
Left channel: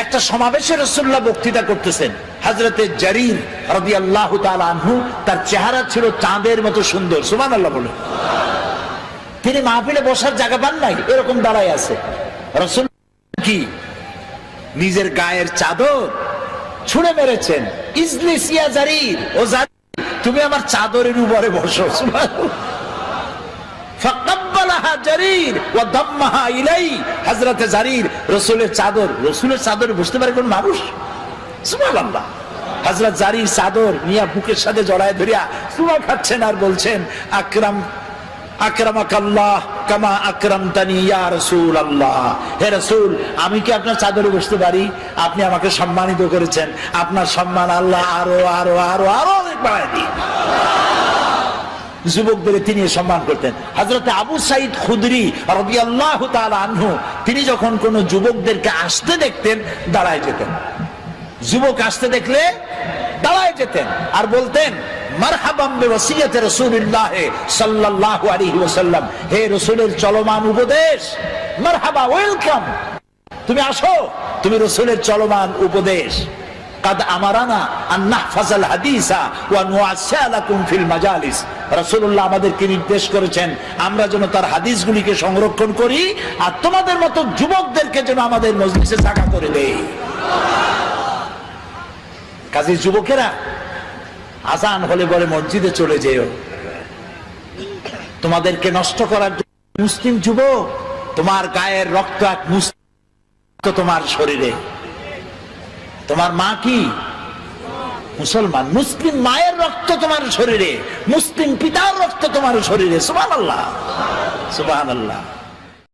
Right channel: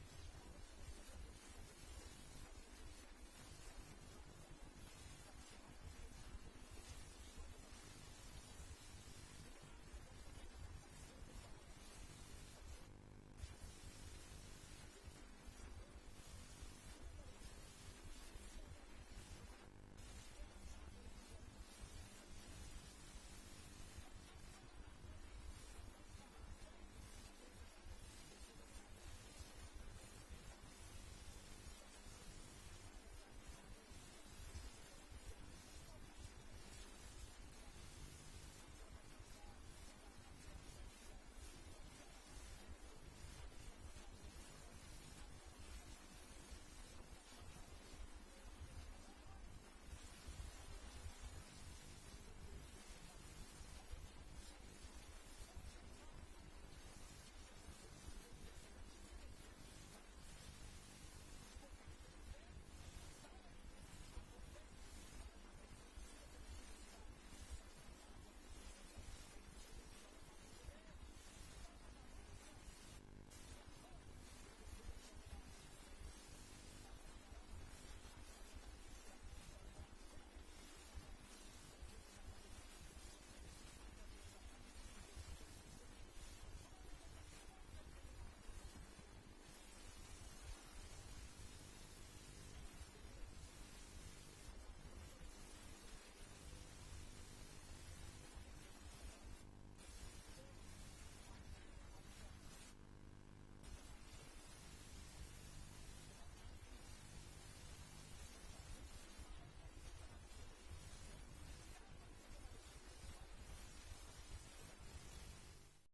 একটা সমাবেশে রাসূলুল্লাহ বক্তৃতা করতেছেন, হযরতে জারীর রাদিয়াল্লাহু তাআলা আনহু, তার চেহারা ছিল চাঁদের মতো সুন্দর। সুবহানাল্লাহ বলে। তিনি মাহফিলে বসার জায়গা পান নাই, এরকম দাঁড়ায় আছে। রাসূল কি নিজের গায়ের চাদর ছুঁড়ে মেরেছেন, ইজলিস ইয়া জারীর, ও জারীর তুমি আমার চাদরের উপরে বসো। সুবহানাল্লাহ। ফাকাব্বালাহা জারীর ওয়া দাম্মাহা ইলাই। হযরতে জারীর রাসূলের চাদর বুঝতে পারে কোন মানুষ? সুবহানাল্লাহ। হযরত জারীর চাদর নিয়া বুকের সাথে জড়ায় ধরিয়া চুমা খাচ্ছেন আর বলছেন, আকরামাকাল্লাহ কামা আকরামতানি ইয়া রাসূলুল্লাহ। হে রাসূল, আমি কি আপনার চাদরে বসতে পারি? আপনি আমাকে সম্মানিত করেছেন, আপনার সম্মান আল্লাহ আরো আরো আরো আরো অনেক বাড়ায় দিন। যুবকদের তিনি সম্মান করতেন। হযরত আবু সাঈদ খুদরি রাদিয়াল্লাহু তাআলা আনহু, তিনি যখন কোন যুবকদেরকে আসতে দেখতেন দাঁড়ায় যেতেন। যুবক আসতে দেখলে দাঁড়ায় যেতেন আর বলতেন, মারহাবাম বিওয়াসিয়াতি রাসূলিল্লাহ সাল্লাল্লাহু আলাইহি ওয়াসাল্লাম। হে রাসূলের চলমান উপদেশ, মারহাবা, ওয়েলকাম, তুমি আসো, তুমি রাসূলের চলমান উপদেশ। কাদ আমারানা আন নাহফাজাল হাদিসা ওয়া নুআসালাকুম ফিল মাজালিস। রাসূলুল্লাহ আমাদেরকে নির্দেশ করেছেন আমরা যেন তার হাদিসগুলিকে সংরক্ষণ করি আর তোমাদের মতো যুবকদেরকে যেন আমাদের মজলিসে জায়গা করে দেই। কাজী যুবকেরা, আজান হলে বলে মসজিদে চলে যেও। তোমাদেরকে নষ্ট করার মুসলিম যুবক, তোমার গায়ের রক্ত এক মুসলিম, তোমার শরীরে। তোমার মা কি মুসলমান, মুসলিম মায়ের রক্ত তোমার শরীরে, মুসলিম পিতার রক্ত তোমার শরীরে। সুবহানাল্লাহ, সুবহানাল্লাহ।